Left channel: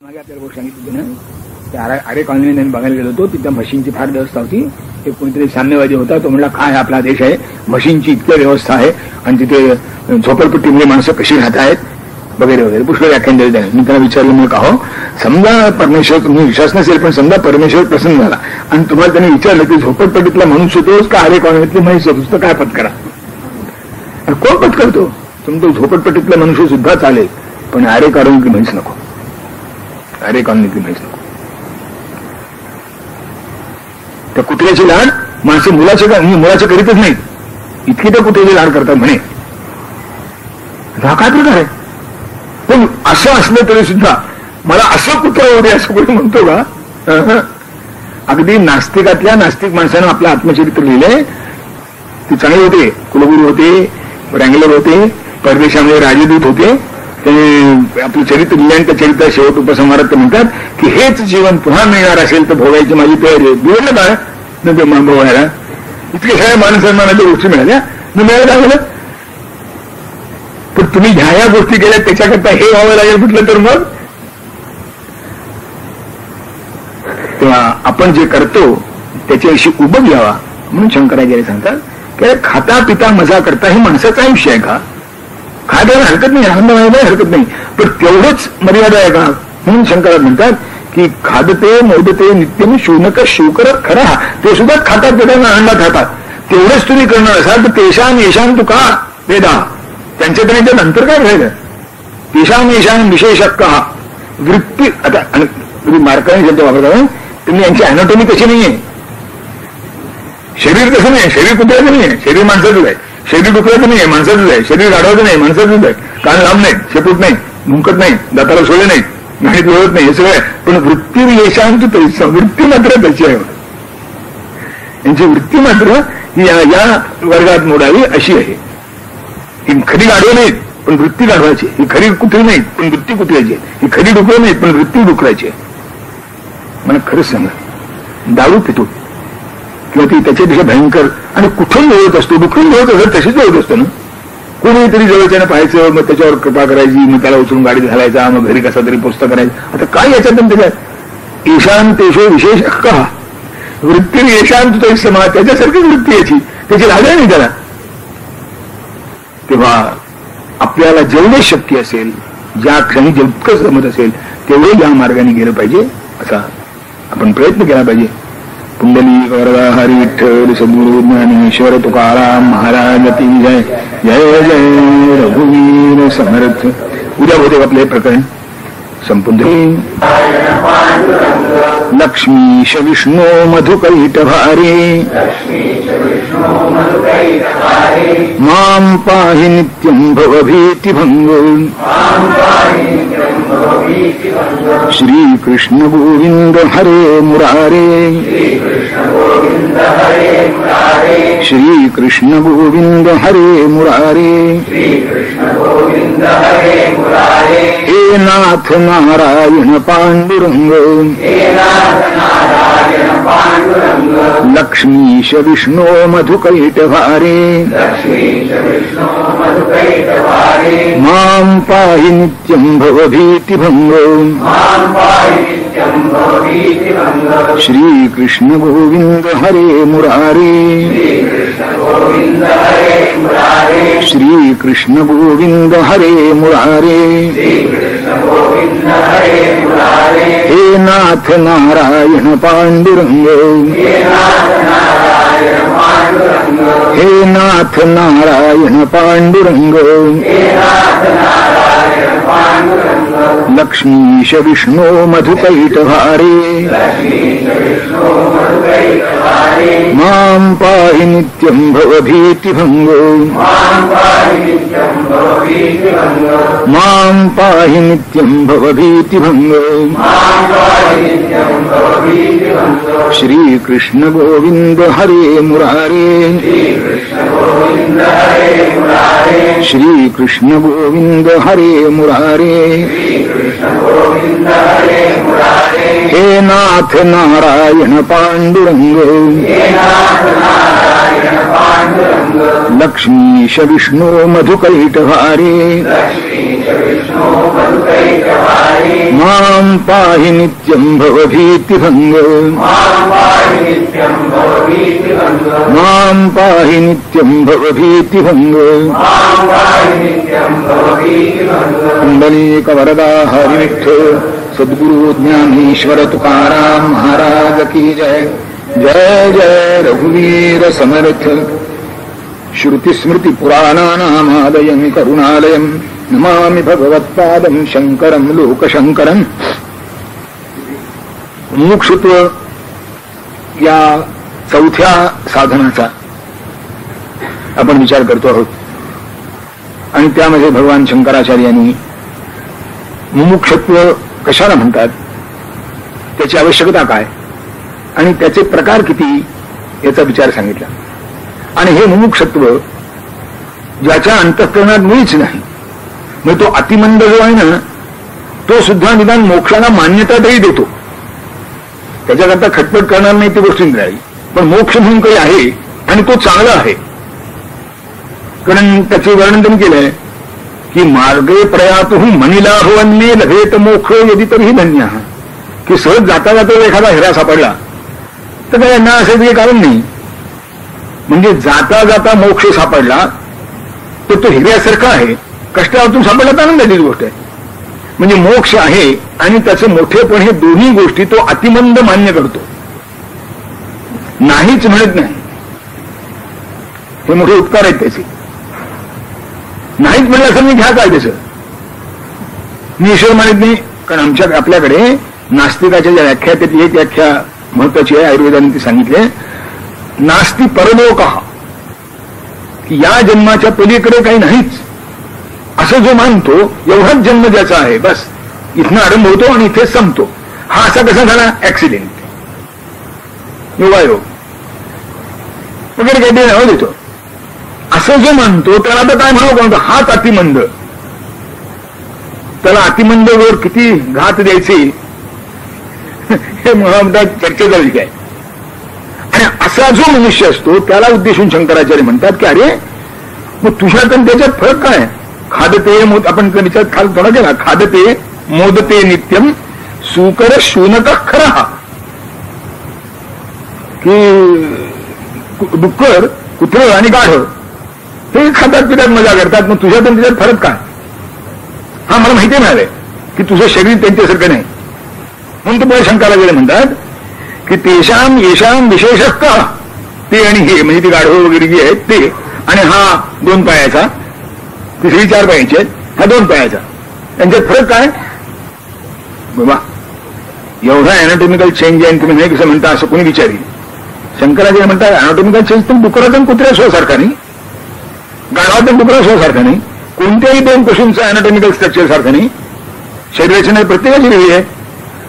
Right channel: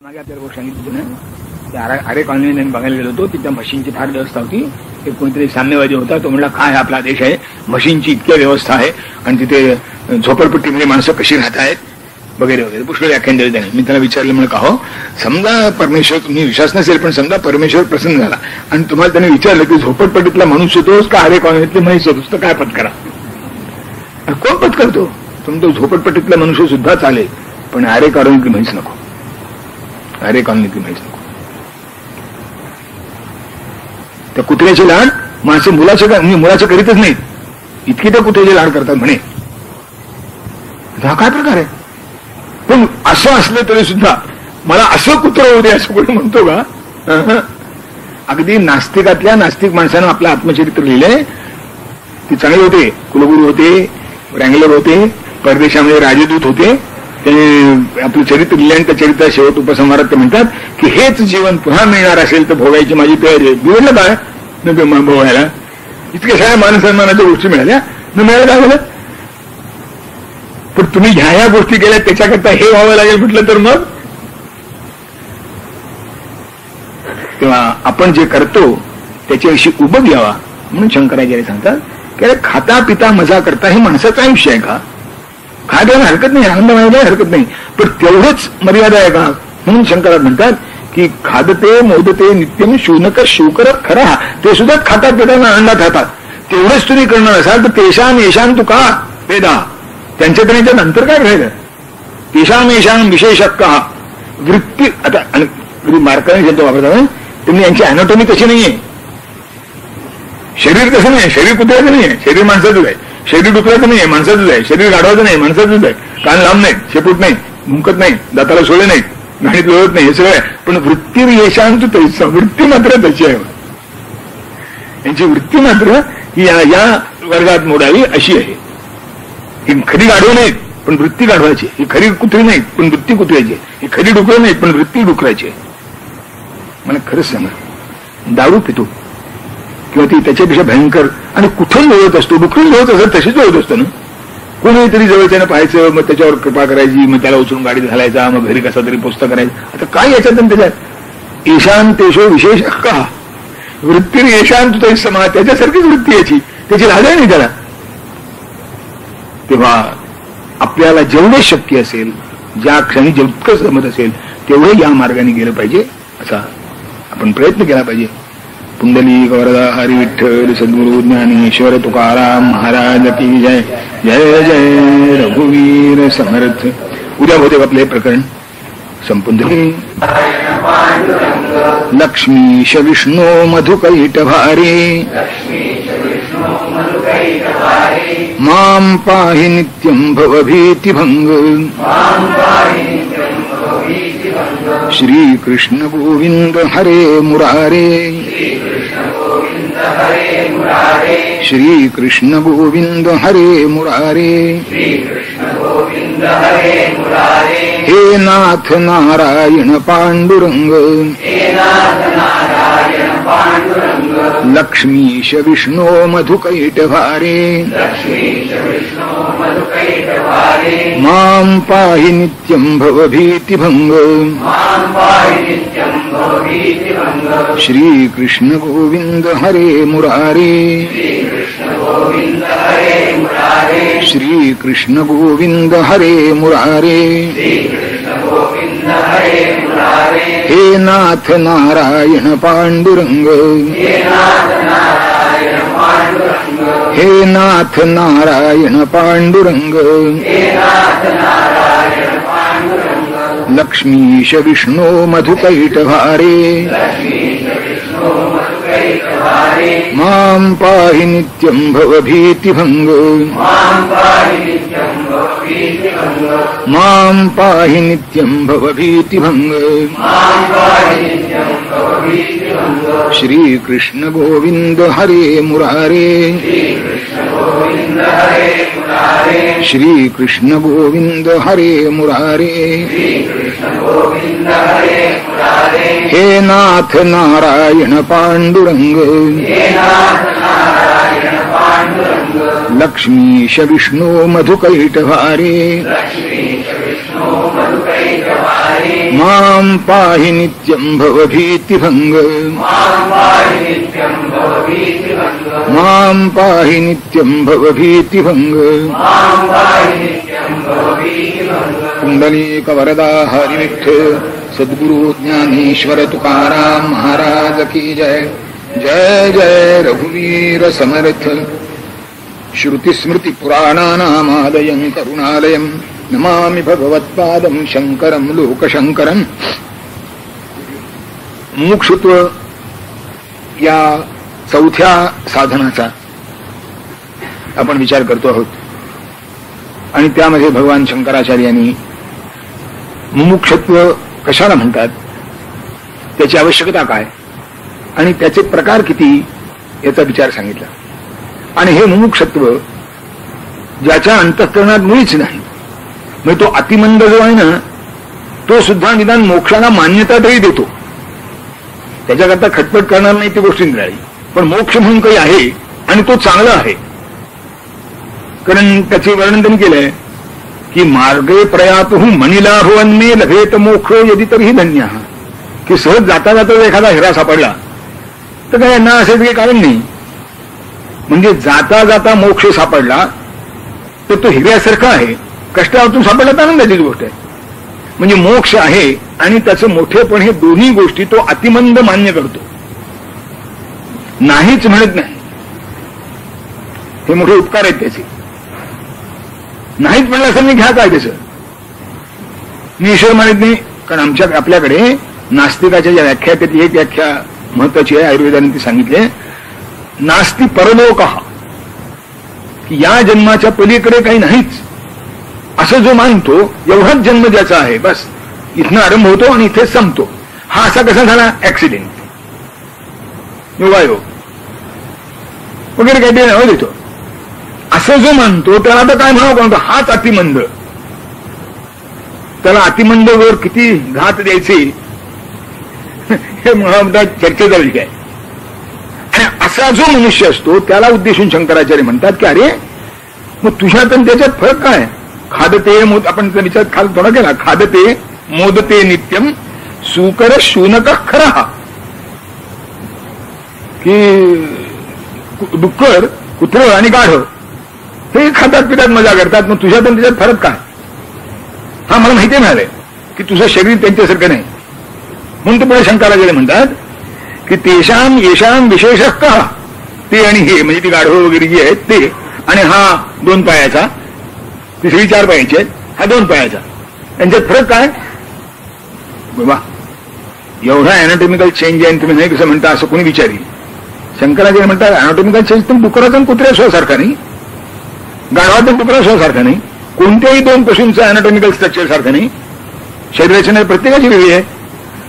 मागे आपल्याला गोष्ट सांगितली ना, त्या आरे कॉलनी बघायला गेलो होतो. तिथं म्हशींची फार व्यवस्था होती. एक कोणीतरी साम्यवादी होता, तो म्हणला काय आपला देश आहे, म्हशींची इतकी व्यवस्था आहे आणि तिथे झोपडपट्टीमध्ये माणसं कशी राहत आहेत वगैरे वगैरे पुष्कळ व्याख्यान दिले त्याने. मी त्यांना विचारलं, मग का हो, समजा परमेश्वर, तुम्ही विश्वास नसेल पण समजा परमेश्वर प्रसन्न झाला आणि तुम्हाला त्याने विचारलं की झोपडपट्टीतला मनुष्य तोच का आरे कॉलनीतली म्हैस होतोस, तर काय पत्करा? कोण पत्करतो? तुमचं झोपडपट्टीतला मनुष्य सुद्धा चालेल, पण आरे कॉलनीतली म्हैस नको, आरे कॉलनीतली म्हैस नको. त्या कुत्र्याची लाड माणसे मुलाचे करीतच नाहीत, इतकी त्या कुत्र्याची लाड करतात म्हणे. हा काय प्रकार आहे? पण असं असलं तरी सुद्धा मला असं कुत्र होऊ दे असं कोणी म्हणतो का? अगदी नास्तिकातल्या नास्तिक माणसानं आपलं आत्मचरित्र लिहिलंय. ते चांगले होते, कुलगुरू होते, रँगलर होते, परदेशामध्ये राजदूत होते. ते आपलं चरित्र लिहिलं आणि त्या चरित्र शेवट उपसंहारात ते म्हणतात की हेच जीवन पुन्हा मिळणार असेल तर भोगायची माझी तयारी. बिघडलं काय न भोगायला? इतके सगळ्या मानसन्मानाच्या गोष्टी मिळाल्या, न मिळायला लागलं. पण तुम्ही ह्या गोष्टी केल्या त्याच्याकरता हे व्हावं लागेल कुठलं तर मग? तेव्हा आपण जे करतो त्याच्याविषयी उबग यावा म्हणून शंकराचार्य सांगतात की खाता पिता मजा करता हे माणसाचं आयुष्य आहे का? खायला हरकत नाही, आनंद व्हायला हरकत नाही, पण तेवढेच मर्यादा आहे का? म्हणून शंकरात म्हणतात की खादते मोदते नित्यम शूनक शिवकर खरा, ते सुद्धा खातात पिताना आनंदात खातात. तेवढेच तुम्ही करणार असाल तर तेषाम येशान तू का वेदा, त्यांच्या नंतर काय राहिलं? तेषाम येशान विशेषक का वृत्ती. आता मार्काने शब्द वापरता, तुम्ही यांची अॅनाटॉमी कशी नाहीये. शरीर कसं नाही, शरीर कुत्र्याचं नाहीये, शरीर माणसाचंच आहे. शरीर डुकराचं नाहीये, माणसाचंच आहे. शरीर गाढवाचं नाही, माणसाचंच आहे. कान लांब नाहीत, शेपूट नाही, भुंकत नाही, दाताला सोळे नाहीत, गाडीत लोळत नाही, हे सगळं आहे. पण वृत्ती येशांत तैसा, वृत्ती मात्र त्याची आहे. यांची वृत्ती मात्र ही या वर्गात मोडावी अशी आहे. ही खरी गाढवं नाहीत पण वृत्ती गाढवायची, ही खरी कुत्री नाहीत पण वृत्ती कुत्र्याची, ही खरी डुकरं नाहीत पण वृत्ती डुकरायची आहे. मला खरंच सांगा, दारू पितो किंवा ती त्याच्यापेक्षा भयंकर आणि कुठेही जवळत असतो, दुखून जवळत असत तशीच जवळत असतो ना. कोणीतरी जवळच्यानं पाहायचं, मग त्याच्यावर कृपा करायची, मग त्याला उचलून गाडीत घालायचा, मग घरी कसा तरी पुस्तक करायचं. आता काय याच्यात त्याच्यात ईशांतेशो विशेष का वृत्ती येशांत समा, त्याच्यासारखीच वृत्ती याची, त्याची लाज नाही त्याला. तेव्हा आपल्याला जेवढे शक्य असेल, ज्या क्षणी जितकं जमत असेल तेवढे या मार्गाने गेलं पाहिजे, असा आपण प्रयत्न केला पाहिजे. पुंडलिक वरदा हरी विठ्ठल सद्गुरु ज्ञानेश्वर तुकाराम महाराज की जय. जय जय रघुवीर समर्थ. उद्या होते आपले प्रकरण संपूर्ण. लक्ष्मीश विष्णू मधुकैट भारी मां पाहि नित्यं भवभीतिभंग. श्री कृष्ण गोविंद हरे मुरारे, श्री कृष्ण गोविंद हरे मुरारे. हे नाथ नारायण पांडुरंग, लक्ष्मीश विष्णू मधुकैट भारे मां पाहि नित्यं भवभीतिभंग. श्री कृष्ण गोविंद हरे मुरारे, श्री कृष्ण गोविंद हरे मुरारे. हे नाथ नारायण पांडुरंग, हे नाथ नारायण पांडुरंग. लक्ष्मीश विष्णू मधुकैट भारे मां पाहि नित्यं भवभीतिभंग. मां पाहि नित्यं भवभीतिभंग. श्री कृष्ण गोविंद हरे मुरारे, श्री कृष्ण गोविंद हरे मुरारे. हे नाथ नारायण पांडुरंग, लक्ष्मीश विष्णू मधुकैट भारे मां पाहि नित्यं भवभीतिभंग मां पाहि नित्यं भवभीतिभंग कुंडलीक वरदा हरिविठ्ठल सद्गुरु ज्ञानेश्वर तुकाराम महाराज की जय. जय जय रघुवीर समर्थ. श्रुतिस्मृति पुराणानामालयं करुणालयं नमामि भगवत्पादं शंकरं लोकशंकरं. मुमुक्षुत्व या चौथ्या साधनाचा आपण विचार करतो आहोत आणि त्यामध्ये भगवान शंकराचार्यांनी मुमुक्षुत्व कशाला म्हणतात, त्याची आवश्यकता काय आणि त्याचे प्रकार किती याचा विचार सांगितला. आणि हे मुमुक्षत्व ज्याच्या अंतःकरणात मुळीच नाही, म्हणजे तो अतिमंद जो आहे ना तो सुद्धा निदान मोक्षाला मान्यता तरी देतो, त्याच्याकरता खटपट करणार नाही ती गोष्ट राहील, पण मोक्ष म्हणून काही आहे आणि तो चांगला आहे. कारण त्याचे वर्णन त्यांनी केलंय की मार्गे प्रयातु मणिलाभवन्ने लभेत मोक्ष यदि तरीही धन्य. की सहज जाता जाता एखादा हिरा सापडला तर काय यांना असायचं काही कारण नाही, म्हणजे जाता जाता मोक्ष सापडला तर तो हिऱ्यासारखा आहे, कष्टातून सापडला तर आनंदाची गोष्ट आहे. म्हणजे मोक्ष आहे आणि त्याचं मोठेपण हे दोन्ही गोष्टी तो अतिमंद मान्य करतो, नाहीच म्हणत नाही. हे मोठे उपकार आहेत त्याचे. नाहीच म्हणलं असं मी घ्या काय त्याचं मी ईश्वर मानित नाही. कारण आपल्याकडे नास्तिकाच्या ज्या व्याख्या त्यातली एक व्याख्या महत्वाची आहे, आयुर्वेदाने ती सांगितले, नास्ति परलोकः, की या जन्माच्या पलीकडे काही नाहीच असं जो मानतो, एवढाच जन्म ज्याचा आहे बस इथनं आरंभ होतो आणि इथेच संपतो. हा असा कसा झाला, ऍक्सिडेंट, योगायोग वगैरे काही नाव देतो. असं जो मानतो त्याला आता काय म्हणावं कोणतं, हाच अतिमंद. त्याला अतिमंद वर किती घात द्यायचे हे म्हणा चर्चा झाली काय. आणि असा जो मनुष्य असतो त्याला उद्देशून शंकराचार्य म्हणतात की अरे मग तुझ्यात आणि त्याच्यात फरक काय. खादते, आपण विचार खाल थोडा केला, खादते मोदते नित्यम सुकर शूनक खरा, की डुक्कर, कुत्र आणि गाढ हे खातात पितात मजा करतात, मग तुझ्यात आणि त्याच्यात फरक काय. हा मला माहिती मिळालंय की तुझं शरीर त्यांच्यासारखं नाही, म्हणून ते पुढे शंकराचार्य म्हणतात की तेषाम येशाम विशेषः का, ते आणि हे म्हणजे ती गाढव वगैरे जी आहेत ते, आणि हा 2 पायाचा, तिसरी 4 पायाची आहेत, हा 2 पायाचा, त्यांच्यात फरक काय. बाबा एवढा अॅनाटॉमिकल चेंज आहे तुम्ही नाही कसं म्हणता असं कोणी विचारी. शंकराचार्य म्हणतात अॅनाटॉमिकल चेंज तर डुकराचा कुत्र्या शोसारखा नाही, गाढवाचा डुकरा शोसारखा नाही, कोणत्याही 2 पशूंचं अॅनाटॉमिकल स्ट्रक्चर सारखं नाही. शरीररचना प्रत्येकाची वेगळी आहे,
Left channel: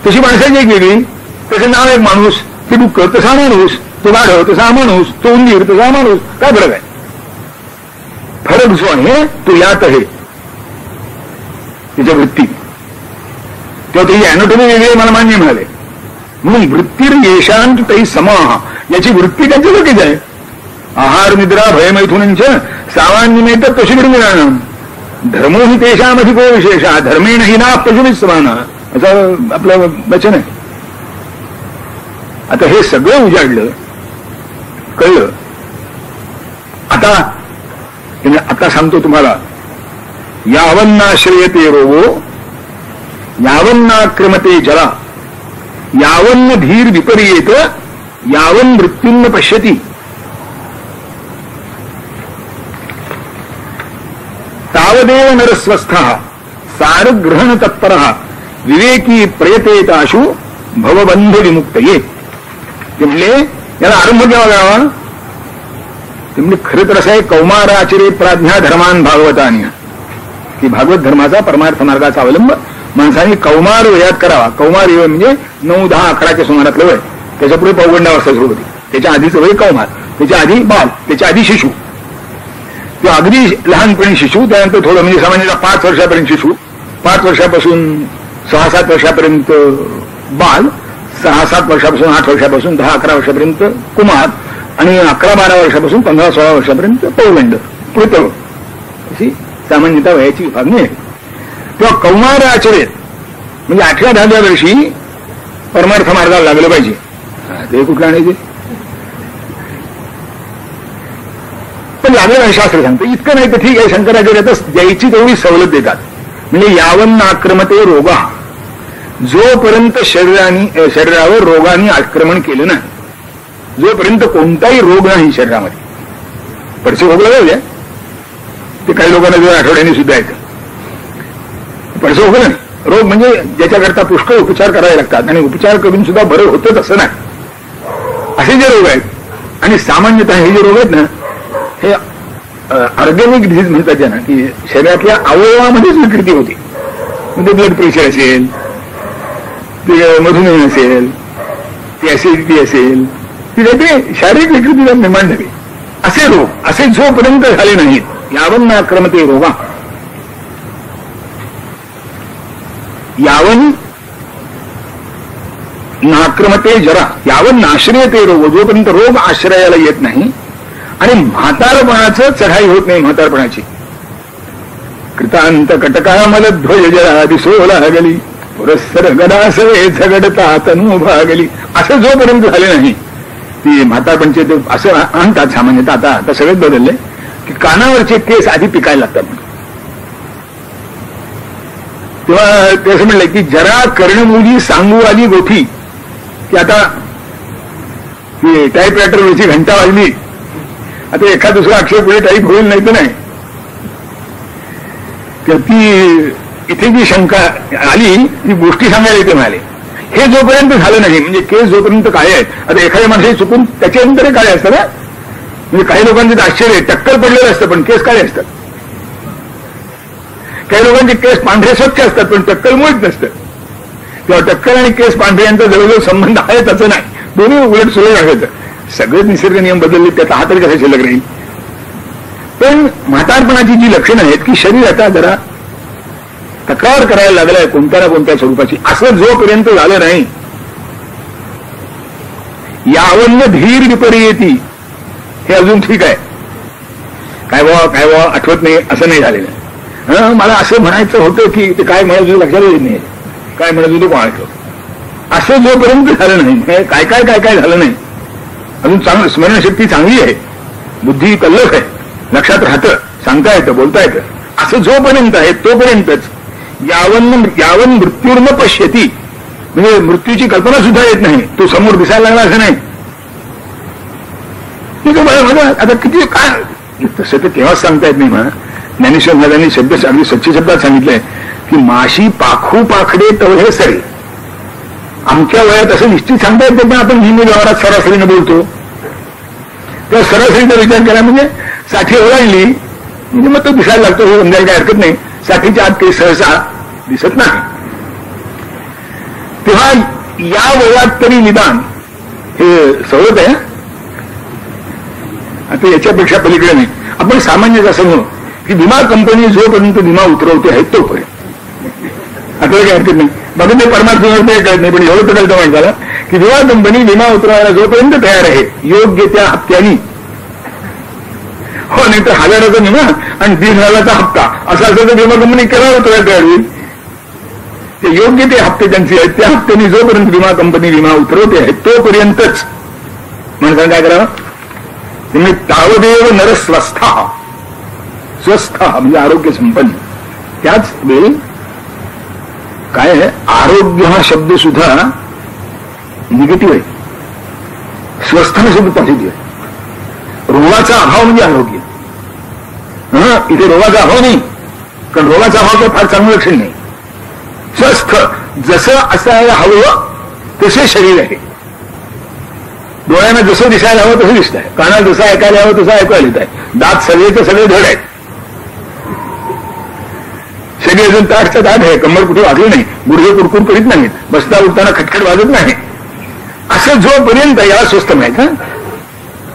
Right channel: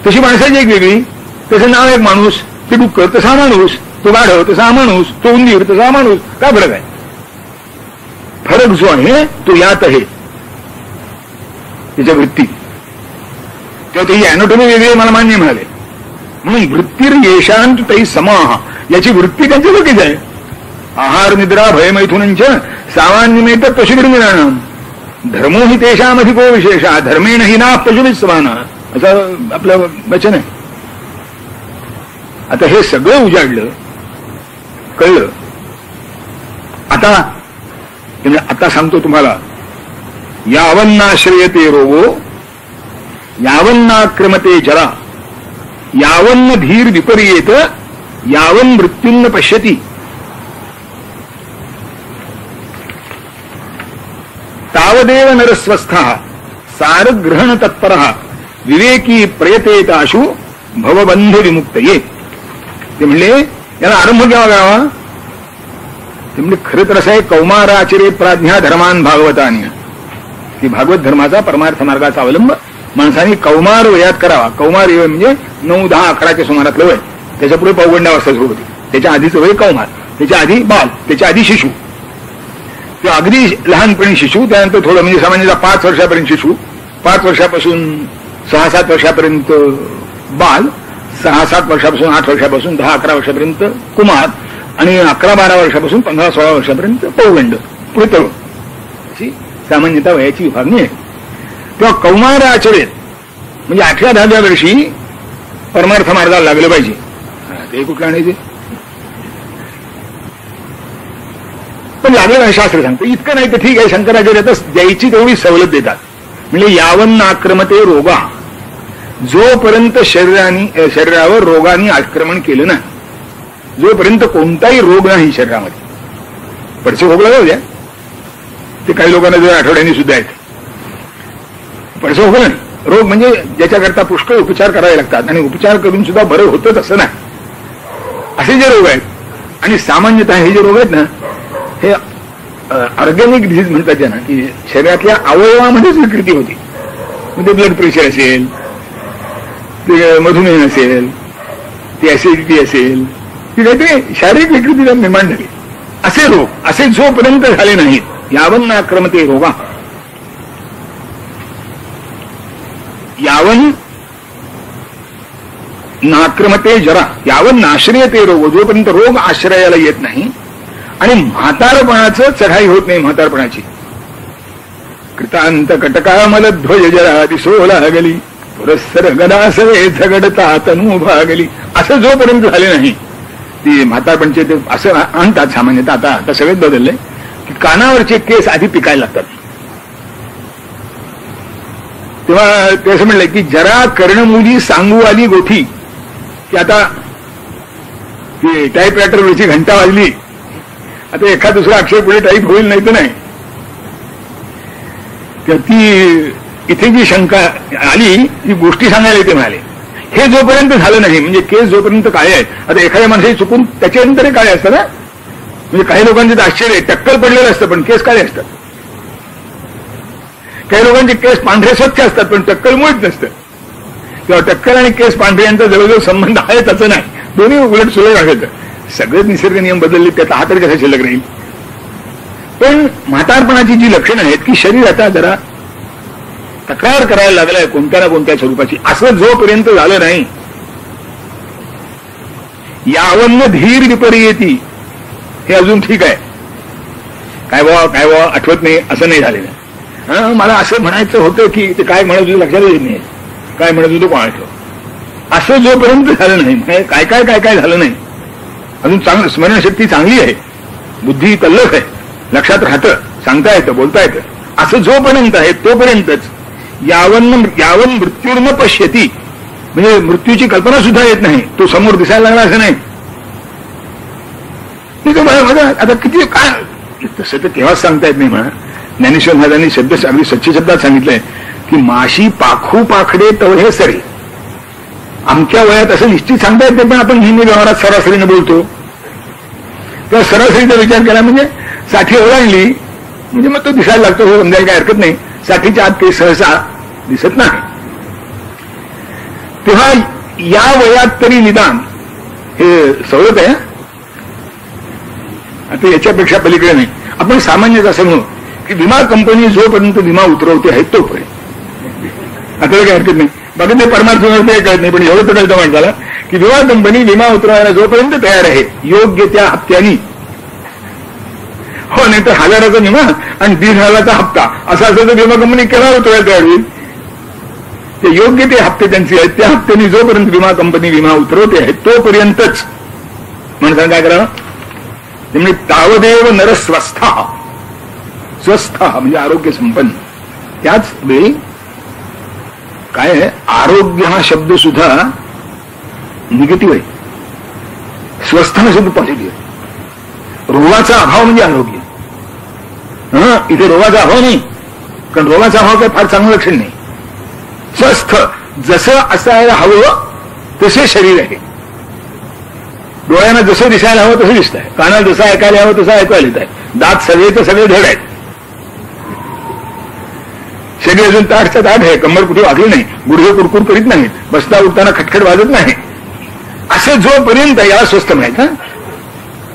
तशी माणसाची एक वेगळी. तसं नाव एक माणूस, ते डुक्कर तसा माणूस, तो गाढव तसा माणूस, तो उंदीर तसा माणूस. काय फरक आहे. फरक जो आहे तो यात आहे त्याच्या वृत्ती. तेव्हा त्याची अॅनाटॉमी वेगळी मला मान्य मिळाले. म्हणून वृत्तीर येशांत तै समाह, याची वृत्ती त्यांच्या लोकीच आहे. आहार निद्रा भयमैथुनंच सामान्यमेत पशुभिर्मिराणं धर्मो हि तेषामधिको विशेषा धर्मेण हि ना पशुभिस्समाना, असं आपलं वचन आहे. आता हे सगळं उजाडलं, कळलं. आता सांगतो तुम्हाला, यावन्नाश्रयते रोगो यावन्नाक्रमते जरा यावन्न धीर विपर्येत यावन् मृत्युन्न पश्यति. तावदेव नरस्वस्थः सारग्रहण तत्परः विवेकी प्रयतेताशु भवबंध विमुक्तये. ते म्हणले याला आरंभ घ्यावा गावा. ते म्हणजे खरं तर असं आहे, कौमाराचरे प्राज्ञा धर्मान भागवतानी, की भागवत धर्माचा परमार्थ मार्गाचा अवलंब माणसाने कौमार वयात करावा. कौमार म्हणजे 9, 10, 11च्या सुमारातलं वय, त्याच्या पुढे पौगंडावस्था सुरू होती, त्याच्या आधीचं वय कौमार, त्याच्या आधी बाल, त्याच्या आधी शिशु, ते अगदी लहानपणी शिशु, त्यानंतर थोडं म्हणजे सामान्यतः 5 वर्षापर्यंत शिशु, 5 वर्षापासून 6-7 वर्षापर्यंत बाल, 6-7 वर्षापासून 8 वर्षापासून 10-11 वर्षापर्यंत कुमार, आणि 11-12 वर्षापासून 15-16 वर्षापर्यंत पौगंड, पुतळ, अशी सामान्यतः वयाची विभागणी आहे. तेव्हा कौमार आचरेत म्हणजे 8व्या-10व्या वर्षी परमार्थ मार्गाला लागलं पाहिजे. ते कुठलं आणायचे? पण लागलं शास्त्र सांगतं. इतकं नाही तर ठीक आहे, शंकराचार्य आता द्यायची तेवढी सवलत देतात. म्हणजे यावन्न आक्रमते रोगा, जोपर्यंत शरीरावर रोगाने आक्रमण केलं नाही, जोपर्यंत कोणताही रोग नाही शरीरामध्ये. पडसे खोकला जाऊ द्या, ते काही लोकांना जर आठवड्याने सुद्धा येतं. पडसे खोकला नाही, रोग म्हणजे ज्याच्याकरता पुष्कळ उपचार करावे लागतात आणि उपचार करून सुद्धा बरं होतच असं नाही. असे जे रोग आहेत, आणि सामान्यतः हे जे रोग आहेत ना, हे ऑर्गॅनिक डिझीज म्हणतात त्यांना, की शरीरातल्या अवयवामध्येच विकृती होती. म्हणजे ब्लड प्रेशर असेल, ते मधुमेह असेल, ती ऍसिडिटी असेल, ती काहीतरी शारीरिक विकृतीला निर्माण झाली. असे रोग, असे जोपर्यंत झाले नाहीत, यावन्न आक्रमते रोगा, यावन नाक्रमते जरा, यावन नाश्रयते रोग, जोपर्यंत रोग आश्रयाला येत नाही आणि म्हातारपणाचं चढाई होत नाही. म्हातारपणाची कृतांत कटकामल ध्वज जरा दिसो लागली, पुरस्सर गदासवे झगडता तनू भागली, असं जोपर्यंत झाले नाही, ती म्हातारपणचे ते असं आणतात सामान्यतः. आता सगळेच बदलले की कानावरचे केस आधी पिकायला लागतात. तेव्हा ते असं म्हणलंय की जरा कर्णमुली सांगू आली गोठी, की आता ती टाईपरायटरवरची घंटा वाजली, आता एखाद दुसरा अक्षर पुढे टाईप होईल, नाही तर नाही. तर ती इथे जी शंका आली, ती गोष्टी सांगायला इथे म्हणाले. हे जोपर्यंत झालं नाही, म्हणजे केस जोपर्यंत काळे आहेत, आता एखाद्या माणसाची चुकून त्याच्यानंतर काळे असतात ना, म्हणजे काही लोकांचे आश्चर्य आहे, टक्कल पडलेलं असतं पण केस काळे असतात. काही लोकांचे केस पांढरे स्वच्छ असतात पण टक्कल मुळीच नसतं. किंवा टक्कल आणि केस पांढरे यांचा जवळजवळ संबंध आहे तसं नाही, दोन्ही उलट सुलट राहायचं. सगळेच निसर्ग नियम बदलले, त्यात हा तरी कसा शिल्लक राहील. पण म्हातारपणाची जी लक्षणं आहेत की शरीर आता जरा तक्रार करायला लागलाय कोणत्या ना कोणत्या स्वरूपाची, असं जोपर्यंत झालं नाही, यावन्न धीर विपर्येती, हे अजून ठीक आहे. काय बाबा आठवत नाही असं नाही झालेलं. मला असं म्हणायचं होतं की ते काय म्हणत होतं लक्षात येत नाही, काय म्हणत होतं कोणाचं, असं जोपर्यंत झालं नाही, काय काय काय काय झालं नाही, अजून चांगलं स्मरणशक्ती चांगली आहे, बुद्धी तल्लख आहे, लक्षात राहतं, सांगता येतं, बोलता येतं, असं जोपर्यंत आहे तोपर्यंतच यावन मृत्यूर्न पश्यती, म्हणजे मृत्यूची कल्पना सुद्धा येत नाही, तो समोर दिसायला लागला असं नाही. आता किती काय तसं तर तेव्हाच सांगता येत नाही म्हणा. ज्ञानेश्वर महाराजांनी शब्द अगदी सच्ची शब्दात सांगितलंय की माशी पाखू पाखडे तवहे सरे. आमच्या वयात असं निश्चित सांगता येत नाही, आपण नेहमी व्यवहारात सरासरीने बोलतो. त्या सरासरीचा विचार केला म्हणजे 60 ओलांडली म्हणजे मग तो दिसायला लागतो, हे समजायला काय हरकत नाही. 60च्या आत काही सहसा दिसत नाही. तेव्हा या वयात तरी निदान हे सवलत आहे. आता याच्यापेक्षा पलीकडे नाही. आपण सामान्यच असं म्हणू की विमा कंपनी जोपर्यंत विमा उतरवते आहे तोपर्यंत आता काही हरकत नाही. बाकी ते परमार्थ कळत नाही, पण एवढं तर कळतं माणसाला की विमा कंपनी विमा उतरवायला जोपर्यंत तयार आहे योग्य त्या हप्त्यानी, हो, नाही तर 1000चा विमा आणि 1,500चा हप्ता असा असेल तर विमा कंपनी केव्हा उतरायला तयार होईल. ते योग्य ते हप्ते त्यांचे आहेत, त्या हप्त्याने जोपर्यंत विमा कंपनी विमा उतरवते आहे तोपर्यंतच माणसानं काय करावं. म्हणजे तावदेव नर स्वस्थ म्हणजे आरोग्य संपन्न. त्याच वेळी काय आहे, आरोग्य हा शब्द सुद्धा निगेटिव्ह आहे, स्वस्थ हा शब्द पॉझिटिव्ह आहे. रोगाचा अभाव म्हणजे आरोग्य. इथे रोगाचा अभाव नाही, कारण रोगाचा अभाव फार चांगलं लक्षण नाही. स्वस्थ जसं असायला हवं तसे शरीर आहे. डोळ्यांना जसं दिसायला हवं तसं दिसत आहे, कानाला जसं ऐकायला हवं तसं ऐकायला येत आहे, दात सगळे तर सगळे धड आहेत, शरीर अजून ताटचं ताट आहे, कंबर कुठे वाजली नाही, गुडघे कुरकुर करीत नाहीत, बसता उठताना खटखट वाजत नाही. असं जोपर्यंत या स्वस्थ माहित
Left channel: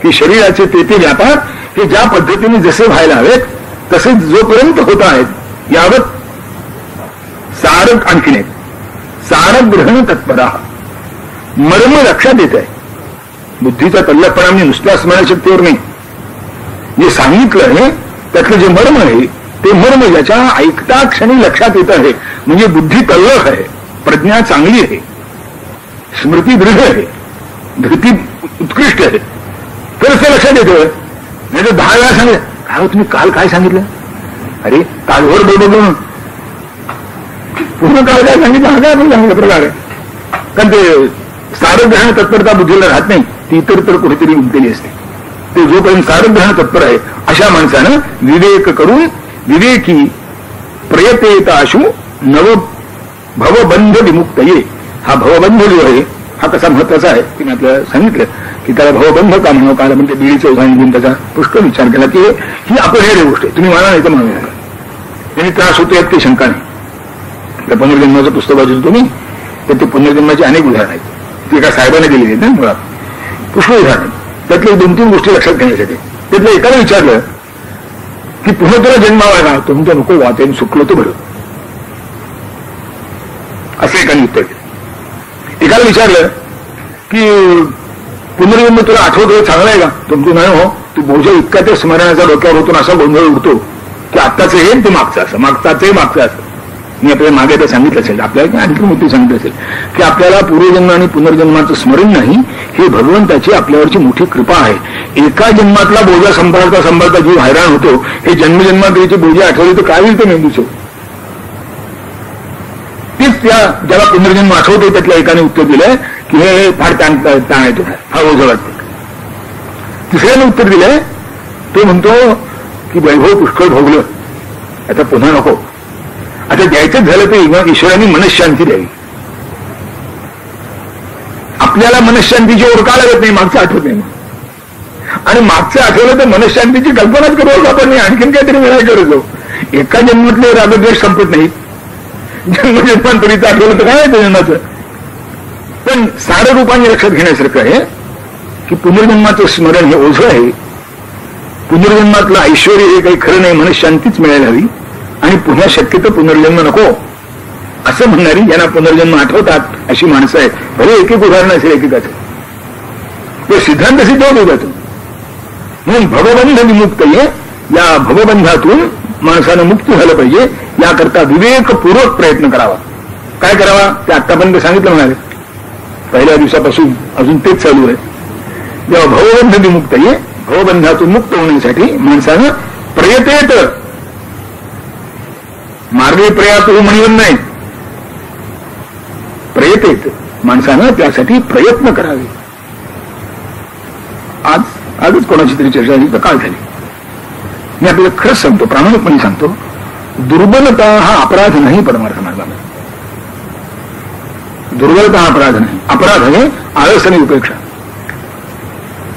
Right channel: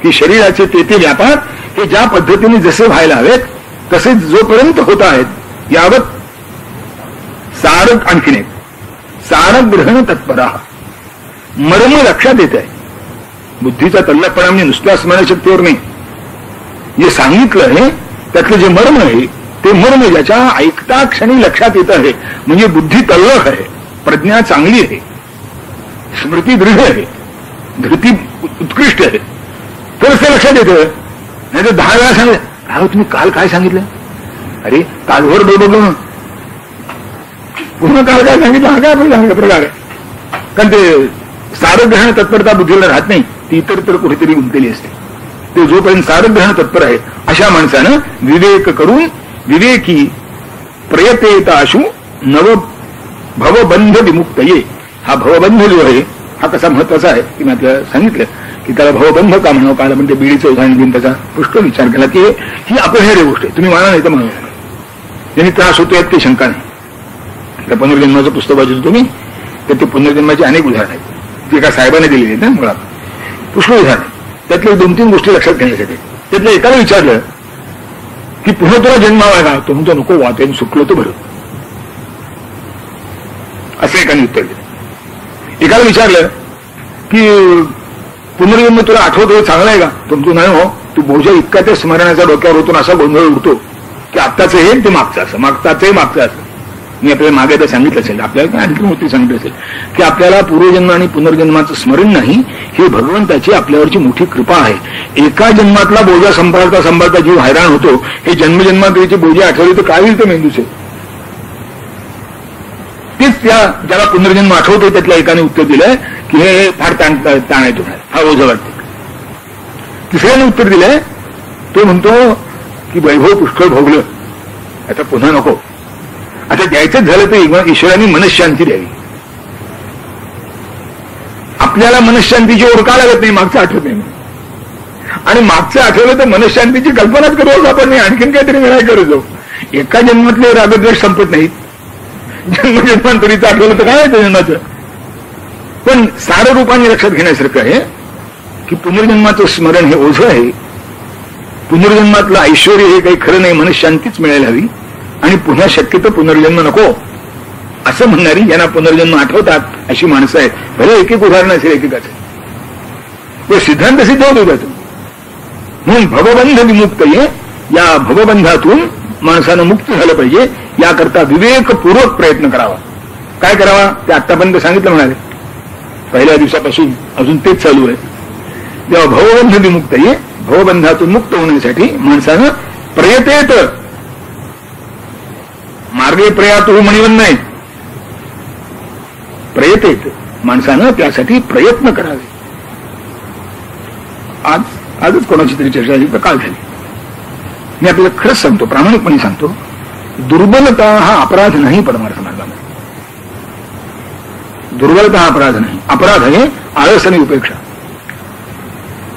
की शरीराचे ते व्यापार हे ज्या पद्धतीने जसे व्हायला हवेत तसे जोपर्यंत होत आहेत, यावत सारक आणखीन एक सारक ग्रहण तत्परा, मर्म लक्षात येत आहे. बुद्धीचा तल्लखपणा म्हणजे नुसत्या स्मरणशक्तीवर नाही, जे सांगितलं आहे त्यातलं जे मर्म आहे ते मर्म याच्या ऐकता क्षणी लक्षात येत आहे, म्हणजे बुद्धी तल्लख आहे. प्रज्ञा चांगली आहे, स्मृती दृढ आहे, धृती उत्कृष्ट आहे, तरच ते लक्षात येतं. नाही तर 10 वेळा सांगितलं, काय तुम्ही काल काय सांगितलं, अरे कालभर बोललो ना, पुन्हा काल काय सांगितलं, हा काय आपण सांगितलं प्रकार आहे. कारण ते सारग्रहण तत्परता बुद्धीला राहत नाही, ती तर कुठेतरी गुंतलेली असते. ते जोपर्यंत सारग्रहण तत्पर आहे अशा माणसानं विवेक करून विवेकी प्रयतेताशु नव भवबंध विमुक्त ये. हा भवबंध जो आहे हा कसा महत्वाचा आहे की मी आपल्याला सांगितलं की त्याला भवबंध का म्हणावं. काल म्हणजे बिडीचं उदाहरण देऊन त्याचा पुष्कळ विचार केला की ही अपरिहार्य गोष्ट आहे, तुम्ही मला नाही तर म्हणूया, त्यांनी त्रास होतो यात काही शंका नाही. त्या पुनर्जन्माचं पुस्तक वाचतो तुम्ही, तर ते पुनर्जन्माची अनेक उदाहरण आहेत, ती एका साहेबाने दिलेली आहेत ना मुळात, पुष्कळ उदाहरण आहेत. त्यातले 2-3 गोष्टी लक्षात घेण्यासाठी त्यातलं एकाला विचारलं की पुन्हा तुला जन्मावा का, तुमचं नको वाटेन सुकलं तर बरं, असं एकाने उत्तर दिलं. एकाला विचारलं की पुनर्जन्म तुला आठवतो चांगला आहे का, तुमचं नाही हो, तू बोजा इतका ते स्मरणाचा डोक्यावर होतो असा गोंधळ उडतो की आत्ताचं हे ते मागचं असं, मागताचंही मागचं असं. मी आपल्याला मागे तर सांगितलं असेल, आपल्याला आणखी मोठी सांगितलं असेल की आपल्याला पूर्वजन्म आणि पुनर्जन्माचं स्मरण नाही, हे भगवंताची आपल्यावरची मोठी कृपा आहे. एका जन्मातला बोजा सांभाळता सांभाळता जीव हैराण होतो, हे जन्मजन्माचे बोजे आठवले तर काय होईल ते मेंदूचं. तेच त्या ज्याला पुनर्जन्म आठवते त्यातल्या एकाने उत्तर दिलंय की हे फार ताण येतो, हा ओझं वाटतं. तिसऱ्याने उत्तर दिलंय, तो म्हणतो की वैभव पुष्कळ भोगलं, आता पुन्हा नको, आता द्यायचंच झालं तर ईश्वराने मनशांती द्यावी. आपल्याला मनशांतीची ओळख लागत नाही, मागचं आठवत नाही, आणि मागचं आठवलं तर मनशांतीची कल्पनाच करायचं आपण नाही, आणखीन काहीतरी मिळायला करतो. एका जन्मातले रागद्वेष संपत नाहीत, जन्मजन्मांतरीचं आठवलं तर काय आहे जन्माचं. पण सारं रूपाने लक्षात घेण्यासारखं आहे की पुनर्जन्माचं स्मरण हे ओझं आहे. पुनर्जन्मातलं ऐश्वर हे काही खरं नाही, मनशांतीच मिळायला हवी, आणि पुन्हा शक्यतो पुनर्जन्म नको असं म्हणणारी, यांना पुनर्जन्म आठवतात अशी माणसं आहेत. भले एक उदाहरण असेल एकेकाचं, तो सिद्धांत सिद्ध होतो त्यातून. म्हणून भवबंध विमुक्त ये, या भवबंधातून माणसानं मुक्त झालं पाहिजे, याकरता विवेकपूर्वक प्रयत्न करावा. काय करावा ते आतापर्यंत सांगितलं म्हणाले, पहिल्या दिवसापासून अजून तेच चालू आहे. जेव्हा भवबंध विमुक्त ये, भवबंधातून मुक्त होण्यासाठी माणसानं प्रयतेत, मार्गे प्रयातो म्हणून नाही, प्रयतेत माणसानं त्यासाठी प्रयत्न करावे. आजच कोणाची तरी चर्चा झाली तर काल झाली. मी आपल्याला खरंच सांगतो, प्रामाणिकपणे सांगतो, दुर्बलता हा अपराध नाही परमार्थ मार्गामध्ये. दुर्बलता हा अपराध नाही, अपराध आहे आळस आणि उपेक्षा.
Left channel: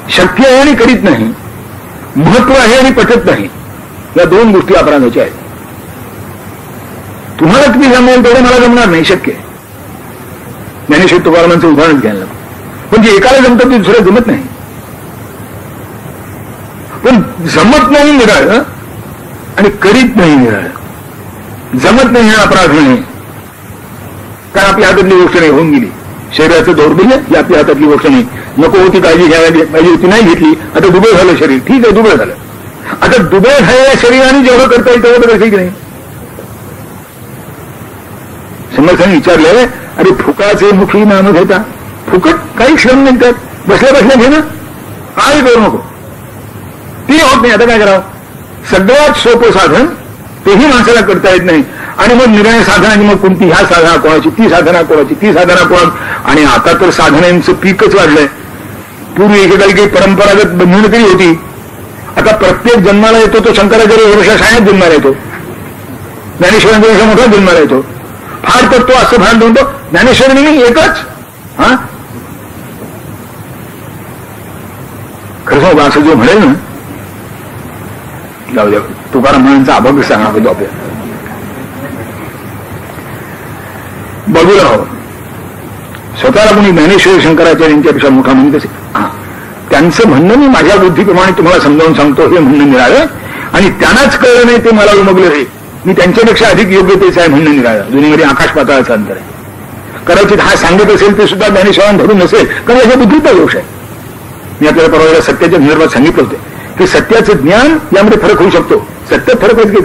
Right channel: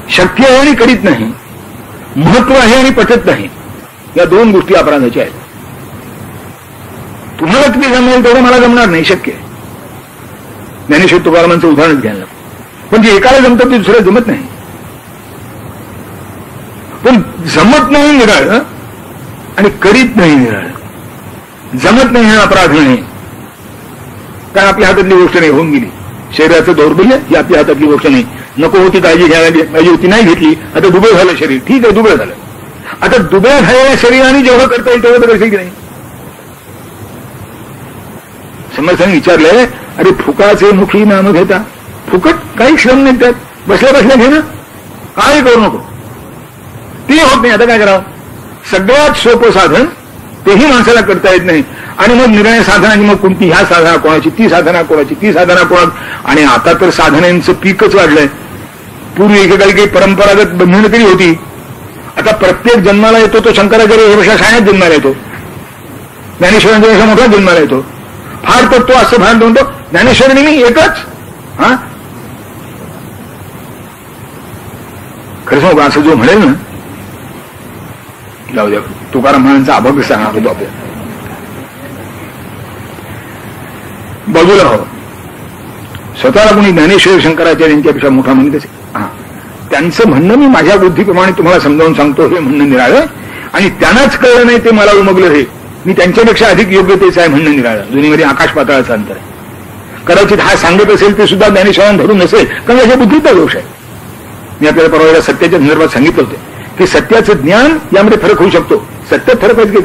शक्य आहे आणि करीत नाही, महत्व आहे आणि पटत नाही, या 2 गोष्टी अपराधाच्या आहेत. तुम्हाला किती जमेल तेवढं मला जमणार नाही, शक्य आहे. ज्ञानेश्वर तुकारामांचं उदाहरण घ्यायला, पण जे एकाला जमतं ते दुसरं जमत नाही. पण जमत नाही निराळं आणि करीत नाही निराळं. जमत नाही हा अपराध नाही, कारण आपल्या हातातली गोष्ट नाही, होऊन गेली. शरीराचं दौर्बल्य ही आपल्या हातातली गोष्ट नाही. नको होती काळजी घ्यायला पाहिजे होती, नाही घेतली, आता दुबळ झालं शरीर, ठीक आहे दुबळ झालं. आता दुबळ झालेल्या शरीराने जेवढं करता येईल तेवढं करायचं की नाही. समर्थांनी विचारलंय, अरे फुकाचे मुखी नाम घेता, फुकट काही श्रम नाही त्यात, बसल्या बसल्या घे ना, काय करू नको, ते होत नाही. आता काय करावं, सगळ्यात सोपं साधन तेही माणसाला करता येत नाही, आणि मग निर्णय साधनाची मग कोणती, ह्या साधना कोणाची, ती साधना कोणाची, ती साधना कोणाची. आणि आता तर साधनांचं पीकच वाढलंय. पूर्वी एकेकाळी काही परंपरागत बंधनं तरी होती, आता प्रत्येक जन्माला येतो तो शंकराचार्य वर्षा शाळेत जन्माला येतो, ज्ञानेश्वरांच्या वर्षा मोठा जन्माला येतो. फार तर तो असं भान म्हणतो ज्ञानेश्वरी मी एकच. हा खरं सांगू, असं जो म्हणेल ना, जाऊ द्या, तुकाराम महाराजांचा अभंग सांगणार होतो आपल्याला, बाजूला हवं. स्वतःला कोणी ज्ञानेश्वर शंकराचार्यांच्यापेक्षा मोठा म्हणत असेल, त्यांचं म्हणणं मी माझ्या बुद्धीप्रमाणे तुम्हाला समजावून सांगतो, हे म्हणणं निराळं, आणि त्यांनाच कळलं नाही ते मला उमगलं, हे मी त्यांच्यापेक्षा अधिक योग्यतेचं आहे म्हणणं निराळं. दोन्हीमध्ये आकाश पाताळाचं अंतर आहे. कदाचित हा सांगत असेल ते सुद्धा ज्ञानेश्वरांना धरून नसेल, कारण माझ्या बुद्धीचा दोष आहे. मी आपल्याला परवा सत्याच्या संदर्भात सांगितलं होतं की सत्याचं ज्ञान यामध्ये फरक होऊ शकतो. सत्यात फरक आहे की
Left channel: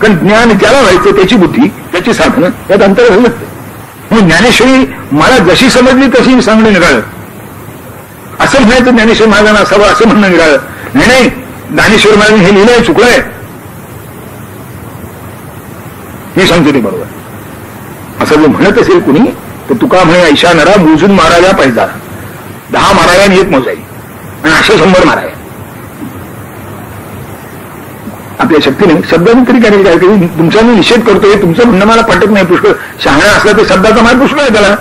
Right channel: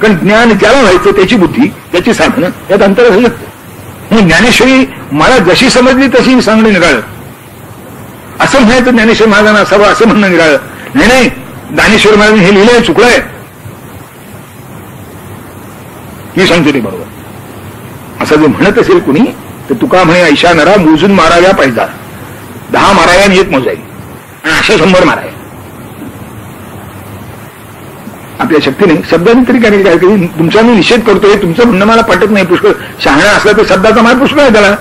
कारण ज्ञान ज्याला व्हायचं त्याची बुद्धी, त्याची साधनं, यात अंतर असं नसतं. म्हणून ज्ञानेश्वरी मला जशी समजली तशी सांगणं निघालं. असं म्हणायचं ज्ञानेश्वर महाराजांना असावं असं म्हणणं निघालं. नाही, ज्ञानेश्वर महाराजांनी हे लिहिलंय, चुकलंय. मी सांगतो ते बरोबर. असं जर म्हणत असेल कुणी तर तुका म्हणे ऐशा नरा मोजून माराव्या पाहिजे. 10 माराव्या आणि 1 मोजाई आणि अशा 100 माराव्या. आपल्या शक्तीने शब्दाने तरी काय तुमचा मी निषेध करतोय, तुमचं म्हणणं मला पटत नाही. पुष्कळ शहाणा असला तर शब्दाचा मार पुष्कळ आहे त्याला,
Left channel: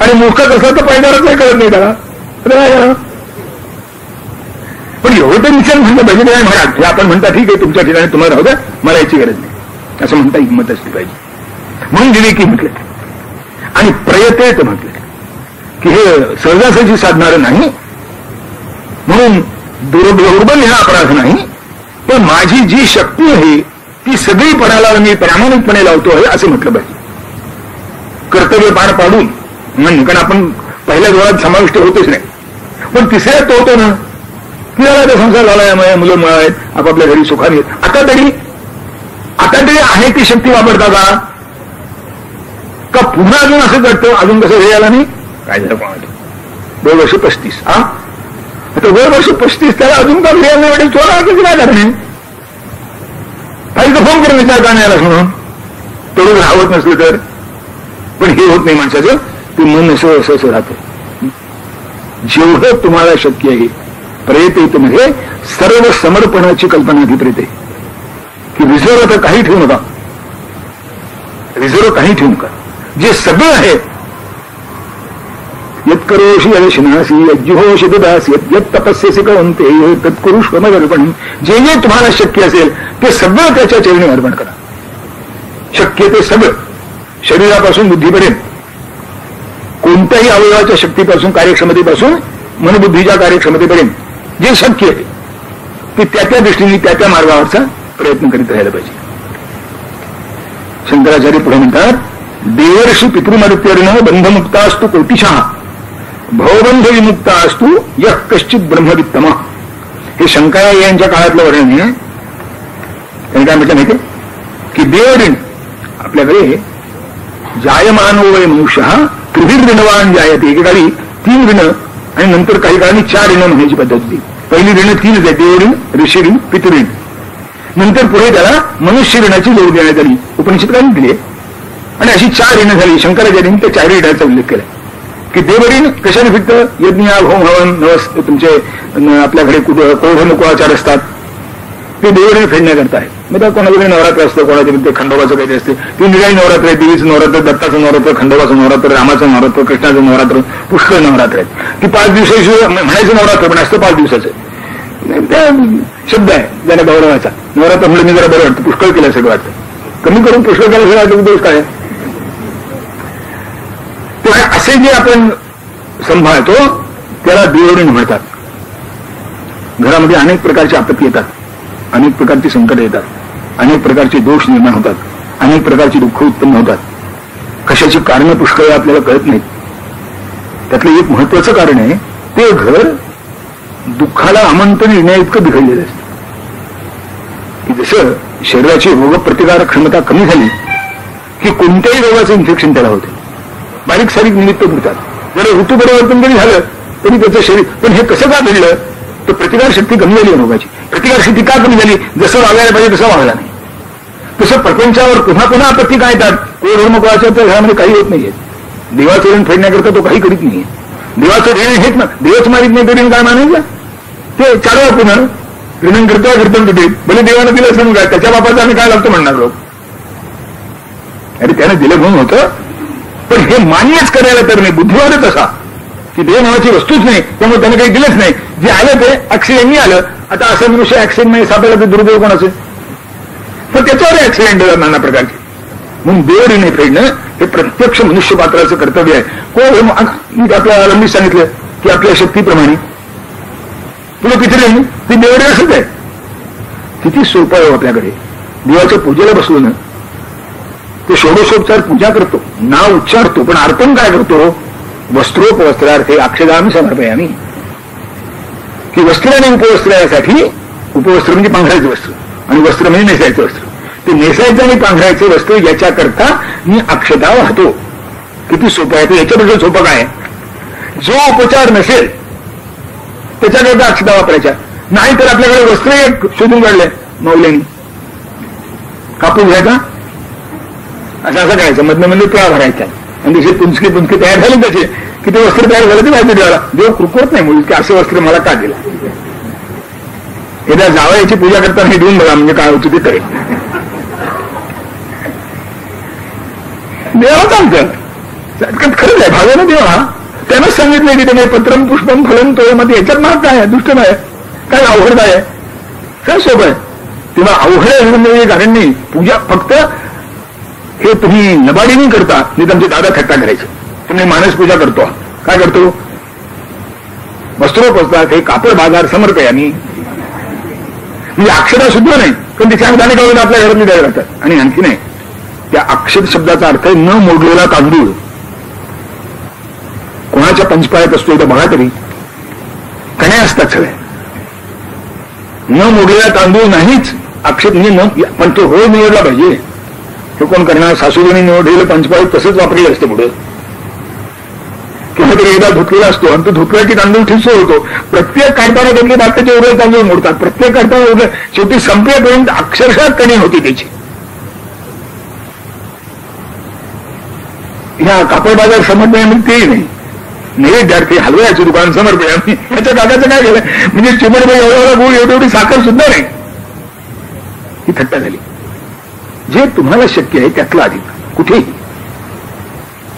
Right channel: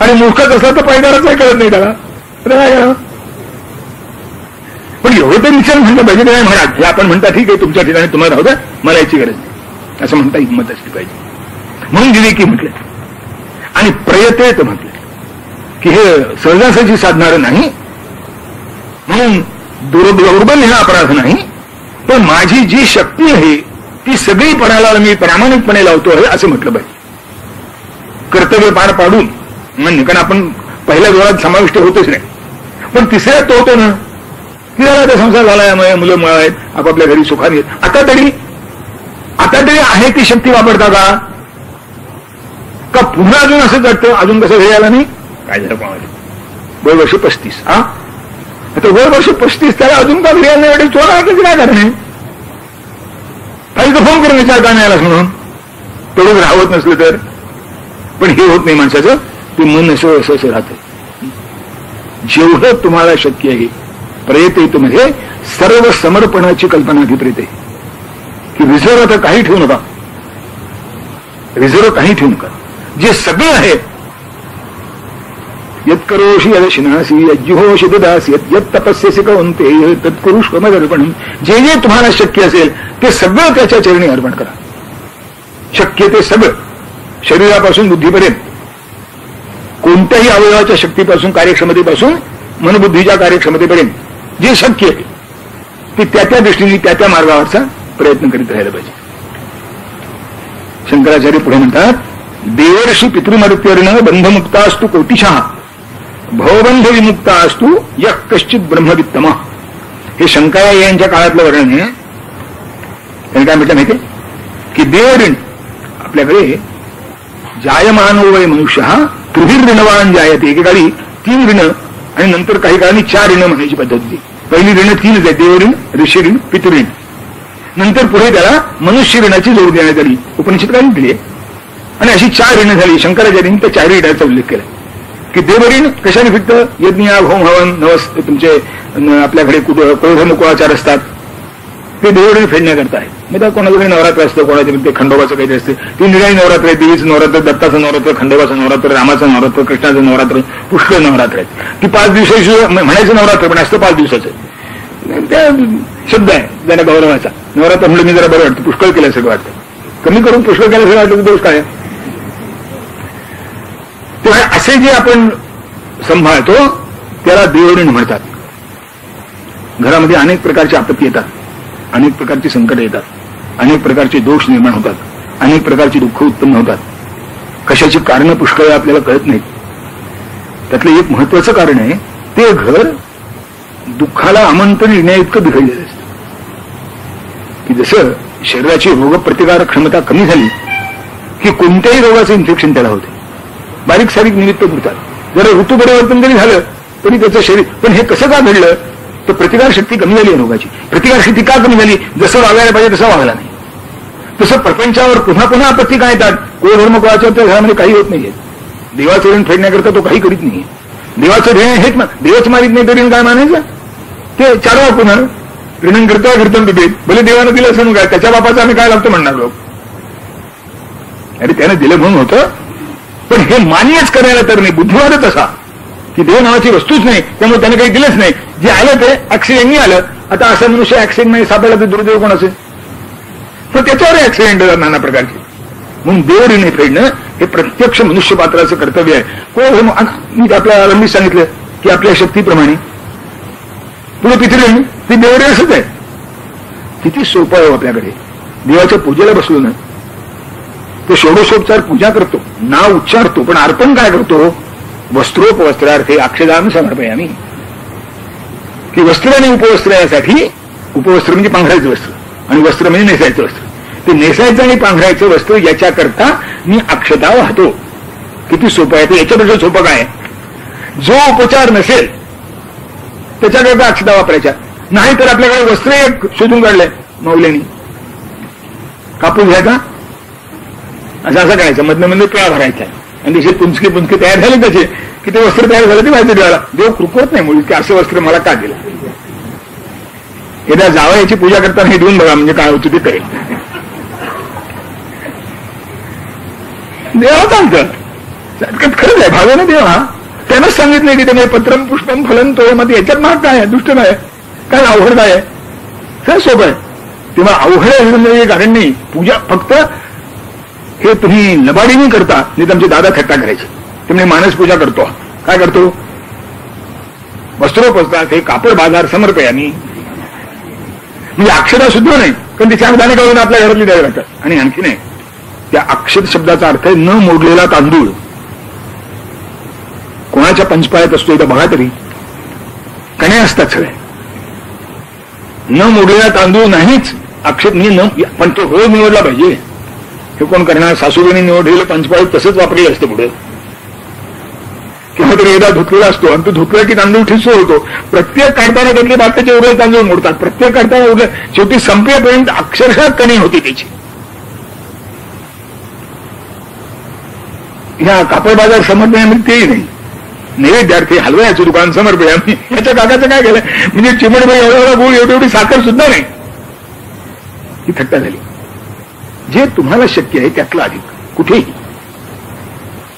आणि मूर्खच असला तर पायदारच नाही कळत नाही त्याला. पण एवढं तर निषेध म्हणलं पाहिजे. काय म्हणा हे आपण म्हणता ठीक आहे, तुमच्या ठिकाणी तुम्हाला राहू द्या, मला याची गरज नाही असं म्हणता हिंमत असली पाहिजे. म्हणून विवेकी म्हटलं आणि प्रयतेत म्हटलं की हे सहजासहजी साधणारं नाही. म्हणून दुर्बल हा अपराध नाही, पण माझी जी शक्ती आहे ती सगळी पणाला मी प्रामाणिकपणे लावतो आहे असं म्हटलं पाहिजे. कर्तव्य पार पाडून म्हणजे, कारण आपण पहिल्या दोरात समाविष्ट होतच नाही, पण तिसऱ्यात तो होतो ना की आता संसार झाला, मुलं मुळे आहेत, आपापल्या घरी सुखाने. आता तरी आहे ती शक्ती वापरता का पुन्हा अजून असंच वाटतं, अजून कसं हे आला नाही काय झालं कोणाला. 2 वर्ष 35 आता 2 वर्ष 35 त्याला अजून का घरी आलं वाटेल, चोरा काय करणे, काही तर फोन करून विचार का नाही आलास म्हणून. तेवढं राहत नसलं तर. पण हे होत नाही माणसाचं, ते मन असं राहतं. जेवढं तुम्हाला शक्य आहे प्रयत्न मध्ये सर्व समर्पणाची कल्पना अभिप्रेत आहे की रिझर्व आता काही ठेवू नका, रिझर्व काही ठेवू नका. जे सगळं आहे यत्करोषि यदशिनासी यज्जुहोषि ददासी यत् तपस्यसि कौन्तेय तत्कुरुष्व मदर्पणम्. जे जे तुम्हाला शक्य असेल ते सगळं त्याच्या चरणी अर्पण करा. शक्य ते सगळं, शरीरापासून बुद्धीपर्यंत, कोणत्याही अवयवाच्या शक्तीपासून कार्यक्षमतेपासून मनबुद्धीच्या कार्यक्षमतेपर्यंत जे शक्य आहे ते त्या दृष्टीने त्या मार्गावरचा प्रयत्न करीत राहायला पाहिजे. शंकराचार्य पुढे म्हणतात, देवर्षी पितृमर्त्यर्न बंधमुक्ता असतो कोटिशः भवबंध विमुक्ता असतो यः कश्चित ब्रह्मवित्तम. हे शंकराचार्य यांच्या काळातलं वर्णन आहे. त्यांनी काय म्हटलं माहितीये की देवऋण आपल्याकडे जायमानो वय मनुष्य त्रिभिर ऋणवान जायते. एकेकाळी 3 ऋण आणि नंतर काही काळांनी 4 ऋण म्हणायची पद्धत होती. पहिली ऋण 3 आहे, देवऋण, ऋषीऋण, पितृऋण. नंतर पुढे त्याला मनुष्य ऋणाची जोड देण्यात आली, उपनिषद काही दिली. आणि अशी 4 ऋण झाली. शंकराचार्यांनी त्या 4 ऋणाचा उल्लेख केला की देवऋण कशाने फिरतं, यज्ञ होम हवन नवस तुमचे आपल्याकडे कोढ मुकुळाचार असतात ते देवऋण फेडण्याकरता आहे. मग त्या कोणाकडे नवरात्र असतं, कोणाच्या ते खंडोबाचं काहीतरी असते. 3 निराळी नवरात्र आहे, देवीचं नवरात्र, दत्ताचं नवरात्र, खंडोबाचं नवरात्र, रामाचं नवरात्र, कृष्णाचं नवरात्र, पुष्कळ नवरात्र आहेत. ती 5 दिवसाची म्हणायचं नवरात्र पण असतं 5 दिवसाचं. त्या शब्द आहे ज्याला गौरवाचा. नवरात्र म्हणलं मी जरा बरं वाटतं, पुष्कळ केल्यासारखं वाटतं. कमी करून पुष्कळ केल्यासारखं वाटतं, दोष काय. तेव्हा असे जे आपण सांभाळतो त्याला देवऋण म्हणतात. घरामध्ये अनेक प्रकारची आपत्ती येतात, अनेक प्रकारची संकट येतात, अनेक प्रकारचे दोष निर्माण होतात, अनेक प्रकारची दुःख उत्पन्न होतात. कशाची कारणं पुष्कळ आपल्याला कळत नाहीत. त्यातलं एक महत्वाचं कारण आहे, ते घर दुःखाला आमंत्रण येण्याइतकं बिघडलेलं असतं. की जसं शरीराची रोगप्रतिकारक क्षमता कमी झाली की कोणत्याही रोगाचं इन्फेक्शन त्याला होते. बारीक सारीक निमित्त पुरतात. जरा ऋतू परिवर्तन जरी झालं तरी त्याचं शरीर. पण हे कसं का घडलं तर प्रतिकारशक्ती कमी झाली रोगाची. प्रतिकारशक्ती का कमी झाली, जसं वागायला पाहिजे तसं वागला नाही. तसं प्रपंचावर पुन्हा पुन्हा आपत्ती काय येतात. कोण धर्म कोणाच्या त्या घरामध्ये काही होत नाहीये. देवाचं ऋण फेडण्याकरता तो काही करीत नाहीये. देवाचं ऋण हेच ना, देवच मारित नाही तरी काय मानायचं. ते 4 वेळा पुन्हा ऋण करता तिथे भले देवानं दिलं असं काय, त्याच्या बापाचं आम्ही काय लागतो म्हणणार लोक. अरे त्यानं दिलं म्हणून होतं, पण हे मान्यच करायला तर नाही. बुद्धिवादच असा की देव नावाची वस्तूच नाही, त्यामुळे त्याने काही दिलंच नाही. जे आलं ते ऍक्सिडेंटनी आलं. आता असं मनुष्य ऍक्सिडेंट नाही सापडला तर दुर्दैव कोणाचं, तर त्याच्यावर ऍक्सिडेंट नाना प्रकारचे. म्हणून देव ऋण फेडणं हे प्रत्यक्ष मनुष्यपात्राचं कर्तव्य आहे. कोण मी आपल्या आरंभी सांगितलं की आपल्या शक्तीप्रमाणे तुला पितृऋण ती देवऋण असंच आहे. किती सोपं आहे आपल्याकडे. देवाच्या पूजेला बसलो ना ते षोडशोपचार पूजा करतो, नाव उच्चारतो, पण अर्पण काय करतो. वस्त्रोपवस्त्रार्थे अक्षदान समर्पयामी. की वस्त्र आणि उपवस्त्र यासाठी, उपवस्त्र म्हणजे पांघरायचं वस्त्र आणि वस्त्र म्हणजे नेसायचं वस्त्र. ते नेसायचं आणि पांघरायचं वस्त्र याच्याकरता मी अक्षता वाहतो. किती सोपं आहे. ते याच्यापेक्षा सोपं काय आहे? जो उपचार नसेल त्याच्याकरता अक्षता वापरायच्या. नाही तर आपल्याकडे वस्त्र एक शोधून काढलंय मौल्यांनी, कापूस घ्यायचा, असं करायचं, मधनं मध्ये पिळा भरायचा आणि जसे पुंचकी पुंचकी तयार झाली त्याचे की ते वस्त्र तयार झालं ते माहिती देवाला. देव कृपवत नाही मुली की असं वस्त्र मला का दिलं. एकदा जावयाची पूजा करताना हे देऊन बघा म्हणजे काय होतं ते करेल. देवाला चालतं खरंच आहे. भावानं देवा त्यानंच सांगितलंय की ते पत्रम पुष्पम फलन तो मध्ये याच्यात महाग काय आहे, दुष्ट आहे, काय अवघड आहे, काय सोपं आहे. तेव्हा अवघड म्हणजे कारण नाही. पूजा फक्त हे तुम्ही नबाडीने करता, नाही तुमचे दादा थट्टा करायचे. तुम्ही मानस पूजा करतो, काय करतो, वस्त्रोपसतात, हे कापड बाजार समर्पय आम्ही, म्हणजे अक्षरा सुद्धा नाही पण ते चांगदाने काढून आपल्या घरातली द्यावे लागतात. आणि आणखी नाही, त्या अक्षर शब्दाचा अर्थ आहे न मोडलेला तांदूळ. कोणाच्या पंचपाळ्यात असतो इथं बघा तरी, कण्या असतात सगळ्या. न मोडलेला तांदूळ नाहीच अक्षर म्हणजे पण ते होय निवडला पाहिजे. हे कोण करणार? सासूबाईंनी निवडलेलं पंचपाळीत तसंच वापरलेलं असते पुढे, किंवा तरी एकदा धुतलेला असतो आणि तो धुतला की तांदूळ ठिस्सो होतो. प्रत्येक काढताना त्यातले बाकीचे उरलेले तांदूळ मोडतात. प्रत्येक काढताना उरले, शेवटी संपेपर्यंत अक्षरशः कणी होती त्याची. ह्या कापड बाजार समर्पयामध्ये तेही नाही. नैवेद्यार्थी हलव्याचं दुकान समर्पया आम्ही, याच्या काकाचं काय केलं म्हणजे चिमटबाई एवढा गुळ एवढी साखर सुद्धा नाही. ही थट्टा झाली. जे तुम्हाला शक्य आहे त्यातलं अधिक कुठेही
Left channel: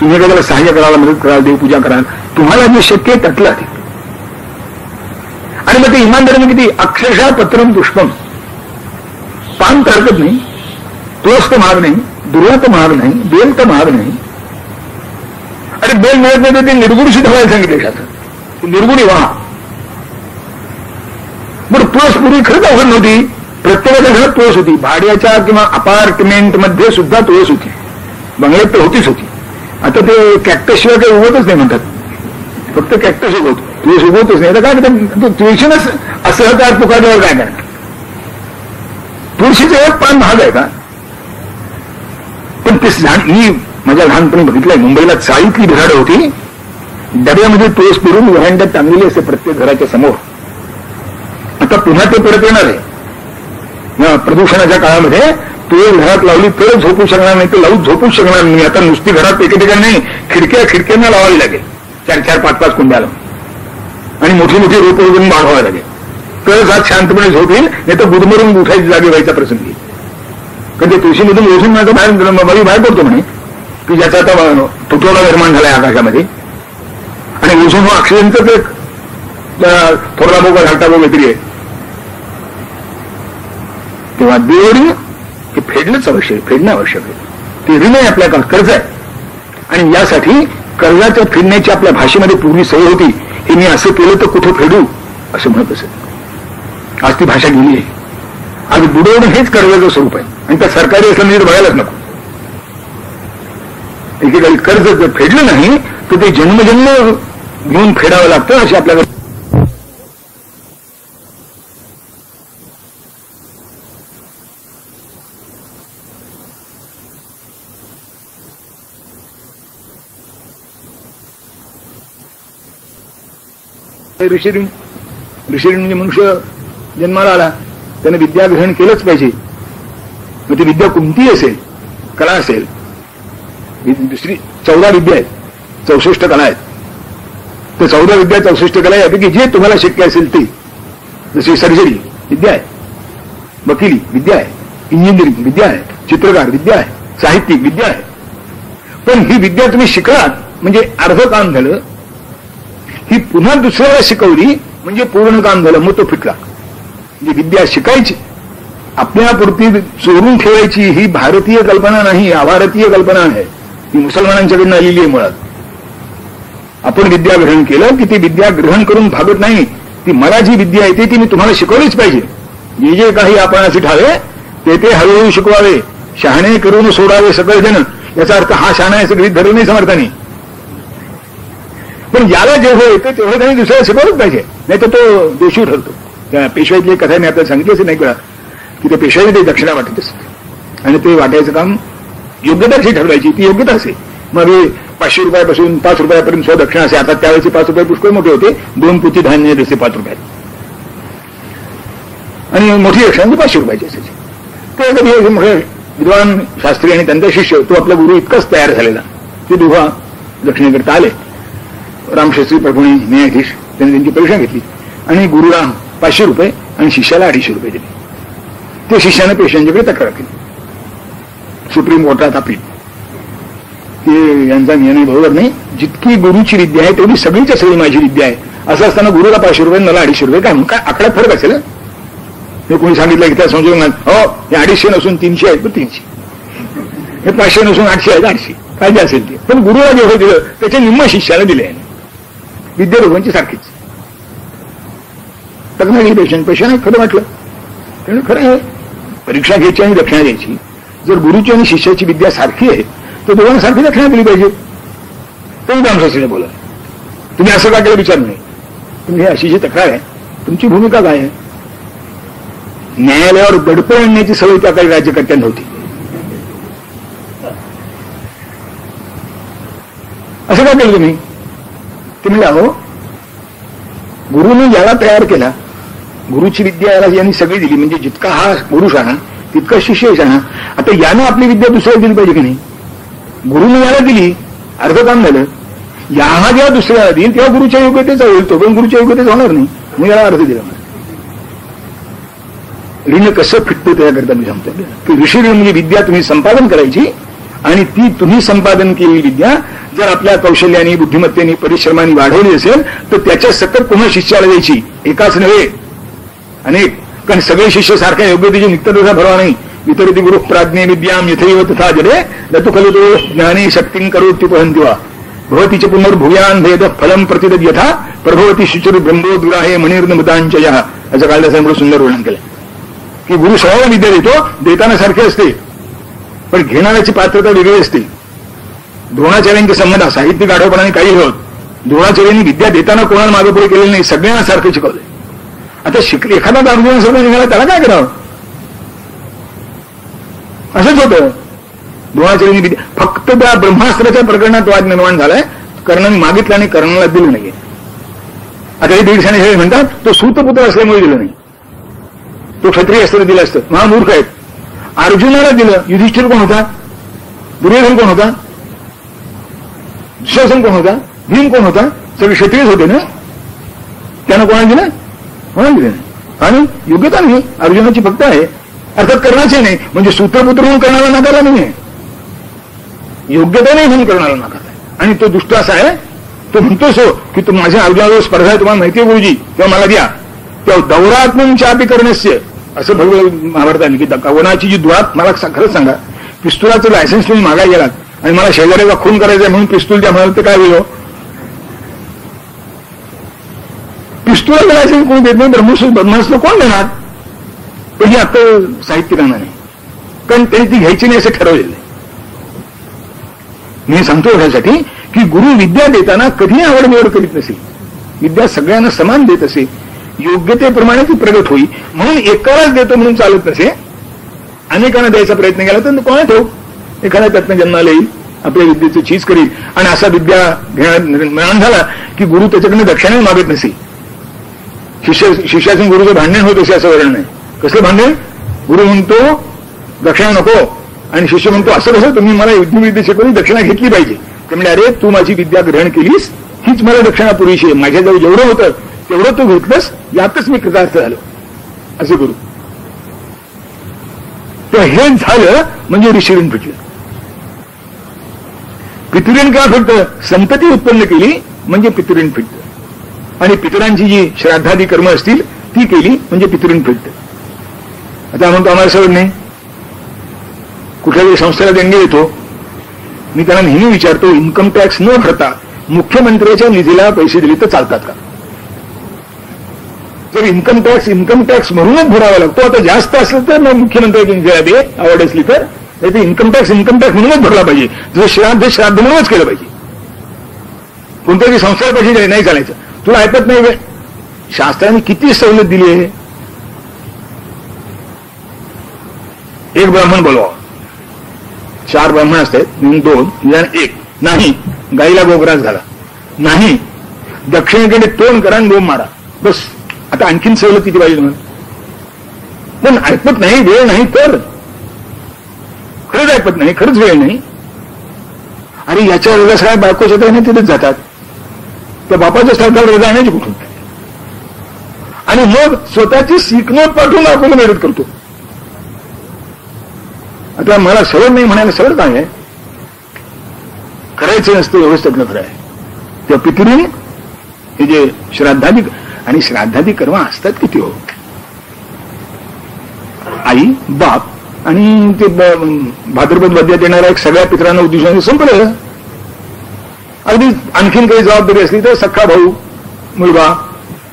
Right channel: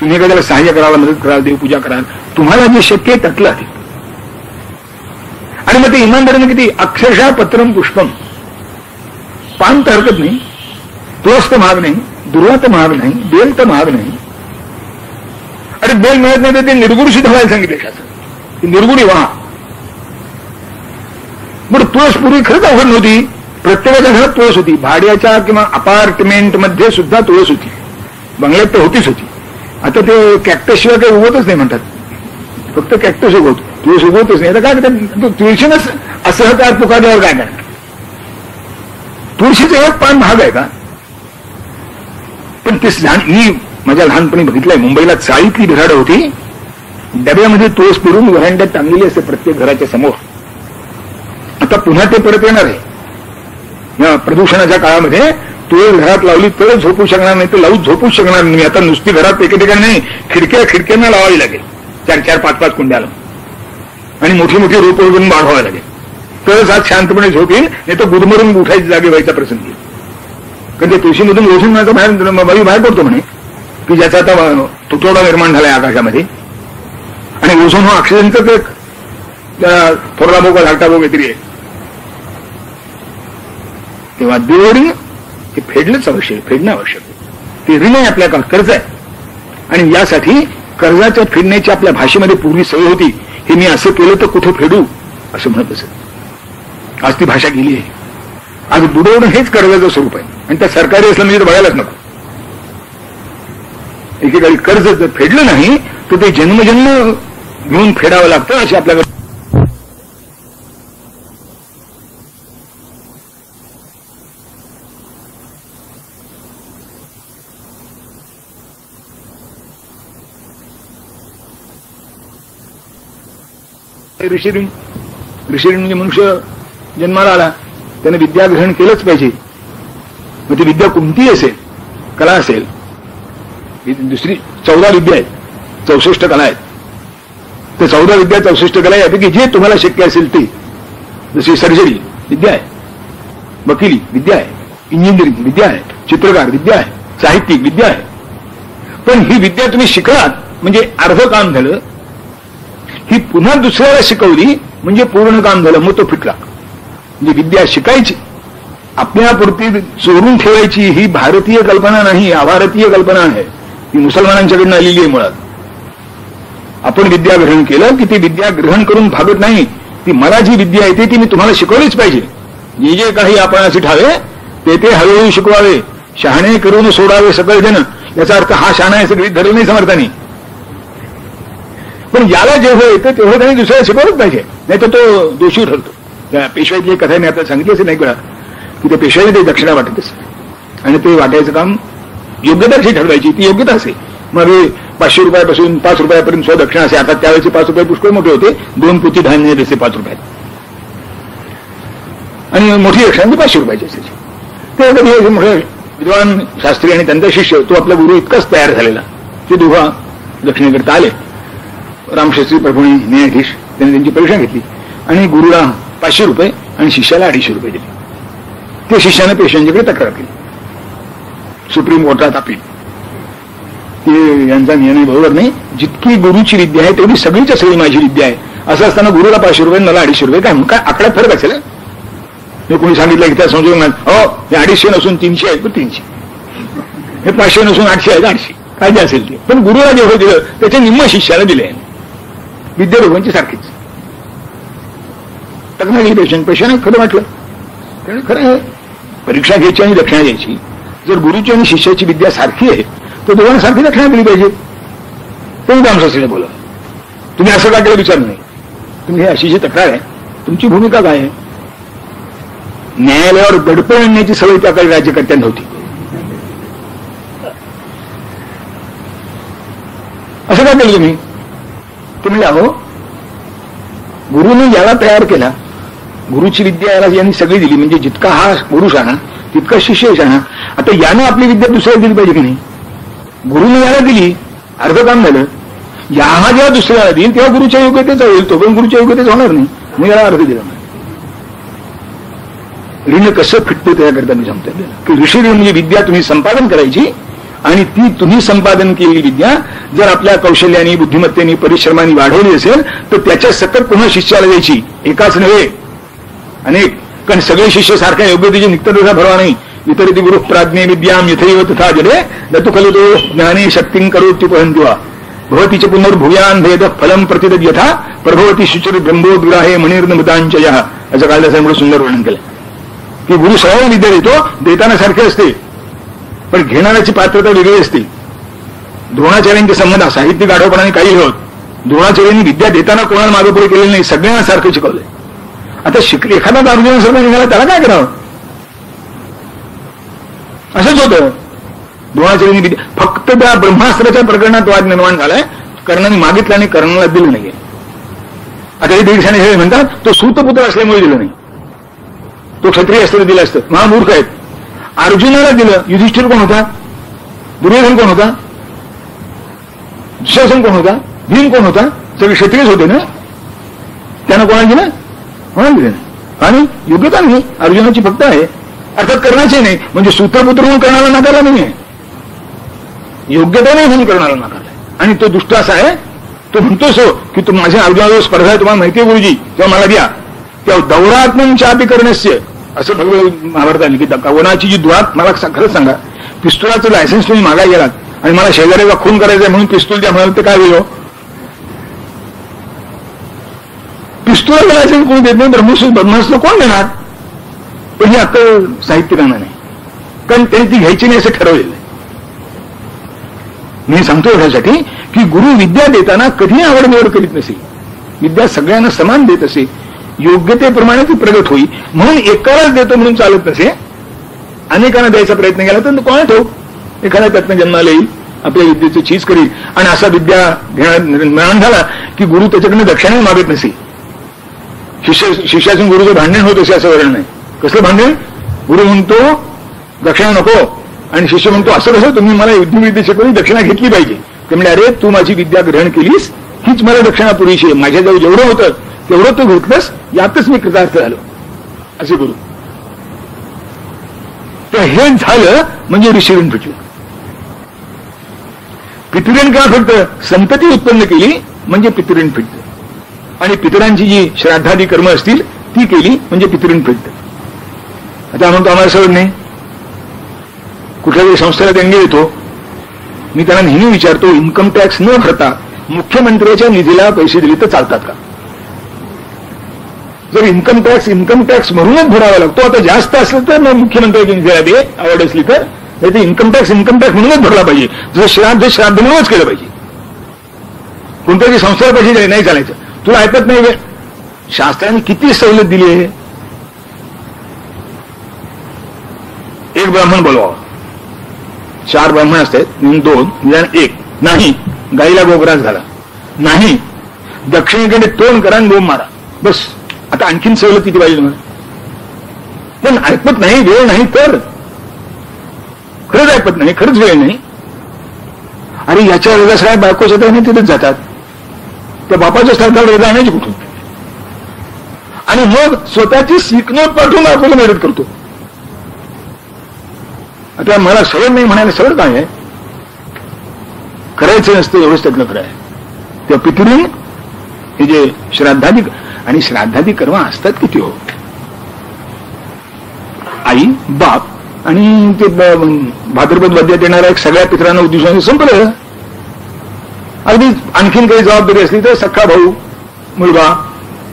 तुम्ही एखाद्याला सहाय्य करायला, मदत कराल, देवपूजा कराल, तुम्हाला जे शक्य आहे त्यातलं अधिक. आणि मग ते इमानदारीने किती अक्षरशः पत्रम पुष्पम, पान तर हरकत नाही, तुळस तर महाग नाही, दुर्वा तर महाग नाही, बेल तर महाग नाही. अरे बेल मिळत नाही तर ते निर्गुणशी धवायला सांगितले शासन, निर्गुणी व्हा. बरं तुळस पूर्वी खरंच अवघड नव्हती. प्रत्येकाच्या घरात तुळस होती. भाड्याच्या किंवा अपार्टमेंट मध्ये सुद्धा तुळस होती. बंगल्यात तर होतीच होती. आता ते कॅक्टस शिवाय काही उगवतच नाही म्हणतात. फक्त कॅक्टस उगवतो, तुळस उगवतच नाही. आता काय करतात तुळशीनंच असं त्या पुकारल्यावर काय करणार. तुळशीचं एक पान महाग आहे का? पण ते मी माझ्या लहानपणी बघितलंय, मुंबईला चाळीतली झाडं होती, डब्यामध्ये तुळस पिरून व्हरांड्यात टांगलेली असते प्रत्येक घराच्या समोर. आता पुन्हा ते परत येणार आहे. या प्रदूषणाच्या काळामध्ये तुळस घरात लावली तर झोपू शकणार नाही, तर लावून झोपूच शकणार नाही. आता नुसती घरात एके ठिकाणी नाही, खिडक्यांना लावावी लागेल 4-4, 5-5 कुंड्याला, आणि मोठी मोठी रोपं वगैरे वाढवावी लागेल, तरच आज शांतपणे झोप येईल. नाही तर गुदमरून उठायची जागे व्हायचा प्रसंग येईल. कारण ते तुळशीमधून ओझून माझं बाहेर पडतो म्हणे की ज्याचा आता तुटवडा निर्माण झालाय आकाशामध्ये. आणि ओझोन हा ऑक्सिजनचाच एक थोरला बोगा घालता बोग काहीतरी आहे. तेव्हा देवऋण हे फेडणंच आवश्यक, फेडणं आवश्यक आहे. ते ऋण आहे, आपल्या कर्ज आहे. आणि यासाठी कर्जाच्या फेडण्याची आपल्या भाषेमध्ये पूर्वी सवय होती. हे मी असं केलं तर कुठे फेडू असं म्हणत असत. आज ती भाषा गेली आहे. आज बुडवणं हेच कर्जाचं स्वरूप आहे. आणि त्या सरकारी असलं म्हणजे बघायलाच नको. एकेकाळी कर्ज जर फेडलं नाही तर ते जन्मजन्म घेऊन फेडावं लागतं. असे आपल्याकडे ऋषीऋण. ऋषीऋण म्हणजे मनुष्य जन्माला आला त्याने विद्या ग्रहण केलंच पाहिजे. मग ती विद्या कोणतीही असेल, कला असेल, दुसरी 14 विद्या आहेत, 64 कला आहेत. तर 14 विद्या 64 कला यापैकी जे तुम्हाला शक्य असेल ते, जशी सर्जरी विद्या आहे, वकिली विद्या आहे, इंजिनिअरिंग विद्या आहे, चित्रकार विद्या आहे, साहित्यिक विद्या आहे. पण ही विद्या तुम्ही शिकलात म्हणजे अर्ध काम झालं. ही पुन्हा दुसऱ्याला शिकवली म्हणजे पूर्ण काम झालं, मग तो फिटला. म्हणजे विद्या शिकायची, आपल्यापुरती चोरून ठेवायची ही भारतीय कल्पना नाही, अभारतीय कल्पना आहे. ती मुसलमानांच्याकडनं आलेली आहे मुळात. आपण विद्या ग्रहण केलं की ती विद्या ग्रहण करून भागत नाही. ती मला जी विद्या येते ती मी तुम्हाला शिकवलीच पाहिजे. जे जे काही आपण असे ठावे ते हळूहळू शिकवावे. शहाणे करून सोडावे सकळ जन. याचा अर्थ हा शहाणा आहे सगळी धरले नाही समर्थांनी. पण याला जेव्हा येतं तेव्हा त्यांनी दुसऱ्याला शिकवलंच पाहिजे, नाही तर तो दोषी ठरतो. त्या पेशवाईतली कथा मी आता सांगितली असेल नाही का, की त्या पेशवाईने ते दक्षिणा वाटत असते आणि ते वाटायचं काम योग्यता अशी ठरवायची, ती योग्यता असे मग 500 रुपयापासून 5 रुपयापर्यंत स्वदक्षिणा असे. आता त्यावेळेचे 5 रुपये पुष्कळ मोठे होते. 2 पोती धान्य जसे 5 रुपयात, आणि मोठी दक्षिणा 500 रुपयाची असायची. ते कधी मोठे विद्वान शास्त्री आणि त्यांचा शिष्य, तो आपला गुरु इतकाच तयार झालेला, ते दोघा दक्षिणेकरता आले. रामशास्त्री प्रभूणी न्यायाधीश त्यांनी त्यांची परीक्षा घेतली आणि गुरुला 500 रुपये आणि शिष्याला 250 रुपये दिले. ते शिष्याने पेशव्यांच्याकडे तक्रार केली. सुप्रीम कोर्टात अपील, ते यांचा निर्णय बरोबर नाही. जितकी गुरुची विद्या आहे तेवढी सगळीच्या सगळी माझी विद्या आहे. असं असताना गुरुला 500 रुपये मला 250 रुपये काय काय आकड्यात फरक असेल. हे कोणी सांगितलं की त्या संशोधन हो हे 250 नसून 300 आहेत तर 300, हे 500 नसून 800 आहेत 800, काय जे असेल ते. पण गुरुला जेवढं दिलं त्याचे निम्म शिष्याला दिले. विद्या दोघांची सारखीच. तक्रार केली पेशा नाही, खरं वाटलं. त्यामुळे खरं आहे, परीक्षा घ्यायची आणि दक्षिणा द्यायची. जर गुरुची आणि शिष्याची विद्या सारखी आहे तर दोघांना सारखी दक्षिणा दिली पाहिजे. तुम्ही रामशास्त्रीला बोला, तुम्ही असं का केलं विचारू नये. तुम्ही अशी जी तक्रार आहे, तुमची भूमिका काय आहे. न्यायालयावर दडपण आणण्याची सवय त्या काही राज्यकर्त्यांना होती. असं का केलं तुम्ही. ते म्हणजे अहो, गुरुने याला तयार केला, गुरुची विद्या याला यांनी सगळी दिली, म्हणजे जितका हा गुरु शाणा तितका शिष्य शाणा. आता यानं आपली विद्या दुसऱ्याला दिली पाहिजे की नाही. गुरुने याला दिली, अर्ध काम झालं. याला जेव्हा दुसऱ्याला देईल तेव्हा गुरुच्या योग्यतेचा होईल, तो पण गुरुच्या योग्यतेचा होणार नाही. मग याला अर्ध दिला. ऋण कसं फिटतं त्याकरता मी सांगतो की ऋषी ऋण म्हणजे विद्या तुम्ही संपादन करायची, आणि ती तुम्ही संपादन केलेली विद्या जर आपल्या कौशल्याने, बुद्धिमत्तेने, परिश्रमाने वाढवली असेल तर त्याच्या सकट पुन्हा शिष्याला द्यायची. एकाच नव्हे, अनेक. कारण सगळे शिष्य सारख्या योग्यतेची निघतात तसा भरवा नाही. वितरिती गुरु प्राज्ञे विद्याम यथैव तथा जले दतु खलु तो ज्ञाने शक्तीं करोत्युपहन्ति वा भवतीच पुनर्भूयान भेद फलम प्रतिदद यथा प्रभवती शुचिर ब्रह्मोद्ग्राहे मणिर्नमुदांचयः. असं कालिदासांमुळे सुंदर वर्णन केलं की गुरु सर्वांना विद्या देतो, देताना सारखे असते पण घेणाऱ्याची पात्रता वेगळी असते. द्रोणाचार्यांचे संबंध साहित्यिक आढावपणाने काही होत. द्रोणाचार्यांनी विद्या देताना कोणाला मागे पुढे केलेलं नाही, सगळ्यांना सारखं शिकवलंय. आता शिकले एखादा अर्जुन सर्व निघाला त्याला काय करावं. असंच होतं. द्रोणाचार्यांनी विद्या फक्त त्या ब्रह्मास्त्राच्या प्रकरणात वाद निर्माण झालाय. कर्णाने मागितलं आणि कर्णाला दिलं नाही. आता हे दीडशाने हे म्हणतात तो सूतपुत्र असल्यामुळे दिलं नाही, तो क्षत्रिय असताना दिलं असतं. महामूर्ख आहेत. अर्जुनाला दिलं. युधिष्ठिर कोण होता, दुर्योधन कोण होता, दुःशासन कोण होता, भीम कोण होता, सगळे क्षत्रियच होते ना. त्यानं कोणाला दिलं, कोणाला दिलं नाही. आणि योग्यता नाही अर्जुनाची फक्त आहे, अर्थात कर्णाचे नाही. म्हणजे सूत्रपुत्र म्हणून कर्णाला नाकारला नाही, योग्यता नाही म्हणून कर्णाला नाकारला. आणि तो दुष्ट असा आहे, तो म्हणतोस की तू माझ्या अर्जुनाजवळ स्पर्धा आहे, तुम्हाला माहिती आहे गुरुजी, तेव्हा मला द्या. तेव्हा दौरात्मनच्या करणस्य असं भगवत महाभारताने की कवनाची जी दुआत. मला खरंच सांगा, पिस्तुलाचं लायसन्स तुम्ही मागायला गेलात आणि मला शेजाऱ्याचा खून करायचा म्हणून पिस्तूल द्या म्हणाल तर काय होईल. पिस्तुलाचं लायसन्स कोणी देत नाही, ब्रह्मास्त्र कोण देणार. पण ही आता साहित्यिकांना नाही, कारण त्यांनी ती घ्यायची नाही असं ठरवलेलं आहे. मी सांगतो यासाठी की गुरु विद्या देताना कधी आवडनिवड करीत नसे. विद्या सगळ्यांना समान देत असे, योग्यतेप्रमाणे ती प्रगत होई. म्हणून एकालाच देतो म्हणून चालत नसे. अनेकांना द्यायचा प्रयत्न केला तर कोणा ठेव, एखादा त्यातनं जन्माला येईल, आपल्या विद्येचं चीज करील. आणि असा विद्या निर्माण झाला की गुरु त्याच्याकडनं दक्षिणा मागत नसे. शिष्यासून गुरुचं भांडण होत असे असं वर्णन नाही. कसलं भांडण. गुरु म्हणतो दक्षिणा नको आणि शिष्य म्हणतो असं कसं, तुम्ही मला युद्धविद्या शिकवून दक्षिणा घेतली पाहिजे. ते म्हणजे अरे तू माझी विद्या ग्रहण केलीस, हीच मला दक्षिणा पुरेशी आहे. माझ्याजवळ जेवढं होतं तेवढं तू घेतलंस, यातच मी कृतार्थ झालो असे गुरु. तर हे झालं म्हणजे ऋषीऋण फिटलं. पितृऋण का फिटतं, संतती उत्पन्न केली म्हणजे पितृऋण फिटतं. आणि पितरांची जी श्राद्धादी कर्म असतील ती केली म्हणजे पितृऋण फिटतं. आता म्हणतो आम्हाला सवड नाही, कुठल्याही संस्थेला देणगी देतो, मी त्यांना नेहमी विचारतो इन्कम टॅक्स न भरता मुख्यमंत्र्याच्या निधीला पैसे दिले तर चालतात का. जर इन्कम टॅक्स म्हणूनच भरावा लागतो, आता जास्त असलं तर मग मुख्यमंत्र्याच्या निधीला दे, आवड असली तर. नाही तर इन्कम टॅक्स म्हणूनच भरला पाहिजे. जर श्राद्ध म्हणूनच केलं पाहिजे. कोणत्याही संस्थेला पैसे दिले नाही चालायचं. तुला ऐकत नाही वे, शास्त्राने किती सवलत दिली आहे. एक ब्राह्मण बोलवा, 4 ब्राह्मण असतात, 2 निदान 1 नाही, गाईला गोग्रास झाला नाही, दक्षिणेकडे तोंड करा आणि बोंब मारा, बस. आता आणखीन सवलत किती पाहिजे तुम्हाला? पण ऐकत नाही, वेळ नाही तर खरंच ऐकत नाही, खरंच वेळ नाही. अरे याच्या रजा सगळ्या बायकोच्या त्याने तिथेच जातात, त्या बापाच्या स्थळाला रजा आणायची कुठून? आणि मग स्वतःची सिकनोट पाठवून आपल्याला मदत करतो. आता मला सवड नाही म्हणायला सवड काय आहे? करायचं नसतं एवढंच त्यातलं खरं आहे. त्या पितृने हे जे श्राद्धादी, आणि श्राद्धादी कर्म असतात किती हो, आई बाप आणि ते भाद्रपद वद्यात येणाऱ्या एक सगळ्या पितरांना उद्देशून संपलं. अगदी आणखीन काही जबाबदारी असली तर सख्खा भाऊ, मुलगा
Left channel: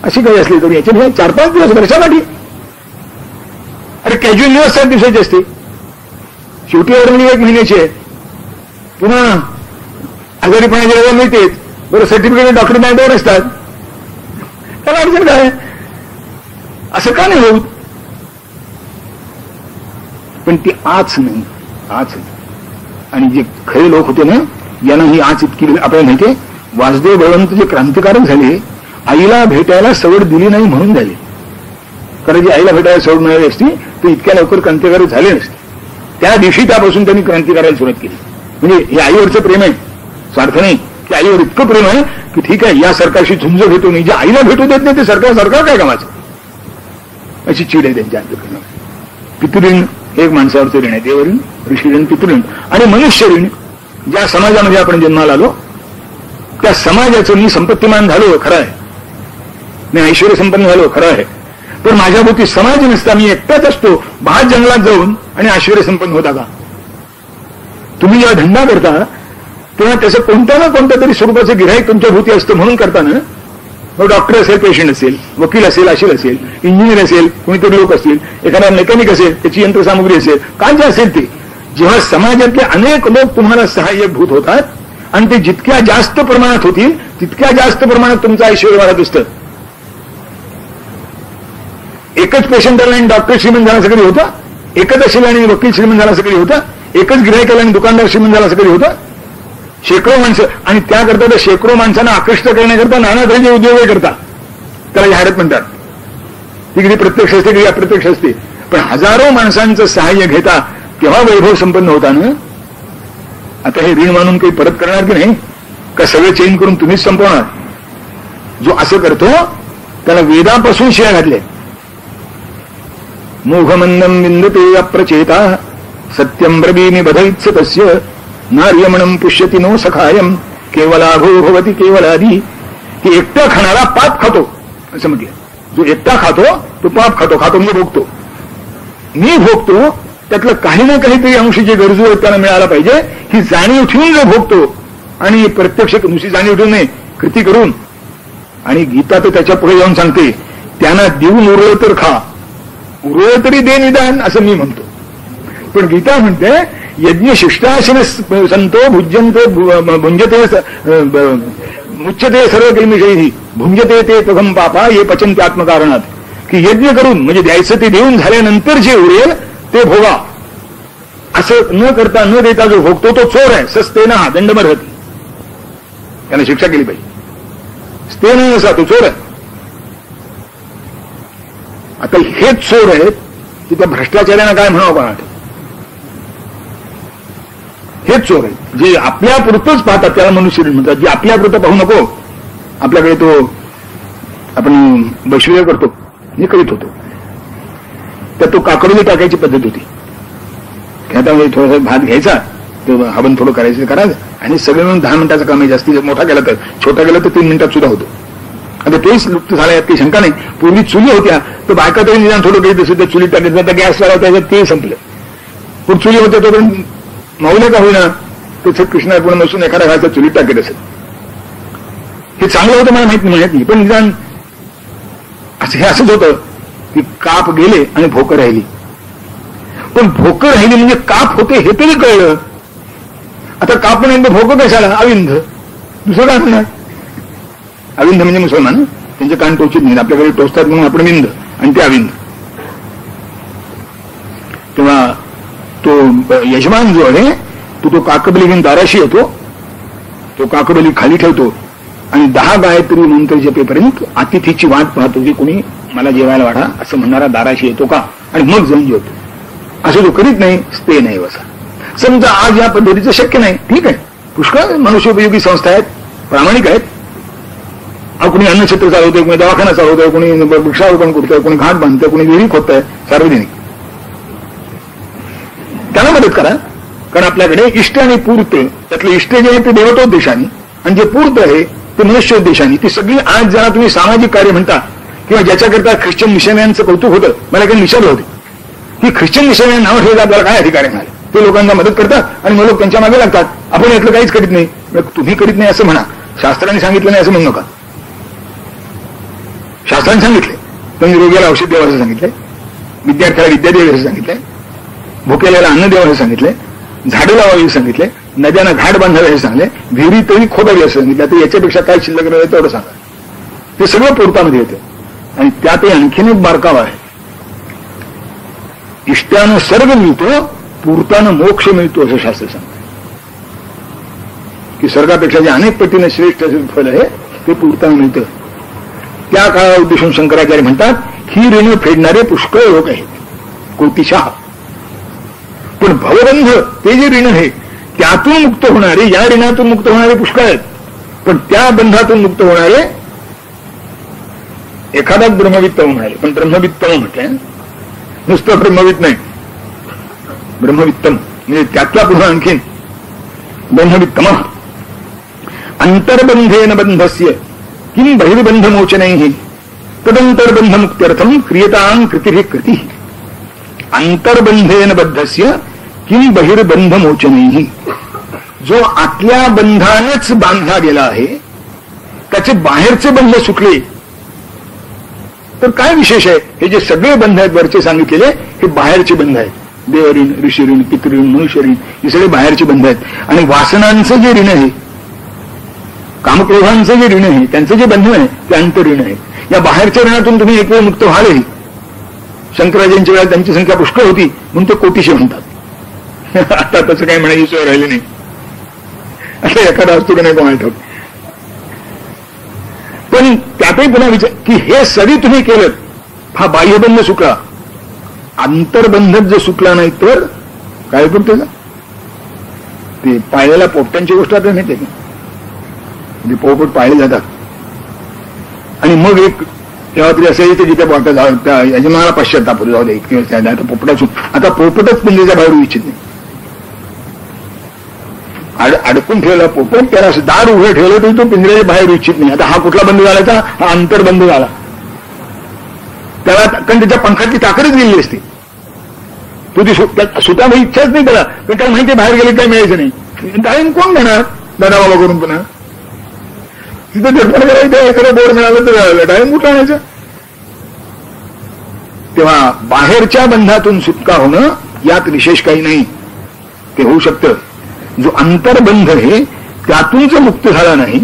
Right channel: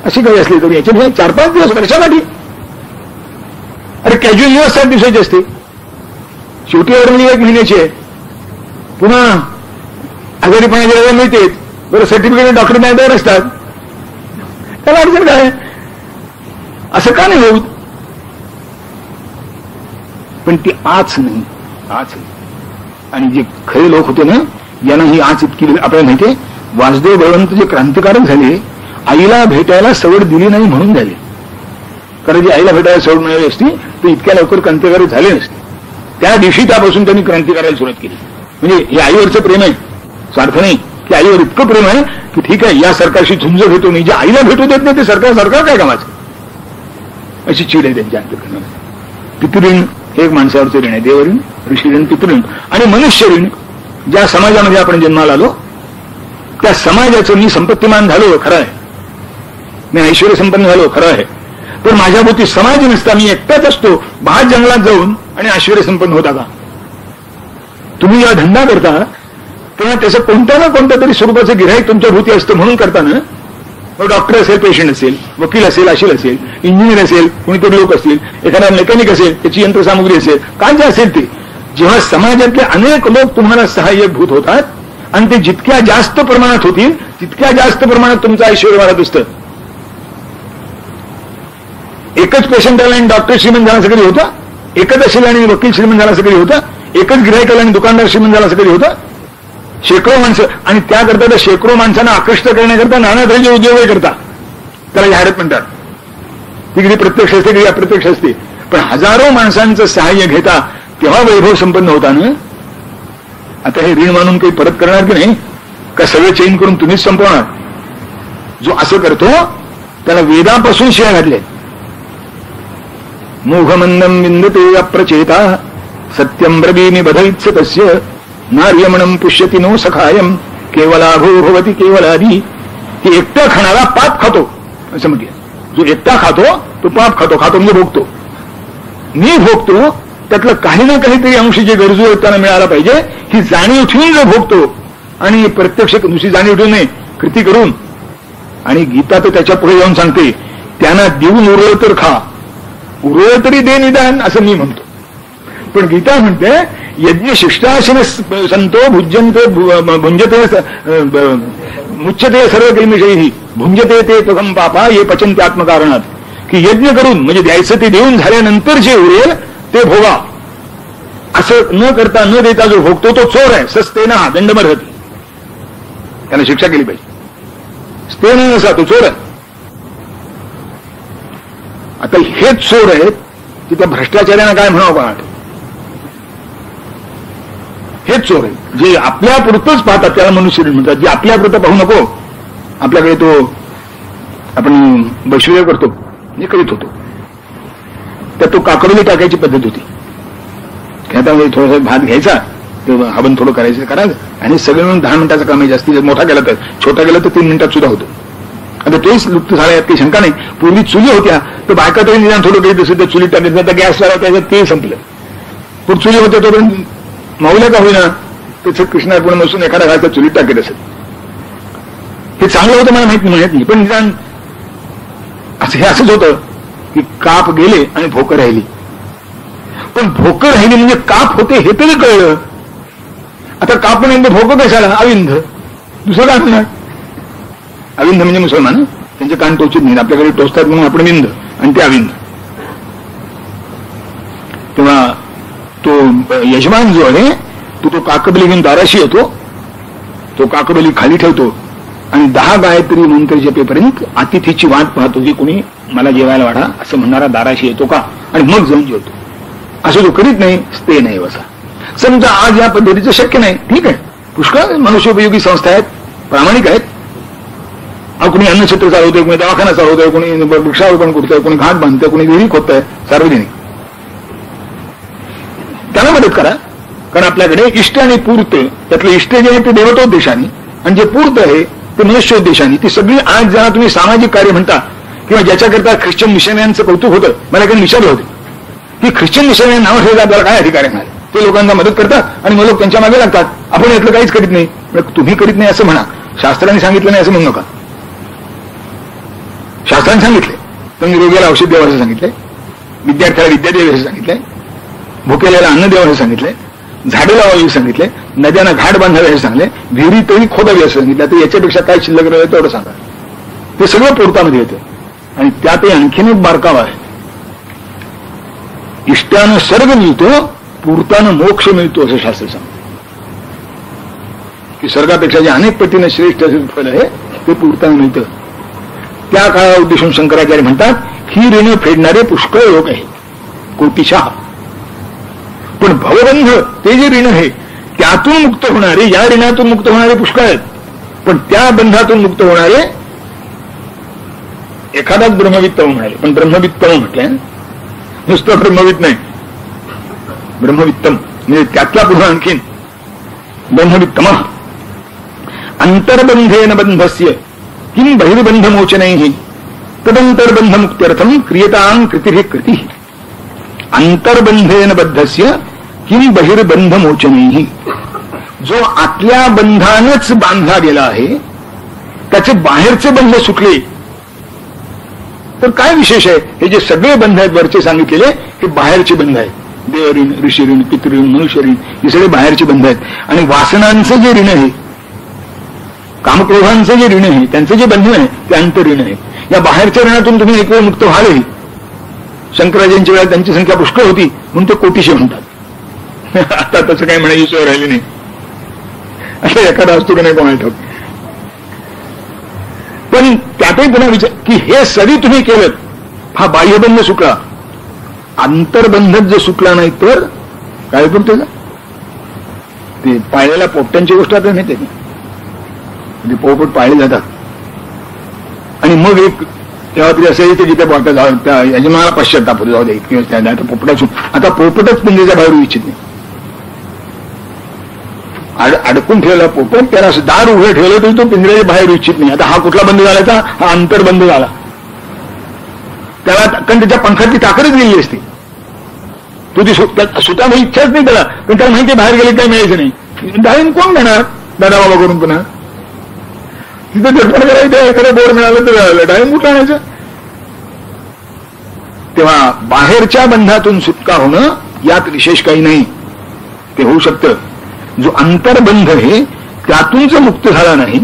अशी काही असली तरी याच्या 4-5 दिवस वर्षासाठी. अरे कॅज्युअल दिवस 7 दिवसाची असते, शेवटी ऑर्डर 1 महिन्याची आहे. पुन्हा आजारीपणाची रजा मिळते, बरं सर्टिफिकेट डॉक्टर मॅडवर असतात, त्याला अडचण काय? असं का नाही होत? पण ती आच नाही, आच नाही. आणि जे खरे लोक होते ना, यांना ही आच इतकी आपल्याला माहितीये. वासुदेव बळवंत जे क्रांतिकारक झाले, आईला भेटायला सवड दिली नाही म्हणून झाले. कारण जी आईला भेटायला सवड मिळाली असती तर इतक्या लवकर क्रांतिकारी झाले नसते. त्या दिवशी त्यापासून त्यांनी क्रांती करायला सुरुवात केली. म्हणजे हे आईवरचं प्रेम आहे, स्वार्थ नाही, की आईवर इतकं प्रेम आहे की ठीक आहे या सरकारशी झुंज भेटू नाही, जे आईला भेटू देत नाही ते सरकार काय कामाचं, अशी चीड आहे त्यांच्या अंतर्गत. पितृऋण एक माणसावरचं ऋण आहे, देवऋण, ऋषीऋण, पितृऋण आणि मनुष्य ऋण. ज्या समाजामध्ये आपण जन्माला आलो त्या समाजाचं मी संपत्तीमान झालो खरं आहे, मी ऐश्वर्य संपन्न झालो खरं आहे, पण माझ्याभोवती समाज नसता मी एकटाच असतो, बाहेर जंगलात जाऊन आणि ऐश्वर्य संपन्न होता का? तुम्ही जेव्हा धंदा करता तेव्हा त्याचं कोणत्या ना कोणत्या तरी स्वरूपाचं गिऱ्हाईक तुमच्या भोवती असतं. म्हणून करताना मग डॉक्टर असेल, पेशंट असेल, वकील असेल, अशील असेल, इंजिनियर असेल, कुणीतरी लोक असतील, एखादा मेकॅनिक असेल, त्याची यंत्रसामुग्री असेल, काय जे असेल ते. जेव्हा समाजातले अनेक लोक तुम्हाला सहाय्यक भूत होतात आणि ते जितक्या जास्त प्रमाणात होतील तितक्या जास्त प्रमाणात तुमचं ऐश्वर्य वाढत असतं. एकच पेशंट आला आणि डॉक्टर श्रीमंत झाला सगळी होता, एकच असेल आणि वकील श्रीमंत झाला सगळी होता, एकच गिऱ्हाईक आला आणि दुकानदार श्रीमंत झाला सगळी होता. शेकडो माणसं, आणि त्याकरता तर शेकडो माणसांना आकृष्ट करण्याकरता नाना तऱ्हेचे उद्योग करतात, त्याला जाहिरात म्हणतात. ती कधी प्रत्यक्ष असते कधी अप्रत्यक्ष असते, पण हजारो माणसांचं सहाय्य घेता तेव्हा वैभव संपन्न होता ना. आता हे ऋण मानून काही परत करणार की नाही, का सगळे चेंज करून तुम्हीच संपवणार? जो असं करतो त्याला वेदापासून शिया घातले. मोघमंदम विंदते अप्रचेता सत्यम ब्रवीमि बधवित्स तस्य नार्यमणम पुष्यति नो सखायम केवलाभो भवती केवलादी. की एकटा खाणारा पाप खातो असं म्हटलं. जो एकटा खातो तो पाप खातो, खातो म्हणजे भोगतो. मी भोगतो त्यातलं काही ना काहीतरी अंश जे गरजू आहेत त्यांना मिळाला पाहिजे ही जाणीव ठेवून जो भोगतो, आणि प्रत्यक्ष नुसती जाणीव ठेवून नाही, कृती करून. आणि गीता तर त्याच्या पुढे जाऊन सांगते, त्यांना देऊन उरलं तर खा, उरलं तरी दे निदान, असं मी म्हणतो. पण गीता म्हणते यज्ञ शिष्टासन संतो भुज्यंते भुंजते मुच्यते सर्व कैमिषयी भुंजते ते प्रथम पापा ये पचन्ते आत्मकारणात. की यज्ञ करून म्हणजे द्यायचं ते देऊन झाल्यानंतर जे उरेल ते भोगा. असं न करता न देता जो भोगतो तो चोर आहे. सस्तेन हा दंडमर्हती, त्याला शिक्षा केली पाहिजे. स्तेन नसा तो चोर आहे. आता हेच चोर आहेत की त्या भ्रष्टाचार्यांना काय म्हणावं कोणा, हेच चोर आहेत जे आपल्यापुरतंच पाहतात, त्याला मनुष्य म्हणतात. जे आपल्यापुरतं पाहू नको, आपल्याकडे तो आपण वैश्वर्य करतो हे करीत होतो, तर तो काकडीला टाकायची पद्धत होती. आता थोडासा भात घ्यायचा, तर हवन थोडं करायचं करायचं आणि सगळं मिळून 10 मिनिटाचा कमी जास्ती, मोठा गेला तर, छोटा गेला तर 3 मिनिटात सुद्धा होतो. आता तेच लुप्त झालं, यात काही शंका नाही. पूर्वी चुली होत्या तर बायका तरी निदान थोडं काही दिसत तर चुली टाकायचं, आता गॅस वाला त्याच्यात ते संपलं. पण चुली होते तोपर्यंत माऊल्या का होईना त्याच्यात कृष्णार्पण बसून एखादा घालचा चुलीत टाकत असत. हे चांगलं होतं मला माहित नाही, पण निदान असं हे असंच होतं की काप गेले आणि भोकं राहिली. पण भोकं राहिली म्हणजे काप होते हे तरी कळलं. आता काप म्हणजे भोकं कशाला, अविंध, दुसरं काय म्हणणार. अविंध म्हणजे मुसलमान, त्यांचे कान टोचित नाही, आपल्याकडे टोचतात म्हणून आपण विंध आणि ते अविंध. तेव्हा तो यजमान जो आहे तो काकबली घेऊन दाराशी येतो तो काकडोली खाली ठेवतो आणि 10 गायत्री मंत्र जपेपर्यंत अतिथीची वाट पाहतो की कोणी मला जेवायला वाढा असं म्हणणारा दाराशी येतो का, आणि मग जाऊन जेवतो. असं जो करीत नाही ते नाही बसा. समजा आज या पद्धतीचं शक्य नाही, ठीक आहे, पुष्कळ मनुष्योपयोगी संस्था आहेत, प्रामाणिक आहेत. कोणी अन्नक्षेत्र चालवतोय, कोणी दवाखाना चालवतोय, कोणी वृक्षारोपण करतोय, कोणी घाट बांधतोय, कोणी विहिरी खोदतोय सार्वजनिक, त्याला मदत करा. पण आपल्याकडे इष्ट आणि पूर्त, त्यातले इष्ट जे आहे ते देवतोद्देशाने आणि जे पूर्त आहे ते मनुष्योद्देशाने, ती सगळी आज ज्याला तुम्ही सामाजिक कार्य म्हणता किंवा ज्याच्याकरता ख्रिश्चन मिशनऱ्यांचं कौतुक होतं, मला काही विचारलं होते की ख्रिश्चन मिशनरी नाव ठेवलं आपल्याला काय अधिकार आहे. ते लोकांना मदत करतात आणि मग लोक त्यांच्या मागे लागतात. आपण यातलं काहीच करीत नाही. तुम्ही करीत नाही असं म्हणा, शास्त्राने सांगितलं नाही असं म्हणू नका. शास्त्राने सांगितलंय, तुम्ही रोग्याला औषध द्यावं असं सांगितलंय, विद्यार्थ्याला विद्या द्यावी असं सांगितलंय, भुकेल्याला अन्न द्यावं असं सांगितलंय, झाडं लावावी सांगितले, नद्यांना घाट बांधावे हे सांगले, विहिरी तरी खोदावी असं सांगितलं. तर याच्यापेक्षा काय शिल्लक राहिलं तेवढं सांगा. ते सगळं पोर्टामध्ये येतं आणि त्यातही आणखीन एक बारकावा आहे. इष्टानं स्वर्ग मिळतो, पूर्तानं मोक्ष मिळतो असं शास्त्र सांगतं की स्वर्गापेक्षा जे अनेक पटीनं श्रेष्ठ फल आहे ते पूर्तानं मिळतं. त्या काळाला उद्देशून शंकराचार्य म्हणतात ही ऋण फेडणारे पुष्कळ लोक आहेत, कोटीशः. पण भवबंध ते जे ऋण आहे त्यातून मुक्त होणारे, या ऋणातून मुक्त होणारे पुष्कळ आहेत. पण त्या बंधातून मुक्त होणारे एखादाच ब्रह्मवित्तम म्हणाले. पण ब्रह्मवित्तम म्हटलं, नुसतं ब्रह्मवित्त नाही, ब्रह्मवित्तम म्हणजे त्यातला पुढे आणखीन ब्रह्मवित्तम. अंतर्बंधेन बंधस्य किम बहिर्बंध मोचनैहि तदंतर्बंध मुक्त्यर्थम क्रियतां कृतिः कृतिः. अंतर्बंधेन बद्धस्य किम बहिर्बंध मोचनैहि. जो आतल्या बंधानच बांधला गेला आहे त्याचे बाहेरचे बंध सुटले तर काय विशेष आहे. हे जे सगळे बंध आहेत वरचे सांगितलेले हे बाहेरचे बंध आहेत. देवऋण, ऋषीऋण, पितृऋण, मनुष्यऋण हे सगळे बाहेरचे बंध आहेत. आणि वासनांचं जे ऋण आहे, कामक्रोधांचे जे ऋण आहे, त्यांचे जे बंधन आहे ते अंतऋण आहे. या बाहेरच्या ऋणातून तुम्ही एक वेळ मुक्त व्हालही. शंकराचार्यांच्या वेळेला त्यांची संख्या पुष्कळ होती म्हणून ते कोटीशे म्हणतात. आता तसं काही म्हणायची सोय राहिली नाही. असं एखादा असतो की नाही कोणाला. पण त्यातही पुन्हा विचार की हे सरी तुम्ही केलं, हा बाह्यबंध सुटला, अंतर्बंधच जर सुटला नाही तर काय करते का. ते पाळलेल्या पोपट्यांची गोष्ट आता माहिती आहे का. ते पोपट पाळले जातात आणि मग एक तेव्हा तरी असं येते जिथे बोटा जाऊ त्या यजमानाला पश्चाताप होतो, जाऊ दे आता पोपटासून आता पोपटच पिंजऱ्याच्या बाहेर इच्छित नाही. अडकून ठेवला पोपट, त्याला दार उघडं ठेवलं तरी तो पिंजऱ्याच्या बाहेर इच्छित नाही. आता हा कुठला बंद झाला, हा अंतर्बंध झाला. त्याला कारण त्याच्या पंखाची ताकदच गेली असती. तो ती स्वतः इच्छाच नाही त्याला, पण त्याला माहिती बाहेर गेले काय मिळायचं नाही. डाळिंब कोण म्हणणार दादा बाबा करून पुन्हा तिथे निर्माण करायचं. एखादं बोर मिळालं तर डाळिंब कुठं आणायचं. तेव्हा बाहेरच्या बंधातून सुटका होणं यात विशेष काही नाही, ते होऊ शकतं. जो अंतर्बंध आहे त्यातून जो मुक्त झाला नाही,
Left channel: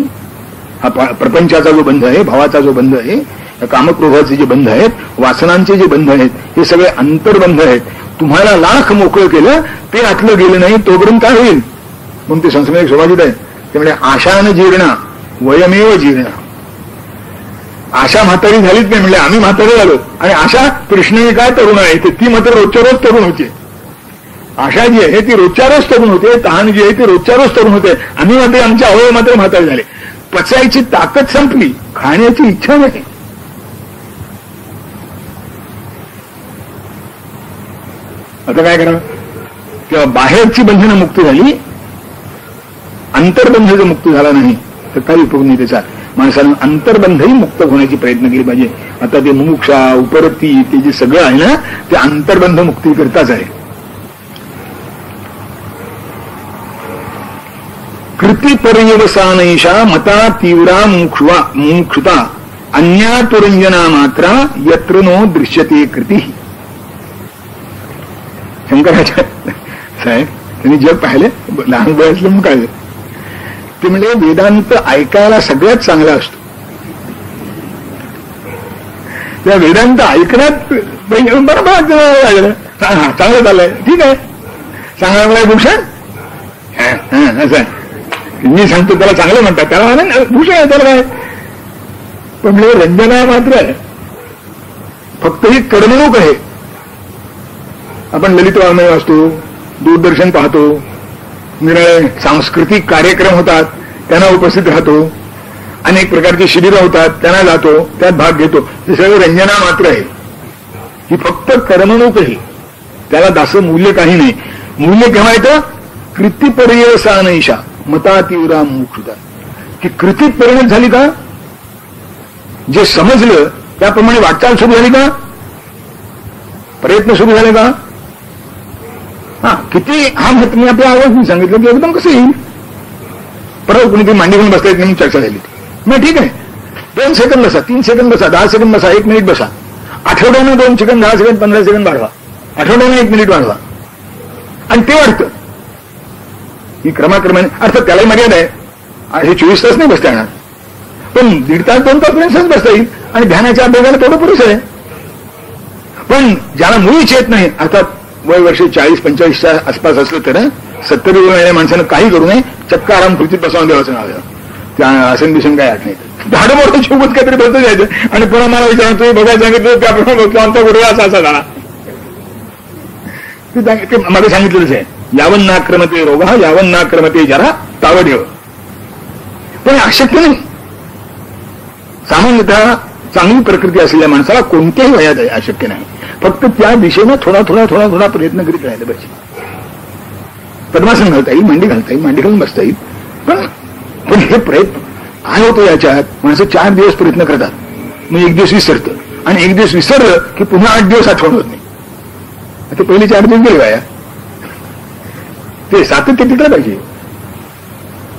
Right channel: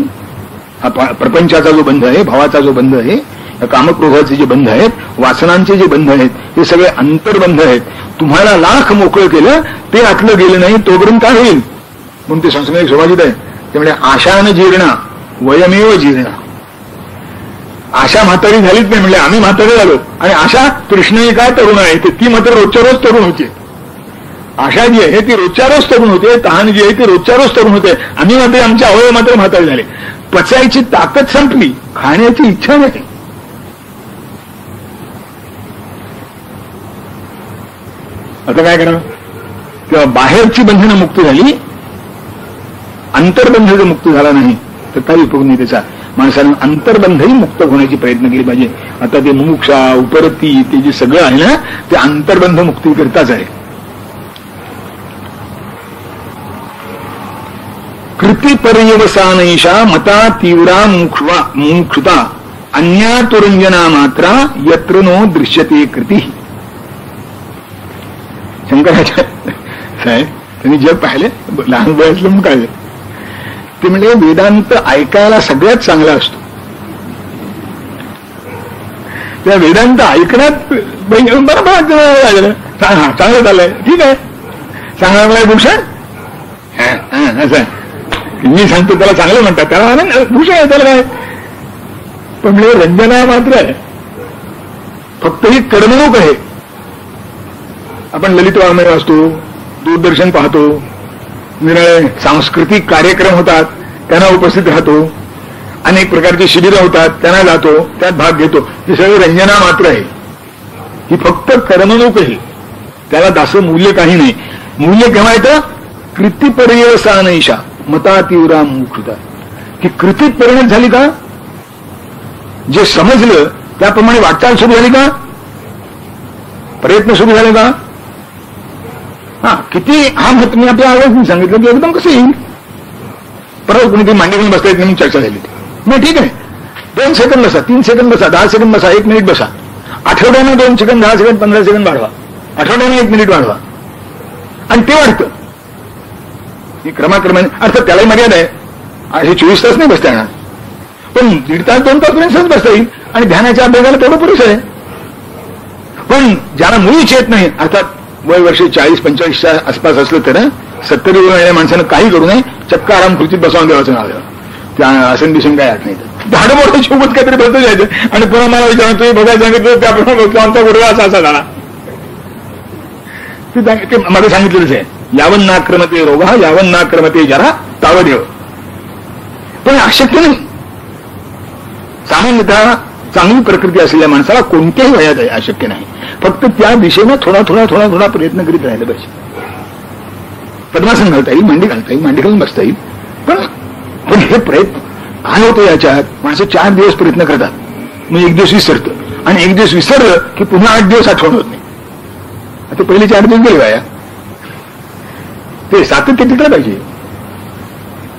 हा प्रपंचाचा जो बंध आहे, भावाचा जो बंध आहे, कामक्रोधाचे जे बंध आहेत, वासनांचे जे बंध आहेत, हे सगळे अंतर्बंध आहेत. तुम्हाला लाख मोकळं केलं ते आतलं गेलं नाही तोपर्यंत काय होईल. म्हणून ते संस्कृत सुभाषित आहे. त्यामुळे आशान जीर्णा वयमेव जीर्ण. आशा म्हातारी झालीच नाही म्हणले, आम्ही म्हातारे झालो. आणि आशा कृष्ण काय तरुण आहे ते, ती मात्र रोजच्या रोज तरुण होते. आशा जी आहे ती रोजच्या रोज तरुण होते, तहान जी आहे ती रोजच्या रोज तरुण होते. आम्ही मात्र आमचे अवयव मात्र म्हातारे झाले. पचायची ताकद संपली, खाण्याची इच्छा नाही. आता काय करावं. किंवा बाहेरची बंधनं मुक्त झाली, अंतर्बंध जर मुक्त झाला नाही तर काही उपयोग नाही त्याचा. माणसाने अंतर्बंधही मुक्त होण्याची प्रयत्न केले पाहिजे. आता ते मुमुक्षा, उपरती, ते जे सगळं आहे ना ते अंतर्बंध मुक्ती करताच आहे. कृती पर्यवसानैषा मता तीव्रा मुमुक्षुता अन्यातुरंजना मात्रा यत्र नो दृश्यते कृती. शंकराचार्य साहेब त्यांनी जग पाहिले, लहान वयातलं मग काय ते म्हणजे वेदांत ऐकायला सगळ्यात चांगला असतो. त्या वेदांत ऐकण्यात बरोबर चांगलं झालंय, ठीक आहे, चांगला मला भूषण असं मी सांगतो त्याला चांगलं म्हणतात, त्याला भूषण आहे, त्याला काय. पण म्हणजे रंजना मात्र आहे, फक्त ही करमणूक आहे. आपण ललित वाङ्मय वाचतो, दूरदर्शन पाहतो, निरळे सांस्कृतिक कार्यक्रम होतात, त्यांना उपस्थित राहतो, अनेक प्रकारची शिबिरं होतात, त्यांना जातो, त्यात भाग घेतो. हे सगळे रंजना मात्र आहे. ही फक्त करमणूक आहे, त्याला दासं मूल्य काही नाही. मूल्य केव्हा येतं? कृतीपर्यवसानैषा मता तीव्रा मुक्षता. की कृतीत परिणत झाली का, जे समजलं त्याप्रमाणे वाटचाल सुरू झाली का, प्रयत्न सुरू झाले का. हा किती हा मत मी आपल्या आवाज सांगितलं की एकदम कसं येईल. परत कुणीतरी मांडी घेऊन बसता येत म्हणून चर्चा झाली ती. मग ठीक आहे, 2 सेकंद बसा, 3 सेकंद बसा, 10 सेकंद बसा, 1 मिनिट बसा. आठवड्यानं 2 सेकंद, 10 सेकंद, 15 सेकंद वाढवा, आठवड्यानं 1 मिनिट वाढवा, आणि ते वाढतं. ही क्रमाक्रमाने अर्थात त्यालाही मर्यादा आहे. हे 24 तास नाही बसता येणार, पण 1.5 तास 2 तास बसता येईल, आणि ध्यानाच्या अभ्यासाला तेवढं पुरेसं आहे. पण ज्याला मुळीच येत नाही, अर्थात वय वर्ष 40-45च्या आसपास असलं तर 70 महिन्या माणसानं काही करू नये, चक्क आराम खुर्चीत बसवून देवाचं नाव आहे. त्या आसन दिसून काय आत नाही. भाडं मोठं सोबत काहीतरी बसतं जायचं, आणि पुन्हा मला विचार तुम्ही बघा सांगितलं त्याप्रमाणे बसतो, आमचा गुरुवा असा झाला. ते मध्ये सांगितलेलंच आहे, यावन नाक्रमते रोग यावन नाक्रमते जरा तावदेव. पण अशक्य नाही. सामान्यतः चांगली प्रकृती असलेल्या माणसाला कोणत्याही वयात अशक्य नाही. फक्त त्या दिशेनं थोडा प्रयत्न करीत राहिला पाहिजे. पद्मासन घालता येईल, मांडी घालता येईल, मांडी घालून बसता येईल, पण हे प्रयत्न काय होतं याच्यात. माणसं 4 दिवस प्रयत्न करतात, मग 1 दिवस विसरतं, आणि 1 दिवस विसरलं की पुन्हा 8 दिवस आठवण होत नाही. आता पहिले 4 दिवस गेले वाया. ते सातत्य टिकलं पाहिजे.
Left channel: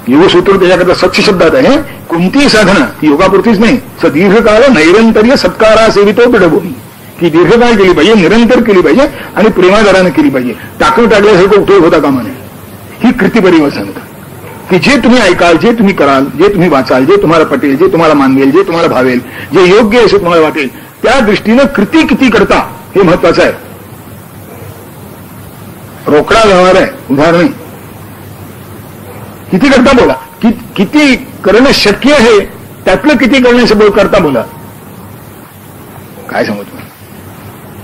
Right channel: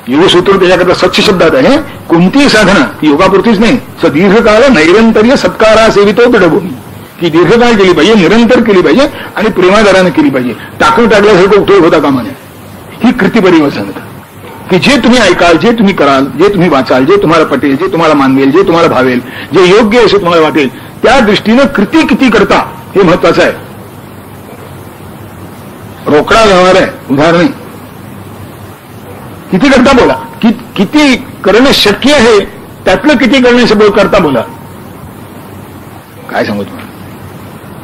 योगसूत्र त्याच्याकरता स्वच्छ शब्दात आहे, कोणतीही साधना योगापुरतीच नाही, दीर्घकाळ नैरंतर्य सत्कारा सेवितो दृढभूमी. की दीर्घकाळ केली पाहिजे, निरंतर केली पाहिजे, आणि प्रेमादारानं केली पाहिजे. टाकून टाकल्यासारखं उपयोग होता कामा नये. ही कृतीपरिवर्तन, की जे तुम्ही ऐकाल, जे तुम्ही कराल, जे तुम्ही वाचाल, जे तुम्हाला पटेल, जे तुम्हाला मानवेल, जे तुम्हाला भावेल, जे योग्य आहे असं तुम्हाला वाटेल, त्या दृष्टीनं कृती किती करता हे महत्वाचं आहे. रोकडा व्यवहार आहे, उदाहरण नाही. किती करता बोला, किती करणं शक्य आहे त्यातलं किती करणं करता बोला. काय सांगू तुम्हाला,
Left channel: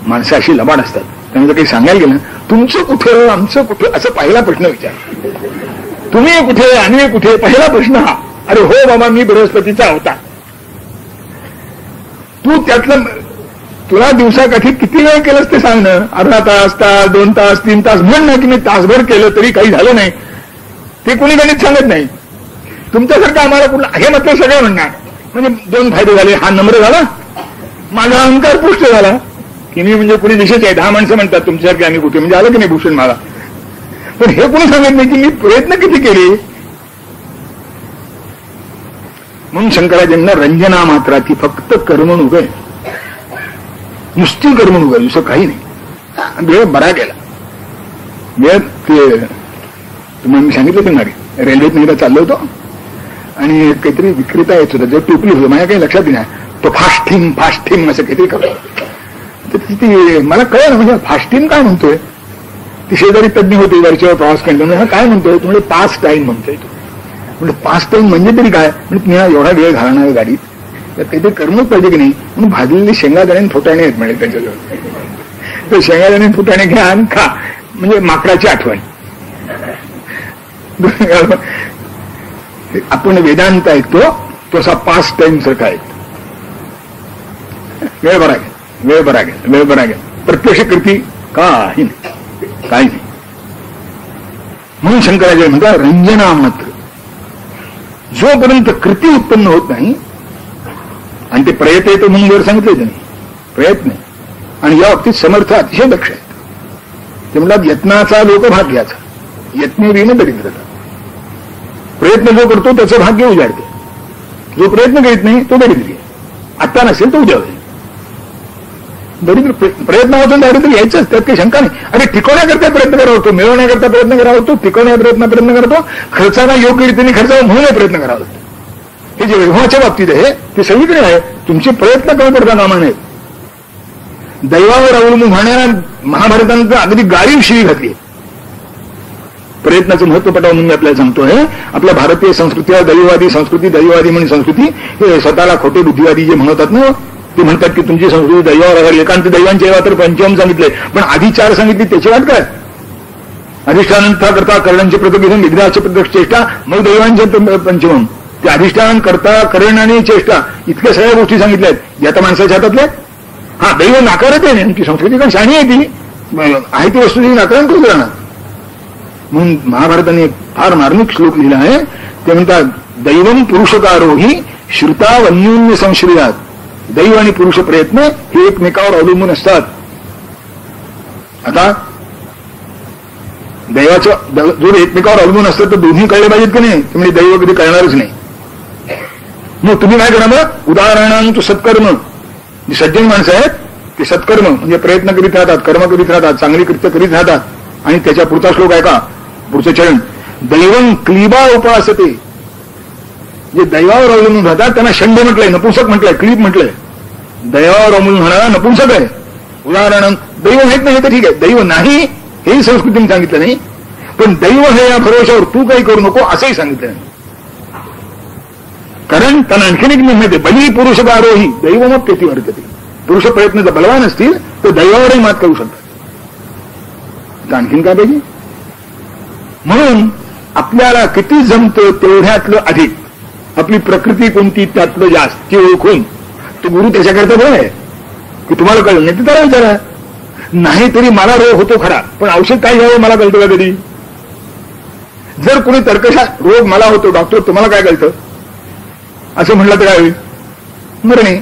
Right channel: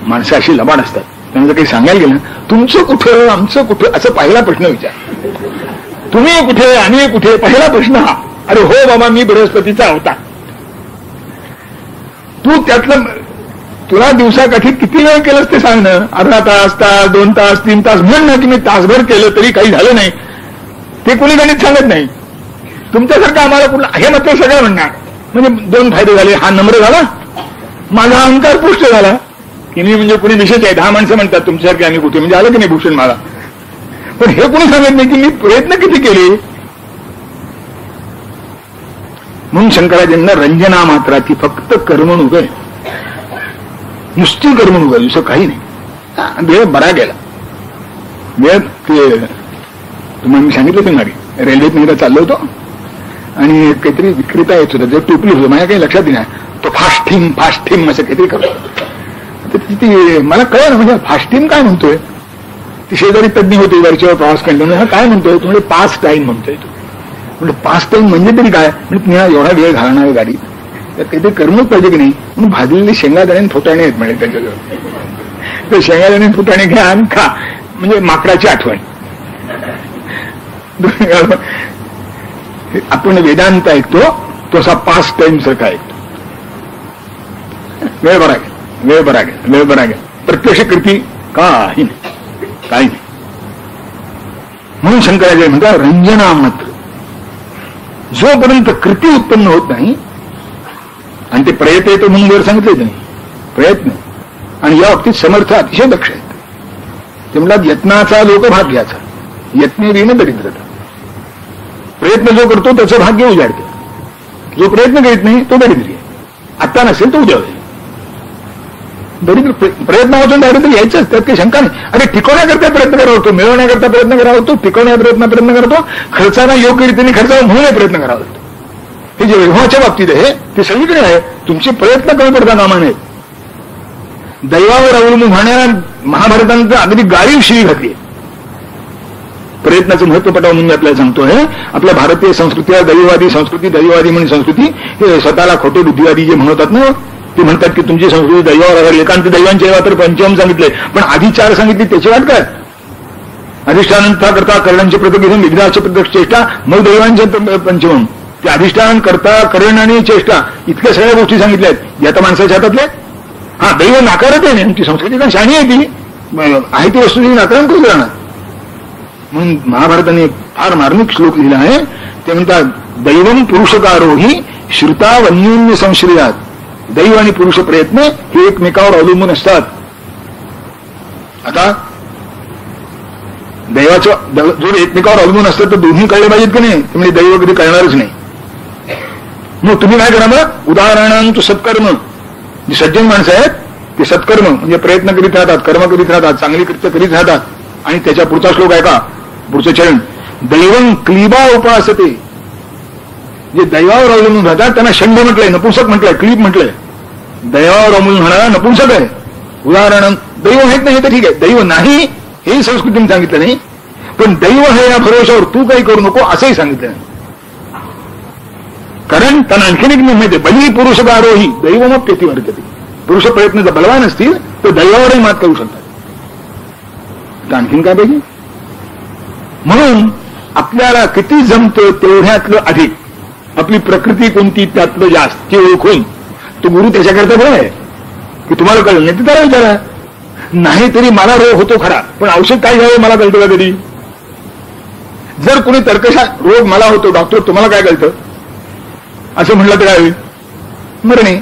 माणसं अशी लबाड असतात. त्यांना काही सांगायला गेलं, तुमचं कुठं आमचं कुठं असं पहिला प्रश्न विचार. तुम्ही कुठे आम्ही कुठे, पहिला प्रश्न हा. अरे हो बाबा, मी बृहस्पतीचा होता. तू त्यातलं तुला दिवसाकाठी किती वेळ केलंस ते सांग ना. अर्धा तास, 2 तास, 3 तास म्हण ना, की मी तासभर केलं तरी काही झालं नाही. ते कोणी गणित सांगत नाही. तुमच्यासारखं आम्हाला कुठलं हे मात्र सगळं म्हणणार. म्हणजे 2 फायदे झाले. हा नम्र झाला, माझा अहंकार पुष्ट झाला की मी म्हणजे कुणी विशेष आहे. 10 माणसं म्हणतात तुमच्यासारखे आम्ही कुठे, म्हणजे आलं की नाही भूषण मला. पण हे कोणी सांगत नाही की मी प्रयत्न किती केले. म्हणून शंकराचार्यांना रंजना मात्रा ती फक्त करमणूक आहे, नुसती करमणूक आहे, दुसरं काही नाही. वेळ बरा गेला. वेळ ते तुम्ही मी सांगितलं ते मागे रेल्वेत मी चाललो होतो, आणि काहीतरी विक्रेता येत होता, जे टोपली होतं, माझ्या काही लक्षात नाही. तो फास्टिंग असं काहीतरी करतो. मला कळलं म्हणजे फास्टिंग काय म्हणतोय. ती शेजारी तज्ञ होते, वरच्यावर प्रवास केला. काय म्हणतोय म्हणजे 5 टाईम म्हणतोय. तो म्हणजे 5 टाईम म्हणजे तरी काय, म्हणजे तुम्ही एवढा वेळ घालणार गाडीत, तर काहीतरी करमणूक पाहिजे की नाही. म्हणून भाजलेले शेंगादाणे फुटाणे आहेत म्हणजे त्याच्याजवळ. ते शेंगादाणे फुटाणे घ्या आणि खा, म्हणजे माकडाची आठवण. आपण वेदांत ऐकतो तो असा 5 टाईम सारखा ऐकतो. वेळ बरा घ्या. प्रत्यक्ष कृती काही नाही. म्हणून शंकराचार्य म्हणतात रंजना मात्र. जोपर्यंत कृती उत्पन्न होत नाही, आणि ते प्रयत्न येतो म्हणून वर सांगितले त्यांनी प्रयत्न, आणि या बाबतीत समर्थ अतिशय दक्ष आहेत. ते म्हणतात यत्नाचा लोकभाग घ्यायचा, यत्ने विण दरिद्रता. प्रयत्न जो करतो त्याचं भाग्य उजाडते. जो प्रयत्न करीत नाही तो दरिद्री. आत्ता नसेल तो उद्या होईल. दरिद्र प्रयत्न वाचून दारिद्र्य यायचंच, त्यात काही शंका नाही. अरे टिकवण्याकरता प्रयत्न करावा होतो, मिळवण्याकरता प्रयत्न करावा होतो, टिकवण्याकरता प्रयत्न करतो, खर्चाला योग्य रीतीने खर्चावा म्हणून प्रयत्न करावा होतो. हे जे व्यवहाराच्या बाबतीत आहे ते सगळीकडे आहे. तुमचे प्रयत्न कमी पडता कामा नयेत. दैवावर अवलंबून होणाऱ्या महाभारतांचं अगदी गाडीव शिवी घातली. प्रयत्नाचं महत्व पटावं म्हणून मी आपल्याला सांगतोय. आपल्या भारतीय संस्कृतीला दैववादी संस्कृती, दैववादी म्हणून संस्कृती, हे स्वतःला खोटे बुद्धिवादी जे म्हणतात ना, ते म्हणतात की तुमची संस्कृती दैवावर आधारली. कारण ते दैवांचे तर पंचम सांगितले, पण आधी 4 सांगितले त्याची वाट काय? अधिष्ठानता करता करणांचे प्रतिबिंब विघ्नाचे प्रत्यक्ष चेष्टा, मग दैवांचे पंचम. ते अधिष्ठान करता करण आणि चेष्टा इतक्या सगळ्या गोष्टी सांगितल्या आहेत या तर माणसाच्या हातातल्या. हा दैव नाकारत आहे आमची संस्कृती, कारण शाणी आहे ती, आहे ती वस्तू नाकारण करू राहणार. म्हणून महाभारताने एक फार मार्मिक श्लोक लिहिला आहे. ते म्हणतात दैवम पुरुषकारोही श्रुता वन्योन्य संश्रयात. दैव आणि पुरुष प्रयत्न हे एकमेकावर अवलंबून असतात. आता दैवाचं जर एकमेकावर अवलंबून असतं तर दोन्ही कळले पाहिजेत की नाही, म्हणजे दैव कधी कळणारच नाही. मग तुम्ही काय करा, मग उदाहरणांतू सत्कर्म. जे सज्जन माणसं आहेत ते सत्कर्म म्हणजे प्रयत्न करीत राहतात, कर्म करीत राहतात, चांगली कृत्य करीत राहतात. आणि त्याच्या पुढचा श्लोक आहे का, पुढचं चरण, दैवं क्लीबा उपासते. जे दैवावर अवलंबून राहतात त्यांना षंड म्हटलंय, नपुंसक म्हटलंय, क्लीब म्हटलंय. दैवावर अवलंबून होणारा नपुंसक आहे. उदाहरण दैव माहित नाही तर ठीक आहे, दैव नाही हेही संस्कृतीने सांगितलं नाही, पण दैव हे या भरोशावर तू काही करू नको असंही सांगितलं नाही. कारण त्यांना आणखीन एक निर्णय आहे, बली पुरुष बारोही दैव मग पेती वर्तते. पुरुष प्रयत्न जर बलवान असतील तर दैवावरही मात करू शकतात. तर आणखीन काय पाहिजे. म्हणून आपल्याला किती जमतं तेवढ्यातलं अधिक, आपली प्रकृती कोणती त्यातलं जास्त ती ओळखून तो गुरु त्याच्याकरता बरं आहे की तुम्हाला कळलं नाही तर त्याला विचारा. नाही तरी मला रोग होतो खरा, पण औषध काय घ्यावं मला कळतं का कधी. जर कोणी तर्कशा रोग मला होतो, डॉक्टर तुम्हाला काय कळतं असं म्हटलं तर काय होईल, मरणे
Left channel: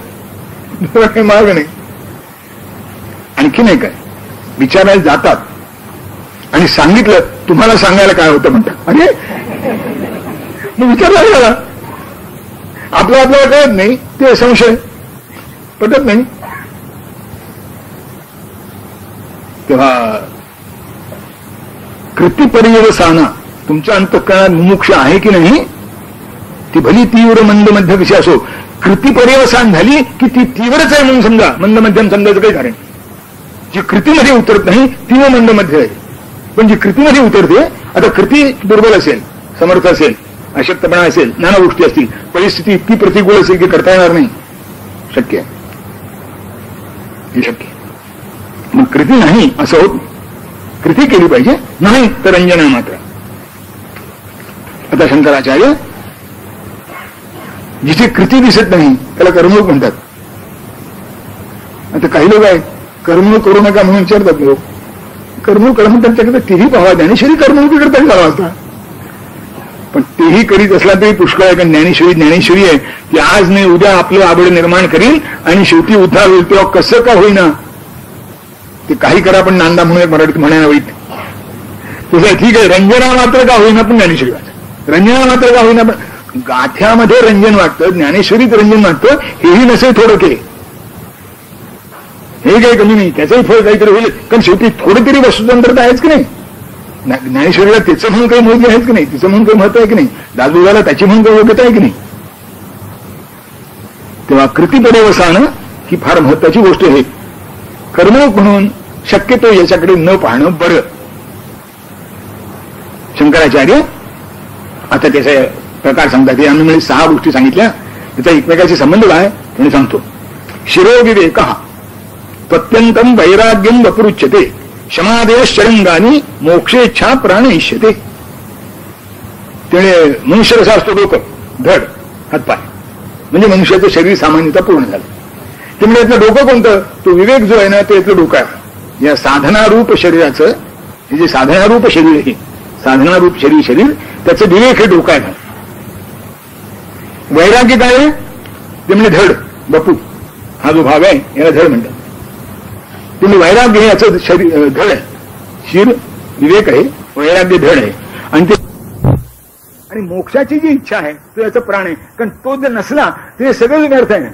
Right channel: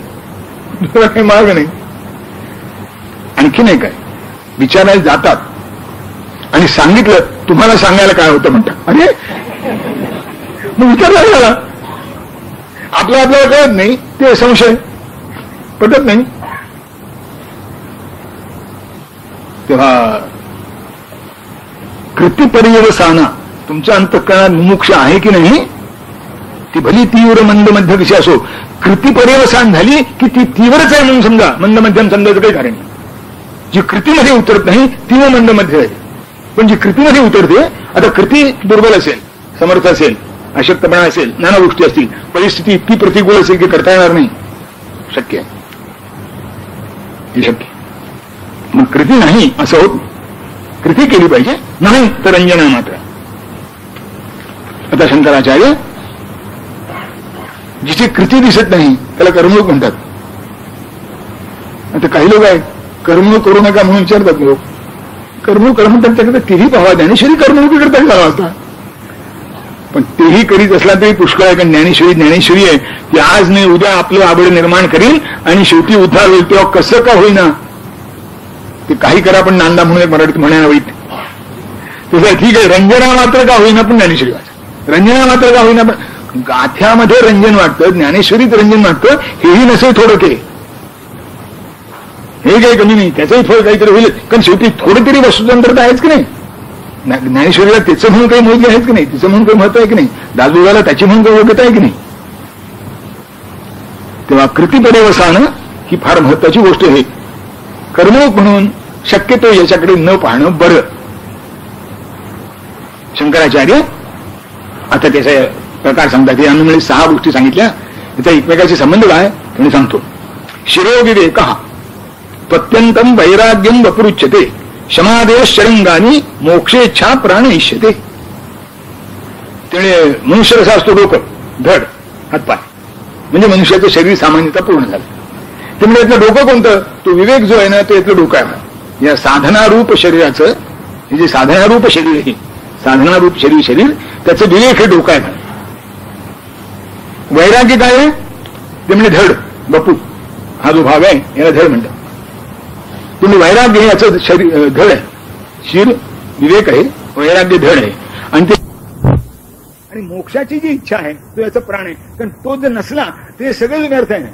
मार्ग नाही. आणखी नाही काय विचारायला जातात आणि सांगितलं तुम्हाला सांगायला काय होतं म्हणतात. अरे मग विचारला झाला, आपल्याला कळत नाही ते संशय पटत नाही. तेव्हा कृतीपर्यवसाना तुमच्या अंतःकरणात मुमुक्ष आहे की नाही, ती भली तीव्र मंद मध्य कशी असो, कृतीपर्यवसान झाली की ती तीव्रच आहे म्हणून समजा, मंद मध्यम समजायचं काही कारण. जी कृतीमध्ये उतरत नाही ती मंद मध्य आहे, पण जी कृतीमध्ये उतरते, आता कृती दुर्बल असेल, समर्थ असेल, अशक्तपणा असेल, नाना गोष्टी असतील, परिस्थिती इतकी प्रतिकूल असेल की करता येणार नाही, शक्य आहे, हे शक्य. मग कृती नाही असं होत, कृती केली पाहिजे, नाही तर रंजना मात्र. आता शंकराचार्य जिथे कृती दिसत नाही त्याला कर्मयोग म्हणतात. आता काही लोक आहेत कर्मयोग करू नका म्हणून विचारतात लोक, कर्मयोग करा म्हणतात त्याकडे तेही पाहावा, ज्ञानेश्वरी कर्मयोग करता झाला होता, पण तेही करीत असला तरी पुष्कळ आहे. कारण ज्ञानेश्वरी आहे की आज नाही उद्या आपलं आवड निर्माण करील आणि शेवटी उद्धार होईल. तेव्हा कसं का होईना ते काही करा, पण नांदा म्हणून एक मराठीत म्हणायला वाईट तसं ठीक आहे. रंजना मात्र का होईना पण ज्ञानेश्वरी वाटत, रंजना मात्र का होईना पण गाथ्यामध्ये रंजन वाटतं, ज्ञानेश्वरीत रंजन वाटतं, हेही नसेल थोडं के, हे काही कमी नाही, त्याचंही फळ काहीतरी होईल. कारण शेवटी थोडे तरी वस्तुतंत्रता आहेच की नाही. ज्ञानेश्वरीला त्याचं म्हणून काही महत्व आहेच की नाही, तिचं म्हणून काही महत्व आहे की नाही, दासबोधाला त्याची म्हणून काही योग्यता आहे की नाही. तेव्हा कृतीपर्यवसान ही फार महत्वाची गोष्ट आहे. कर्मयोग म्हणून शक्यतो याच्याकडे न पाहणं बरं. शंकराचार्य आता त्याचा प्रकार सांगतात. यांनी 6 गोष्टी सांगितल्या, त्याचा एकमेकाशी संबंध काय म्हणून सांगतो. शिरोविवेक प्रत्यंतम वैराग्यम वपुरुच्यते क्षमादेश शरंगानी मोक्षेच्छा प्राण इष्यते. त्यामुळे मनुष्य कसा असतो, डोकं, धड, हातपाय, म्हणजे मनुष्याचं शरीर सामान्यतः पूर्ण झालं. त्यामुळे यातलं डोकं कोणतं, तो विवेक जो आहे ना तो यातलं डोकं आहे. या साधनारूप शरीराचं, हे जे साधनारूप शरीर आहे, साधनारूप शरीर त्याचं विवेक हे डोकं आहे. वैराग्य काय आहे, ते म्हणजे धड, बपू, हा जो भाग आहे याला धड म्हणतात. तुम्ही वैराग्य हे याचं शरीर धड आहे, शिर विवेक आहे, वैराग्य धड आहे. आणि मोक्षाची जी इच्छा आहे तो याचा प्राण आहे. कारण तो जर नसला तर सगळं व्यर्थ आहे.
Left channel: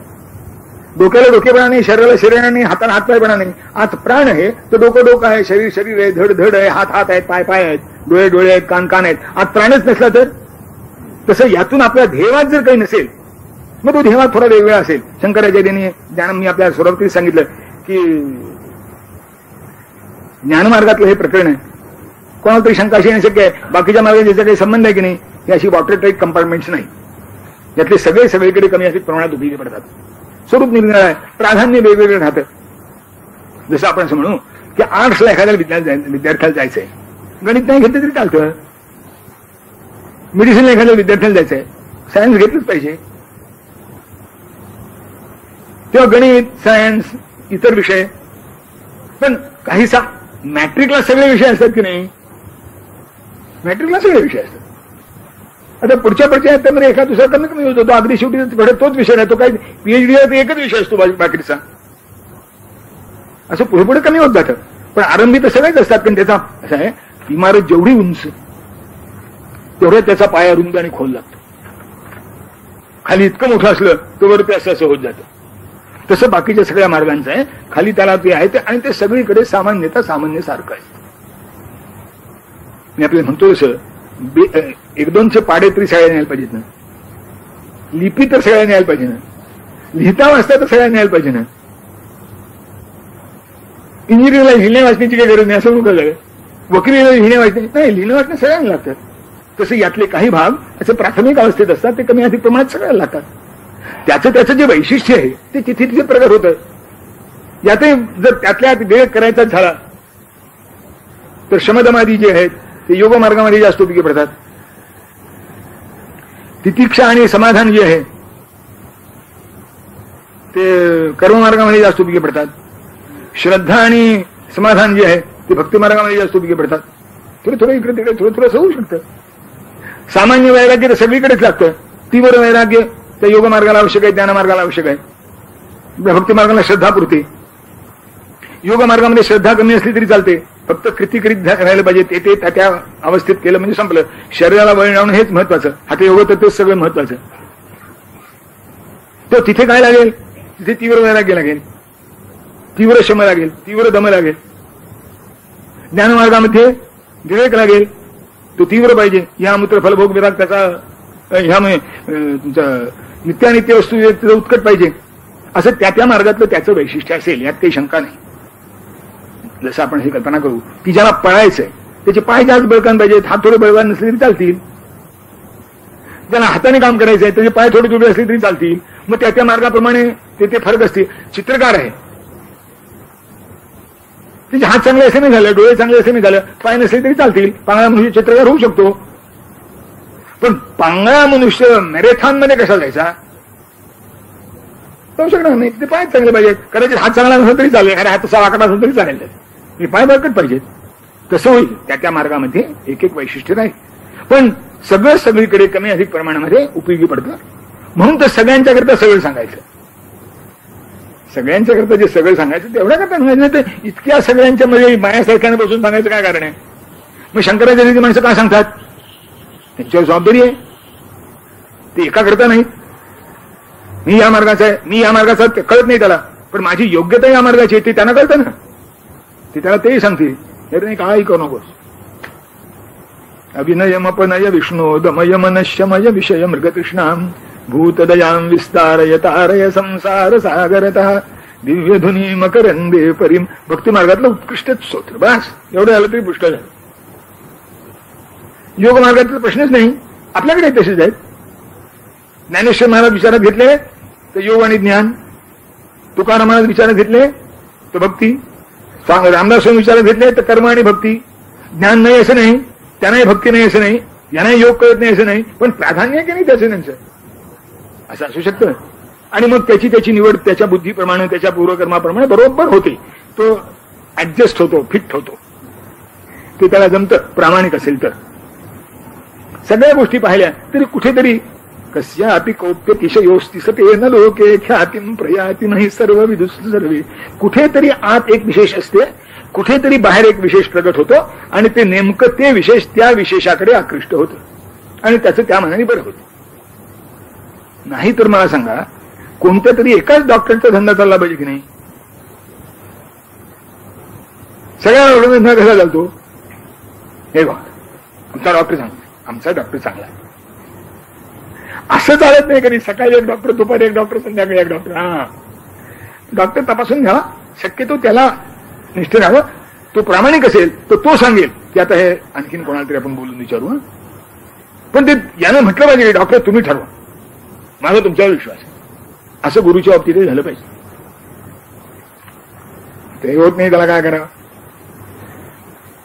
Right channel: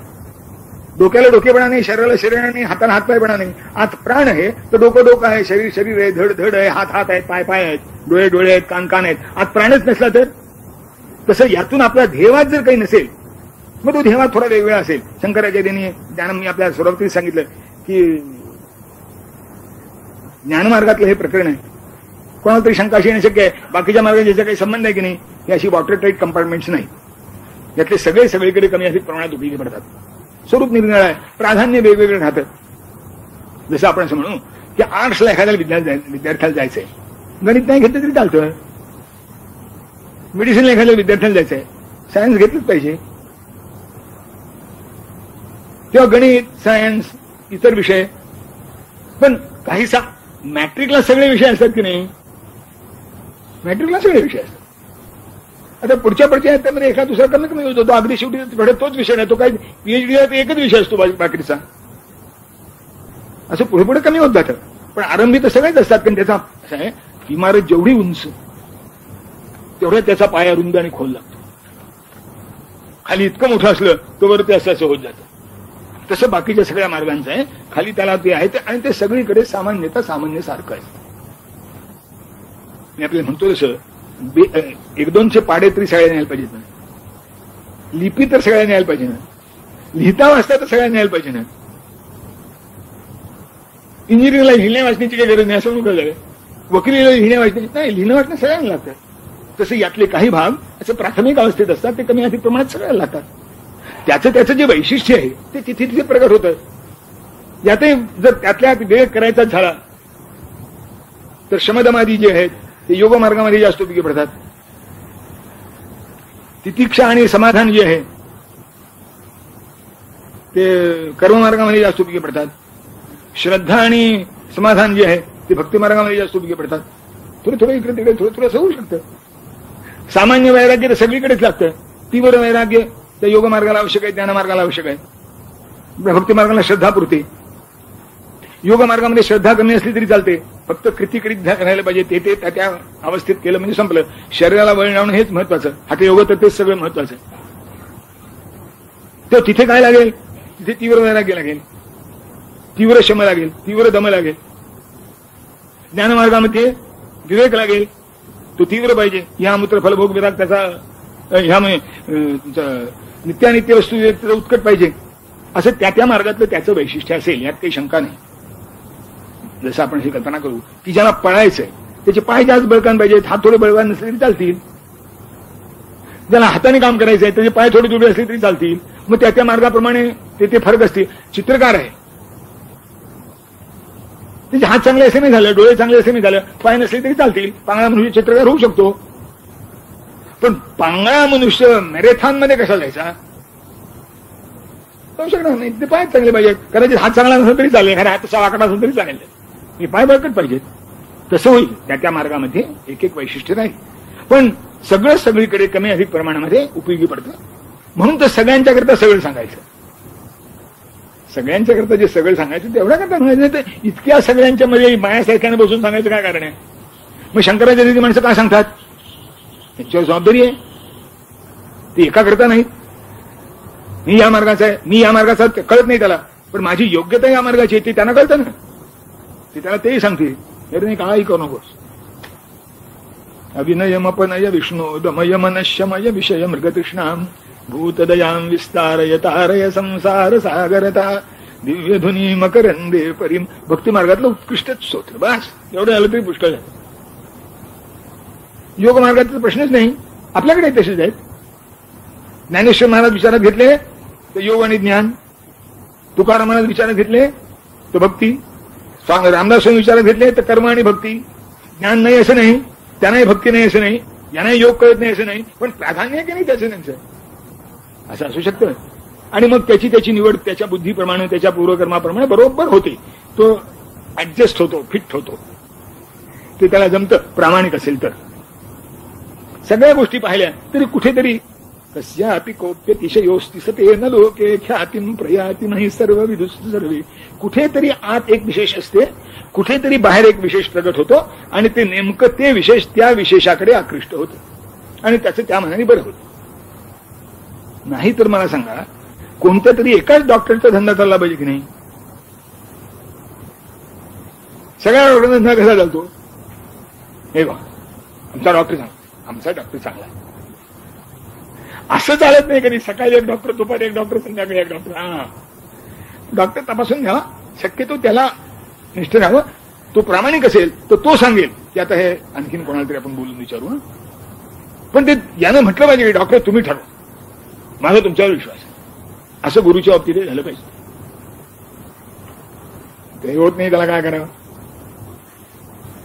डोक्याला डोकेपणा नाही, शरीराला शरीर नाही, हाताला हातपायपणा नाही. आत प्राण आहे तर डोकं आहे, शरीर आहे, धड आहे, हात आहेत, पाय आहेत, डोळे आहेत, कान आहेत. आत प्राणच नसला तर तसं यातून आपल्या ध्येयात जर काही नसेल मग तो ध्येयात थोडा वेगवेगळा असेल. शंकराचार्यांनी ज्ञान मी आपल्या सुरुवातीला सांगितलं की ज्ञानमार्गातलं हे प्रकरण आहे. कोणाला तरी शंका अशी येणं शक्य आहे, बाकीच्या मार्गात ज्याचा काही संबंध आहे की नाही, ही अशी वॉटर टाईट कंपार्टमेंट्स नाही. यातले सगळे सगळीकडे कमी अधिक प्रमाणात उपयोगी पडतात. स्वरूप निरनिराळं आहे, प्राधान्य वेगवेगळं राहतं. जसं आपण असं म्हणू की आर्ट्सला एखाद्या विद्यार्थ्याला जायचंय, गणित नाही घेतलं तरी चालतं. मेडिसिनला एखाद्या विद्यार्थ्याला जायचंय, सायन्स घेतलंच पाहिजे. तेव्हा गणित, सायन्स, इतर विषय. पण काहीसा मॅट्रिकला सगळे विषय असतात की नाही, मॅट्रिकला सगळे विषय असतात. आता पुढच्या ह्याच्यामध्ये एका दुसरा कमी कमी होतो, तो अगदी शेवटी तोच विषय राहतो. काय पीएचडीला तर एकच विषय असतो बाकीचा, असं पुढे पुढे कमी होत जातं. पण आरंभी तर सगळेच असतात. पण त्याचा असं आहे, इमारत जेवढी उंच तेवढ्या त्याचा पाया रुंद आणि खोल लागतो. खाली इतकं मोठं असलं तर वरती असं होत जातं. तसं बाकीच्या सगळ्या मार्गांचं आहे, खाली त्याला ते आहे आणि ते सगळीकडे सामान्यतः सामान्यसारखं आहे. मी आपल्याला म्हणतो तसं एक दोनचे पाडे तरी सगळ्यांनी यायला पाहिजेत ना, लिपी तर सगळ्यांनी यायला पाहिजे ना, लिहिता वाचता तर सगळ्यांनी यायला पाहिजे ना. इंजिनिअरिंगला लिहिण्या वाचण्याची काही गरज नाही असं म्हणून कळलं. वकिलीला लिहिण्या वाचणे नाही, लिहिणं वाचणं सगळ्यांना लागतात. तसं यातले काही भाग असं प्राथमिक अवस्थेत असतात, ते कमी अधिक प्रमाणात सगळ्यांना लागतात. त्याचं जे वैशिष्ट्य आहे ते तिथे तिथे प्रगट होतं. यातही जर त्यातल्या वेळ करायचा झाला तर शमदमादी जे आहेत ते योग मार्गामध्ये जास्त उपयोगी पडतात. तितिक्षा आणि समाधान जे आहे ते कर्ममार्गामध्ये जास्त उपयोगी पडतात. श्रद्धा आणि समाधान जे आहे ते भक्ती मार्गामध्ये जास्त उपयोगी पडतात. थोडं थोडं इकडे तिकडे थोडं थोडं असं होऊ शकतं. सामान्य वैराग्य तर सगळीकडेच लागतं. तीव्र वैराग्य त्या योग मार्गाला आवश्यक आहे, ज्ञान मार्गाला आवश्यक आहे. भक्ती मार्गाला श्रद्धा पुरते. योग मार्गामध्ये श्रद्धा कमी असली तरी चालते, फक्त कृती करीत राहिलं पाहिजे. ते त्या अवस्थेत केलं म्हणजे संपलं. शरीराला वळण लावणं हेच महत्वाचं. आता योग तर तेच सगळं महत्वाचं. तो तिथे काय लागेल, तिथे तीव्र वैराग्य लागेल, तीव्र शम लागेल, तीव्र दम लागेल. ज्ञानमार्गामध्ये विवेक लागेल, तो तीव्र पाहिजे. ह्या मूत्र फलभोग विराग त्याचा ह्यामुळे नित्यानित्य वस्तू त्याचा उत्कट पाहिजे. असं त्या मार्गातलं त्याचं वैशिष्ट्य असेल, यात काही शंका नाही. जसं आपण ही कल्पना करू की ज्याला पळायचंय त्याचे पाय जास्त बळकान पाहिजेत, हात थोडे बळकान नसले तरी चालतील. ज्याला हाताने काम करायचंय त्याचे पाय थोडे थोडे असले तरी चालतील. मग त्या मार्गाप्रमाणे ते फरक असतील. चित्रकार आहे, त्याचे हात चांगले असे नाही झाले, डोळे चांगले असे नाही झाले, पाय नसले तरी चालतील. पांगळा मनुष्य चित्रकार होऊ शकतो. पण पांगळा मनुष्य मॅरेथॉन मध्ये कसा जायचा, होऊ शकणार नाही. ते पाय चांगले पाहिजेत. कदाचित हात चांगला नसेल तरी चालेल, अरे हात तसा वाकडा असेल तरी चालेल, हे पाय बळकट पाहिजेत. तसं होईल. त्या मार्गामध्ये एक एक वैशिष्ट्य नाही, पण सगळं सगळीकडे कमी अधिक प्रमाणामध्ये उपयोगी पडतं. म्हणून तर सगळ्यांच्याकरता सगळं सांगायचं. सगळ्यांच्याकरता जे सगळं सांगायचं तेवढ्या करता सांगायचं. तर इतक्या सगळ्यांच्या मध्ये मायासारख्याने बसून सांगायचं काय कारण आहे. मग शंकराचार्याची माणसं काय सांगतात, त्यांच्यावर जबाबदारी आहे. ते एका करता नाही. मी या मार्गाचा आहे, मी या मार्गाचा कळत नाही त्याला, पण माझी योग्यता या मार्गाची आहे ते त्यांना कळतं ना. ते त्याला तेही सांगते, अरे नाही काही करू नकोस. अभिनयमपनय विष्णू दमय मनश्यमय विषय मृगतृष्णाम भूतदयाम विस्तारय तारय संसार सागरतः दिव्यधुनी मकरंदे परिम. भक्ती मार्गातलं उत्कृष्ट स्तोत्र. बस एवढं झालं तरी पुष्ट झालं. योग मार्गातला प्रश्नच नाही. आपल्याकडे तसेच आहेत. ज्ञानेश्वर महाराज विचारात घेतले तर योग आणि ज्ञान, तुकाराम महाराज विचारात घेतले तर भक्ती, रामदास स्वामी विचारात घेतले तर कर्म आणि भक्ती. ज्ञान नाही असं नाही, त्यांनाही भक्ती नाही असं नाही, यांनाही योग कळत नाही असं नाही, पण प्राधान्य आहे की नाही त्याचं त्यांचं, असं असू शकतं. आणि मग त्याची निवड त्याच्या बुद्धीप्रमाणे, त्याच्या पूर्वकर्माप्रमाणे बरोबर होते. तो ऍडजस्ट होतो, फिट होतो. ते त्याला जमतं प्रामाणिक असेल तर. सगळ्या गोष्टी पाहिल्या तरी कुठेतरी कस्यापि कोप्यतिशयोस्ति सते न लोके ख्यातिम प्रयातिमहि सर्व विदुस सर्वे. कुठेतरी आत एक विशेष असते, कुठेतरी बाहेर एक विशेष प्रगट होतो, आणि ते नेमकं ते विशेष त्या विशेषाकडे आकृष्ट होतं, आणि त्याचं त्या मनाने बरं होतं. नाही तर मला सांगा, कोणत्या तरी एकाच डॉक्टरचा धंदा चालला पाहिजे की नाही. सगळ्या डॉक्टरचा धंदा कसा चालतो, हे बघा आमचा डॉक्टर चांगला, आमचा डॉक्टर चांगला, असं चालत नाही कधी. सकाळी एक डॉक्टर, दुपारी एक डॉक्टर, संध्याकाळी एक डॉक्टर. हा डॉक्टर तपासून घ्यावा, शक्यतो त्याला निष्ठ राहावं. तो प्रामाणिक असेल तर तो सांगेल की आता हे आणखीन कोणाला तरी आपण बोलून विचारू. पण ते यानं म्हटलं पाहिजे की डॉक्टर तुम्ही ठरवा, माझा तुमच्यावर विश्वास आहे, असं गुरुच्या बाबतीत झालं पाहिजे. ते होत नाही, त्याला काय करावं,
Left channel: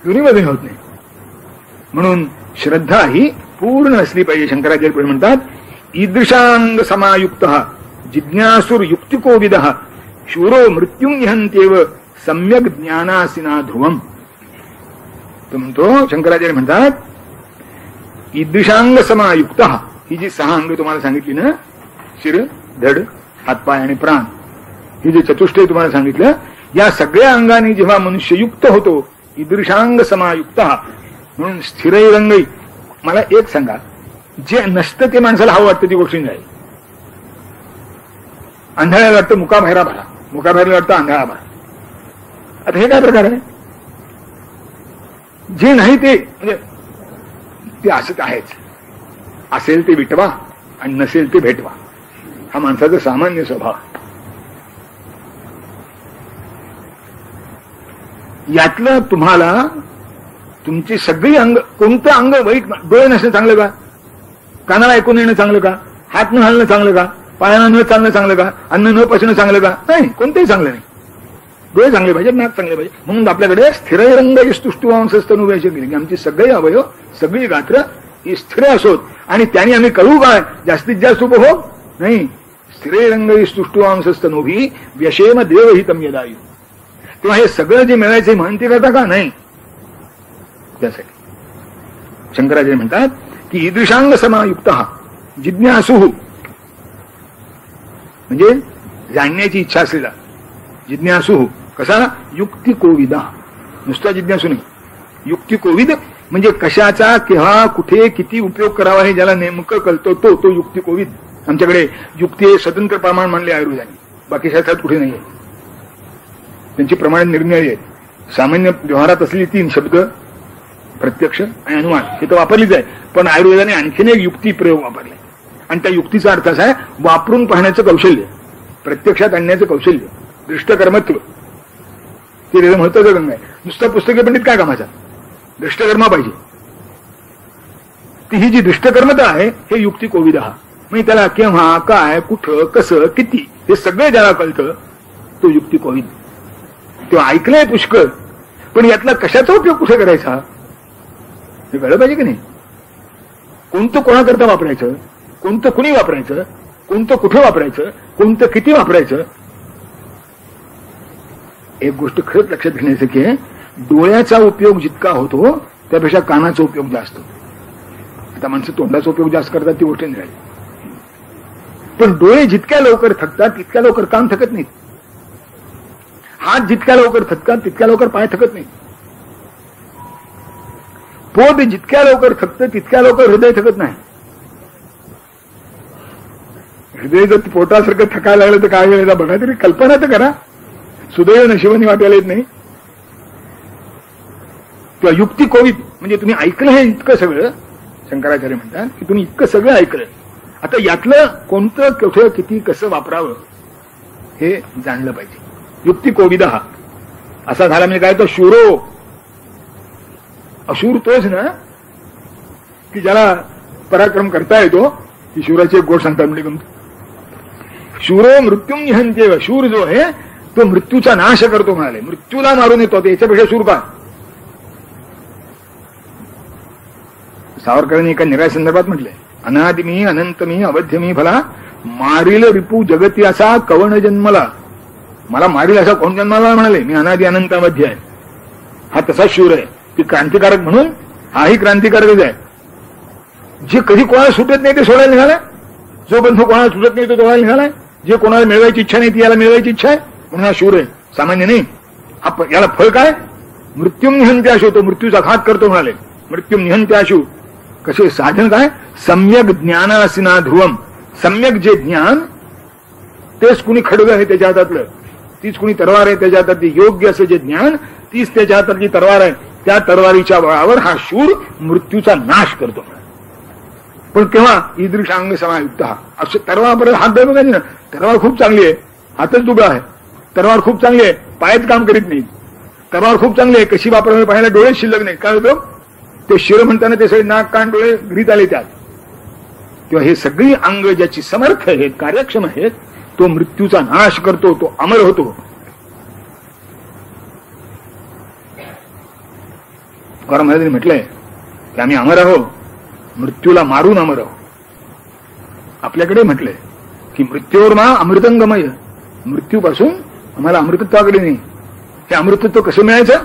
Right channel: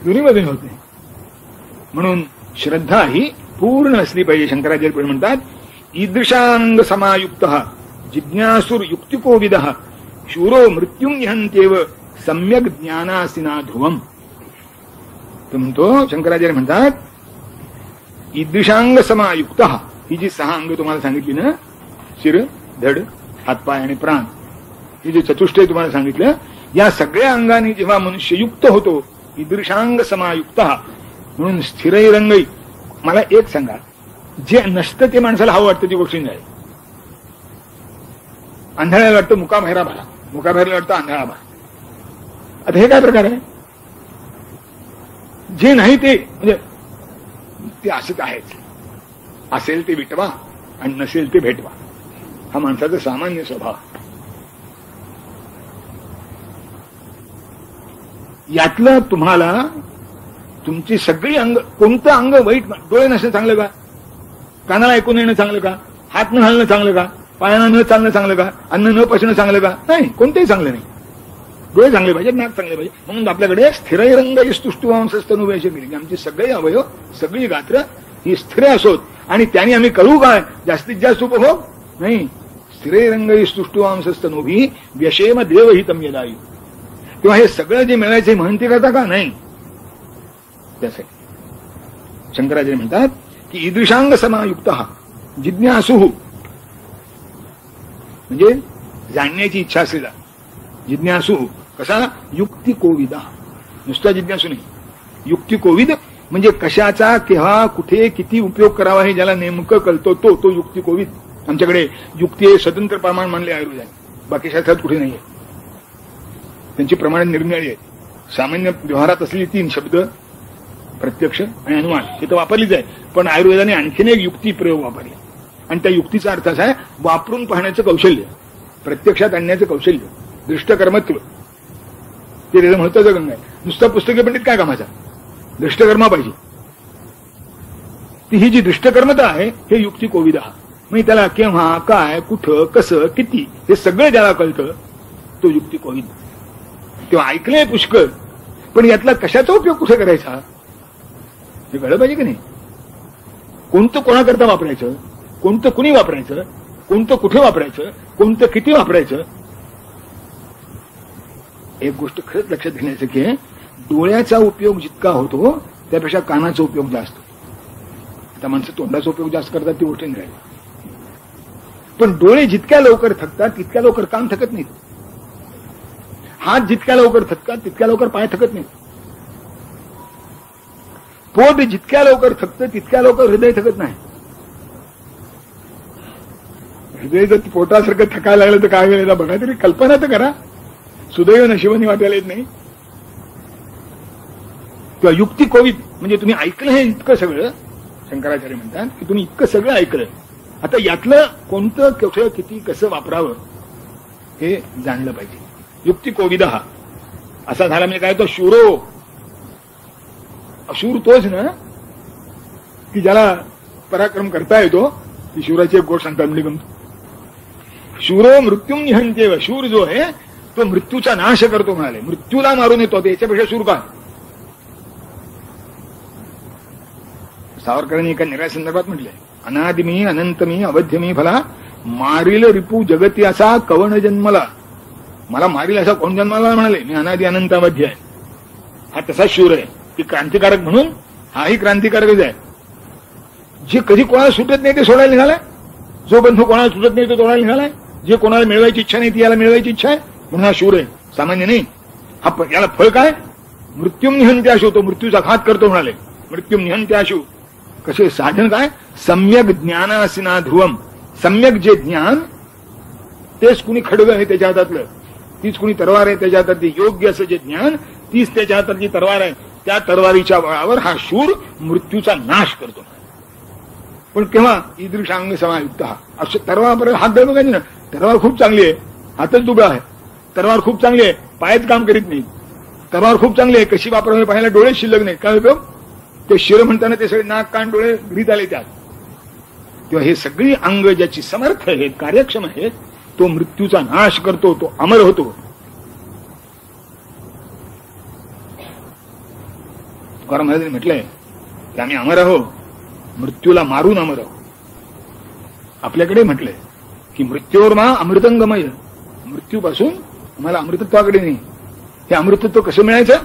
दोन्हीमध्ये होत नाही. म्हणून श्रद्धा ही पूर्ण असली पाहिजे. शंकराचार्य पुढे म्हणतात, ईदृशांग समायुक्त जिज्ञासुर युक्तिकोविद शूरो मृत्युंहन्त्येव सम्यक ज्ञानासिना ध्रुवम. तो म्हणतो, शंकराचार्य म्हणतात, ईदृशांग समायुक्त, ही जी 6 अंग तुम्हाला सांगितली ना, शिर, धड, हातपाय आणि प्राण, ही जे चतुष्टय तुम्हाला सांगितलं, या सगळ्या अंगाने जेव्हा मनुष्य युक्त होतो, ईदृशांग समायुक्त म्हणून स्थिरैरंगई. मला एक सांगा, जे नसतं ते माणसाला हवं वाटतं ती गोष्ट नाही. आंधळ्याला वाटतं मुकाबाहेरा भरा, मुकाबाहेरला वाटतं आंधळा भरा. आता हे काय प्रकार आहे? जे नाही ते म्हणजे ते असंच आहेच. असेल ते विटवा आणि नसेल ते भेटवा, हा माणसाचा सामान्य स्वभाव. यातलं तुम्हाला तुमची सगळी अंग, कोणतं अंग वाईट? डोळे नसणं चांगलं का? कानाला ऐकून येणं चांगलं का? हात न हलणं चांगलं का? पायानं न चालणं चांगलं का? अन्न न पचणं चांगलं का? नाही, कोणतंही चांगलं नाही. डोळे चांगले पाहिजे, नाक चांगले पाहिजे. म्हणून आपल्याकडे स्थिरैरंग स्तुष्टुवांसस्तनुवेश केली की आमची सगळी अवयव, सगळी गात्र ही स्थिर असोत, आणि त्याने आम्ही करू काय? जास्तीत जास्त उपभोग नाही. स्थिरैरंग स्तुष्टुवांसस्तनुभी व्यशेम देवहितम यदायु. तेव्हा हे सगळं जे मिळायचे म्हणते करता का? नाही. त्यासाठी शंकराचार्य म्हणतात की ईदृशांग समायुक्त जिज्ञासु, म्हणजे जाणण्याची इच्छा असलेला. जिज्ञासु कसा? युक्तिकोविदा. नुसता जिज्ञासू नाही, युक्तिकोविद म्हणजे कशाचा केव्हा कुठे किती उपयोग करावा हे ज्याला नेमकं कळतं तो युक्तिकोविद. आमच्याकडे युक्ती हे स्वतंत्र प्रमाण मानले आयुर्वेदाने, बाकी शास्त्रात कुठे नाहीये. त्यांची प्रमाणे निर्णय आहेत. सामान्य व्यवहारात असलेली 3 शब्द, प्रत्यक्ष आणि अनुमान, हे तर वापरलीच आहे. पण आयुर्वेदाने आणखीन एक युक्ती प्रयोग वापरले, आणि त्या युक्तीचा अर्थ असा आहे वापरून पाहण्याचं कौशल्य, प्रत्यक्षात आणण्याचं कौशल्य, दृष्टकर्मत्व. ते त्याचं महत्वाचं गंग आहे. नुसता पुस्तकी पंडित काय कामाचा? दृष्टकर्मा पाहिजे. ती ही जी दृष्टकर्मता आहे हे युक्ती कोविद. म्हणजे त्याला केव्हा, काय, कुठं, कसं, किती हे सगळं ज्याला कळतं तो युक्ती कोविद. तेव्हा ऐकलंय पुष्कळ, पण यातला कशाचा उपयोग कुठे करायचा हे कळलं पाहिजे की नाही. कोणतं कोणाकरता वापरायचं, कोणतं कुणी वापरायचं, कोणतं कुठे वापरायचं, कोणतं किती वापरायचं. एक गोष्ट खरंच लक्षात घेण्याचं की डोळ्याचा उपयोग जितका होतो त्यापेक्षा कानाचा उपयोग जास्त. आता माणसं तोंडाचा उपयोग जास्त करतात ती गोष्ट नाही, पण डोळे जितक्या लवकर थकतात तितक्या लवकर कान थकत नाहीत. हात जितक्या लवकर थकतात तितक्या लवकर पाय थकत नाहीत. पोट जितक्या लवकर थकतं तितक्या लवकर हृदय थकत नाही. हृदय जर पोटासारखं थकायला लागलं तर काय वेळेला बघा तरी कल्पना तर करा. सुदैव नशिबाने वाटायला येत नाही. किंवा युक्ती कोविद म्हणजे तुम्ही ऐकलं हे इतकं सगळं. शंकराचार्य म्हणतात की तुम्ही इतकं सगळं ऐकलंय, आता यातलं कोणतं कुठं किती कसं वापरावं हे जाणलं पाहिजे. युक्ती कोविद असा झाला म्हणजे काय तर शूरो. अशूर तोच ना की ज्याला पराक्रम करता येतो. की शूराची एक गोष्ट सांगतात म्हणजे शूरो मृत्यूम निहंत्येव. शूर जो आहे तो मृत्यूचा नाश करतो म्हणाले, मृत्यूला मारून येतो. याच्यापेक्षा शूर का? सावरकरांनी एका निराय संदर्भात म्हटलंय, अनादिमी अनंतमी अवध्यमी भला मारील रिपू जगती असा कवण जन्मला. मला मारील असा कोण जन्माला म्हणाले, मी अनादि अनंत अवध्य आहे. हा तसा शूर आहे की क्रांतिकारक म्हणून हाही क्रांतिकारकच आहे. जे कधी कोणाला सुटत नाही ते सोडायला निघालाय. जो बंधू कोणाला सुटत नाही तो सोडायला निघालाय. जे कोणाला मिळवायची इच्छा नाही ती याला मिळवायची इच्छा आहे म्हणून हा शूर आहे, सामान्य नाही. हा याला फळ काय? मृत्यूम निहंत्याशू. तो मृत्यूचा घात करतो म्हणाले. मृत्यूम निहंत्याशू. कसे साधन काय? सम्यक ज्ञानासिना ध्रुवम. सम्यक जे ज्ञान तेच कुणी खडग आहे त्याच्या हातातलं, तीच कुणी तरवार आहे त्याच्या हातातली. योग्य असं जे ज्ञान तीच त्याच्या हातातली तरवार आहे. त्या तरवारीच्या बळावर हा शूर मृत्यूचा नाश करतो. पण केव्हा? ईदृशांग समायुक्त. असं तरवार हात धरून बघायचे ना, तरवार खूप चांगली आहे, हातच दुबळा आहे. तरवार खूप चांगली आहे, पायच काम करीत नाही. तलवार खूप चांगली आहे, कशी वापरावी पाहायला डोळे शिल्लक नाही. काय होतं, ते शिर म्हणताना ते सगळे नाक कान डोळे घरीत आले त्यात. तेव्हा हे सगळी अंग ज्याची समर्थ आहेत, कार्यक्षम आहेत, तो मृत्यूचा नाश करतो, तो अमर होतो. तुकाराम महाराजांनी म्हटलंय की आम्ही अमर आहो, मृत्यूला मारून अमर आहो. आपल्याकडे म्हटलंय की मृत्यूवर मा अमृतंगमय, मृत्यूपासून आम्हाला अमृतत्वाकडे नाही. हे अमृतत्व कसं मिळायचं,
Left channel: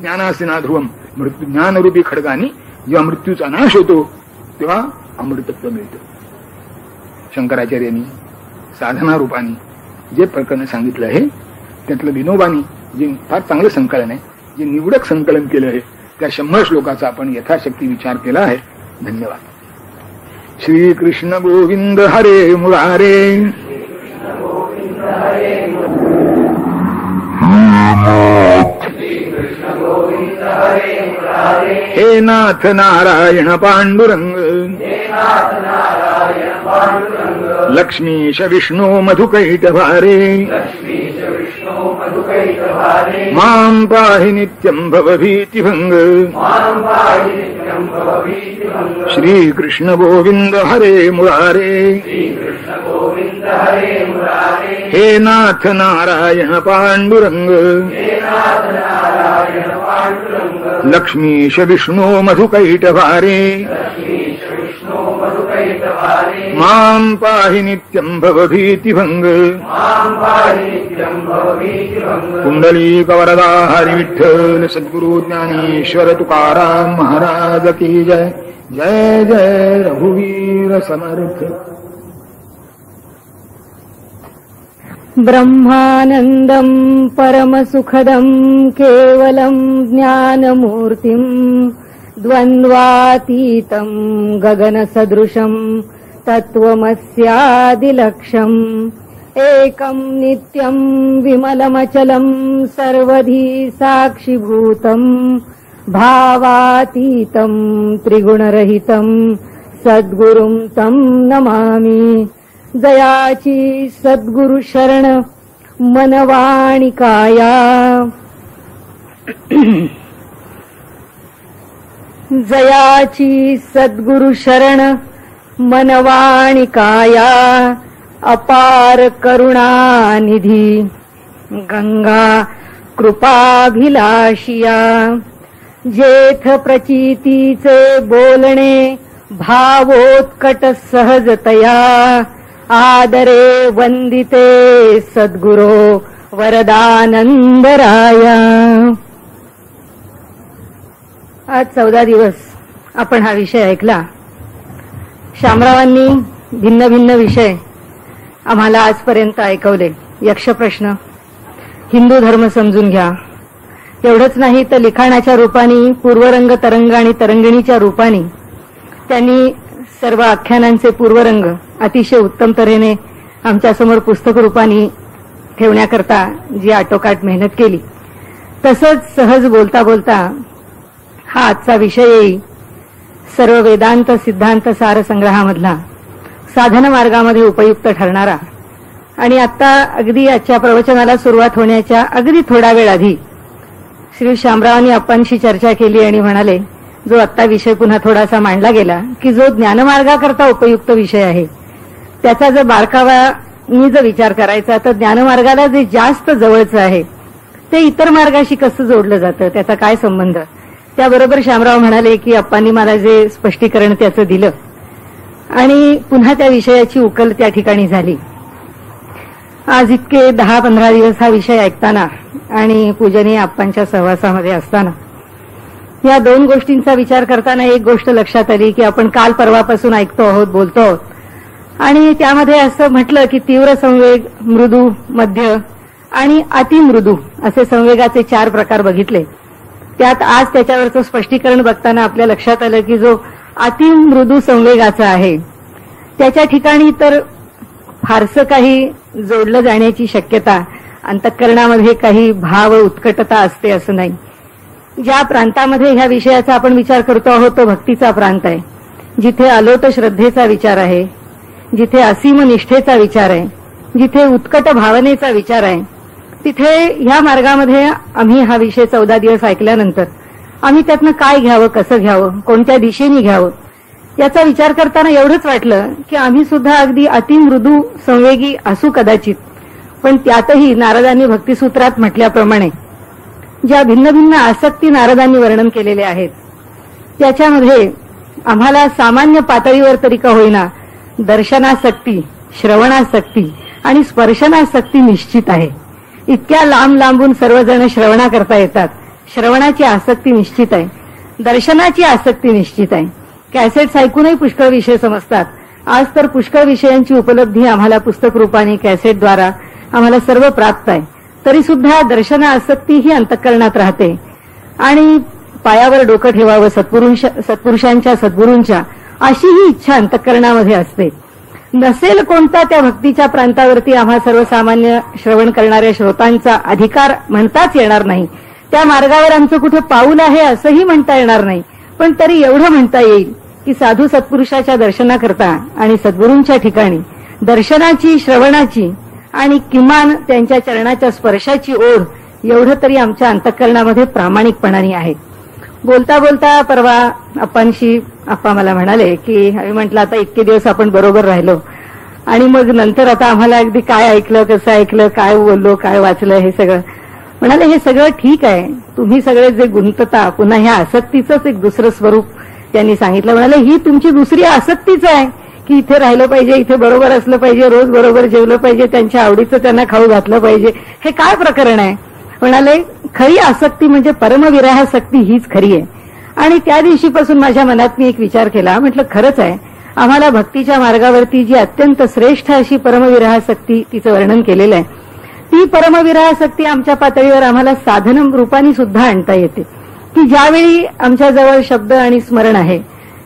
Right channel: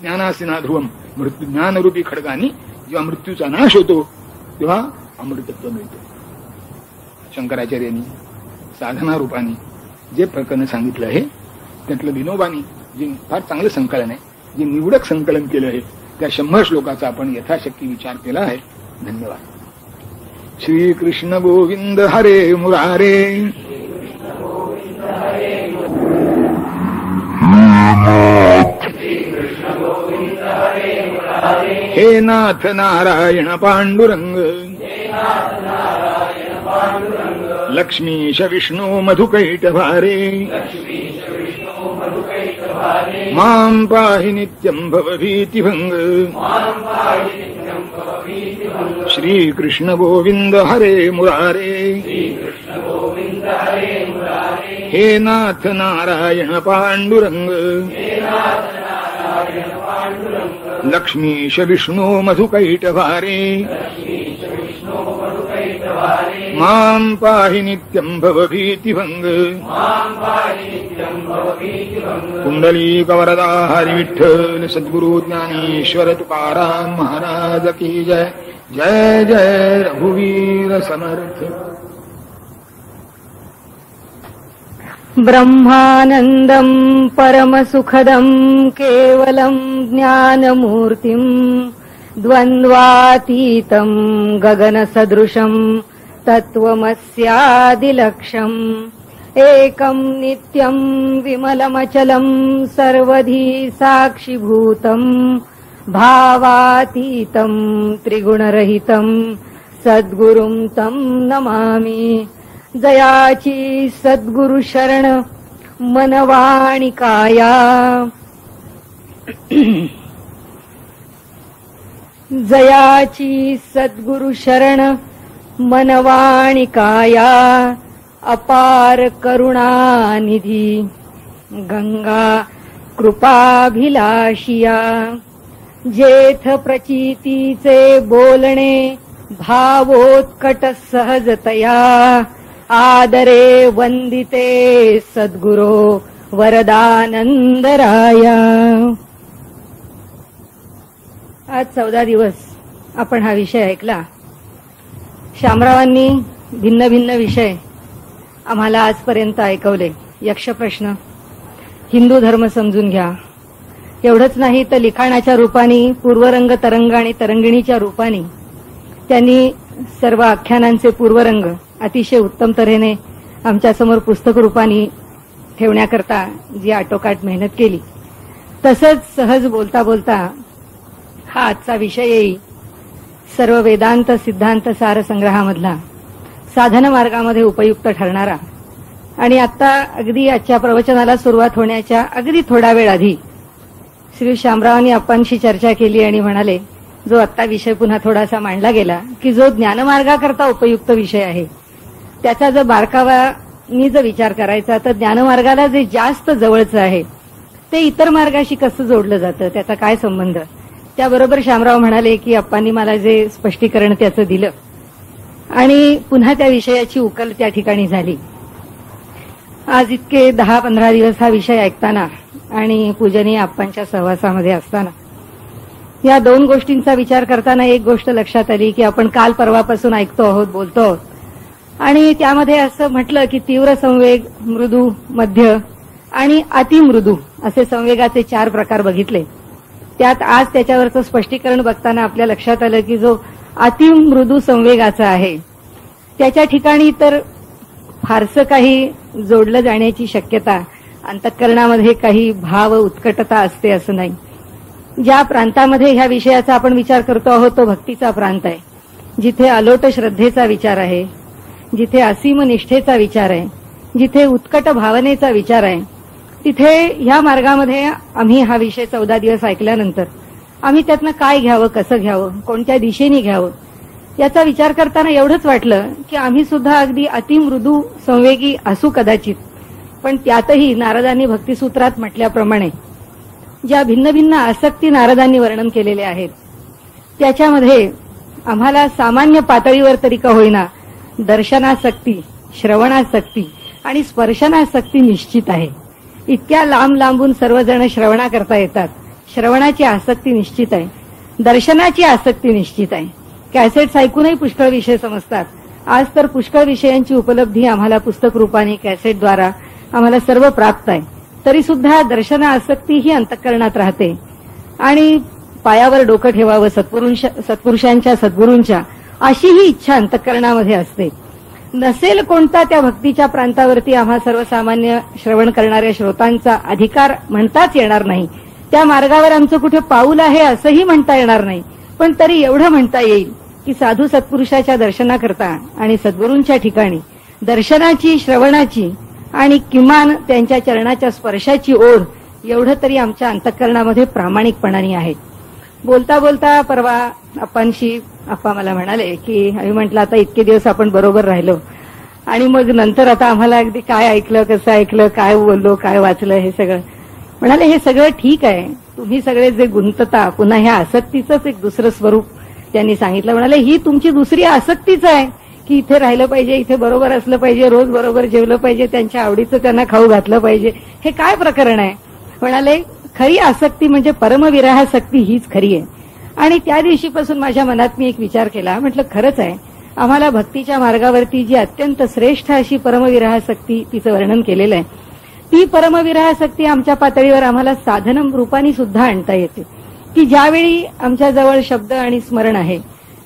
ज्ञानासिना ध्रुवम, मृत्यू ज्ञानरूपी खडगाने जेव्हा मृत्यूचा नाश होतो तेव्हा अमृतत्व मिळतं. शंकराचार्यांनी साधना रूपाने जे प्रकरण सांगितलं आहे त्यातलं विनोबानी जे फार चांगलं संकलन आहे, जे निवडक संकलन केलं आहे, त्या 100 श्लोकाचा आपण यथाशक्ती विचार केला आहे. धन्यवाद. श्री कृष्ण गोविंद हरे मुरारे. हे नाथ नारायण पांडुरंग, लक्ष्मीश विष्णू मधुकैटभारे, मां पाहि नित्यं भवभीतिभंग. श्री कृष्ण गोविंद हरे मुरारे. हे नाथ नारायण पांडुरंग, लक्ष्मीश विष्णू मधुकैटभारे, मां पाहि नित्यं भवभीतिभंग. कुंडलीकवरदा हरि विठ्ठल सद्गुरु ज्ञानेश्वर तुकाराम महाराज की जय. जय जय रघुवीर समर्थ. ब्रह्मानन्दं परमसुखदं केवलं ज्ञानमूर्तिं द्वन्द्वातीतं गगनसदृशं तत्त्वमस्यादिलक्ष्यम् एकं नित्यं विमलमचलं सर्वधी साक्षिभूतं भावातीतं त्रिगुणरहितं सद्गुरुं तं नमामि. जयाची सद्गुरु शरण मनवाणी काया, जयाची सद्गुरु शरण मनवाणी काया. अपार करुणानिधी गंगा कृपाभिलाषिया, जेथ प्रचितीचे बोलणे भावोत्कट सहजतया. आदरे वंदिते सद्गुरो वरदानंदराया. आज 14 दिवस आपण हा विषय ऐकला. शामरावांनी भिन्न भिन्न विषय आम्हाला आजपर्यंत ऐकवले. यक्षप्रश्न, हिंदू धर्म समजून घ्या, एवढंच नाही तर लिखाणाच्या रूपाने पूर्वरंग तरंग आणि तरंगिणीच्या रूपाने त्यांनी सर्व आख्यानांचे पूर्वरंग अतिशय उत्तम तऱ्हेने आमच्यासमोर पुस्तक रूपाने ठेवण्याकरता जी आटोकाट मेहनत केली. तसंच सहज बोलता बोलता हा आजचा विषय येईल, सर्व वेदांत सिद्धांत सार संग्रहामधला साधन मार्गामध्ये उपयुक्त ठरणारा. आणि आता अगदी आजच्या प्रवचनाला सुरुवात होण्याच्या अगदी थोडा वेळ आधी श्री शामरावांनी आप्पांशी चर्चा केली आणि म्हणाले, जो आत्ता विषय पुन्हा थोडासा मांडला गेला की जो ज्ञानमार्गाकरता उपयुक्त विषय आहे त्याचा जर बारकावानी जर विचार करायचा तर ज्ञानमार्गाला जे जास्त जवळचं आहे ते इतर मार्गाशी कसं जोडलं जातं, त्याचा काय संबंध. त्याबरोबर शामराव म्हणाले की आप्पांनी मला जे स्पष्टीकरण त्याचं दिलं आणि पुन्हा त्या विषयाची उकल त्या ठिकाणी झाली. आज इतके 10-15 दिवस हा विषय ऐकताना आणि पूजनीय आप्पांच्या सहवासामध्ये असताना या 2 गोष्टींचा विचार करताना एक गोष्ट लक्षात आली की आपण काल परवापासून ऐकतो आहोत, बोलतो आहोत आणि त्यामध्ये असं म्हटलं की तीव्र संवेग, मृदू, मध्य आणि अतिमृदू असे संवेगाचे 4 प्रकार बघितले. त्यात आज त्याच्यावरचं स्पष्टीकरण बघताना आपल्या लक्षात आलं की जो अतिमृदू संवेगाचा आहे त्याच्या ठिकाणी तर फारसं काही जोडलं जाण्याची शक्यता, अंतःकरणामध्ये काही भाव उत्कटता असते असं नाही. ज्या प्रांतामध्ये ह्या विषयाचा आपण विचार करतो आहोत तो भक्तीचा प्रांत आहे, जिथे अलोट श्रद्धेचा विचार आहे, जिथे असीम निष्ठेचा विचार आहे, जिथे उत्कट भावनेचा विचार आहे, तिथे ह्या मार्गामध्ये आम्ही हा विषय 14 दिवस ऐकल्यानंतर आम्ही त्यातनं काय घ्यावं, कसं घ्यावं, कोणत्या दिशेने घ्यावं याचा विचार करताना एवढंच वाटलं की आम्ही सुद्धा अगदी अतिमृदू संवेगी असू कदाचित, पण त्यातही नारदांनी भक्तिसूत्रात म्हटल्याप्रमाणे ज्या भिन्न भिन्न आसक्ती नारदांनी वर्णन केलेले आहेत त्याच्यामध्ये आम्हाला सामान्य पातळीवर तरी का होईना दर्शनासक्ती, श्रवणासक्ती आणि स्पर्शनासक्ती निश्चित आहे. इतक्या लांब लांबून सर्वजण श्रवणा करता येतात. श्रवणाची आसक्ती निश्चित आहे, दर्शनाची आसक्ती निश्चित आहे. कॅसेट्स ऐकूनही पुष्कळ विषय समजतात. आज तर पुष्कळ विषयांची उपलब्धी आम्हाला पुस्तक रूपाने कॅसेटद्वारा आम्हाला सर्व प्राप्त आहे. तरी सुद्धा दर्शन आसक्ती ही अंतःकरणात राहते आणि पायावर डोकं ठेवावं सत्पुरुषांच्या सद्गुरूंच्या अशी ही इच्छा अंतःकरणामध्ये असते. नसेल कोणता त्या भक्तीच्या प्रांतावरती आम्हा सर्वसामान्य श्रवण करणाऱ्या श्रोतांचा अधिकार म्हणताच येणार नाही. त्या मार्गावर आमचं कुठे पाऊल आहे असंही म्हणता येणार नाही. पण तरी एवढं म्हणता येईल की साधू सत्पुरुषाच्या दर्शनाकरता आणि सद्गुरूंच्या ठिकाणी दर्शनाची, श्रवणाची आणि किमान त्यांच्या चरणाच्या स्पर्शाची ओढ एवढं तरी आमच्या अंतःकरणामध्ये प्रामाणिकपणाने आहे. बोलता बोलता परवा आप्पांशी आप्पा मला म्हणाले की आम्ही म्हटलं आता इतके दिवस आपण बरोबर राहिलो आणि मग नंतर आता आम्हाला अगदी काय ऐकलं, कसं ऐकलं, काय बोललो, काय वाचलं हे सगळं. म्हणाले हे सगळं ठीक आहे, तुम्ही सगळे जे गुंतता पुन्हा ह्या आसक्तीचंच एक दुसरं स्वरूप त्यांनी सांगितलं. म्हणाले ही तुमची दुसरी आसक्तीच आहे की इथे राहिलं पाहिजे, इथे बरोबर असलं पाहिजे, रोज बरोबर जेवलं पाहिजे, त्यांच्या आवडीचं त्यांना खाऊ घातलं पाहिजे. हे काय प्रकरण आहे? म्हणाले खरी आसक्ती म्हणजे परमविरहासक्ती हीच खरी आहे. आणि त्या दिवशीपासून माझ्या मनात मी एक विचार केला. म्हटलं खरंच आहे, आम्हाला भक्तीच्या मार्गावरती जी अत्यंत श्रेष्ठ अशी परमविरहासक्ती तिचं वर्णन केलेलं आहे ती परमविरहासक्ती आमच्या पातळीवर आम्हाला साधन रूपाने सुद्धा आणता येते की ज्यावेळी आमच्याजवळ शब्द आणि स्मरण आहे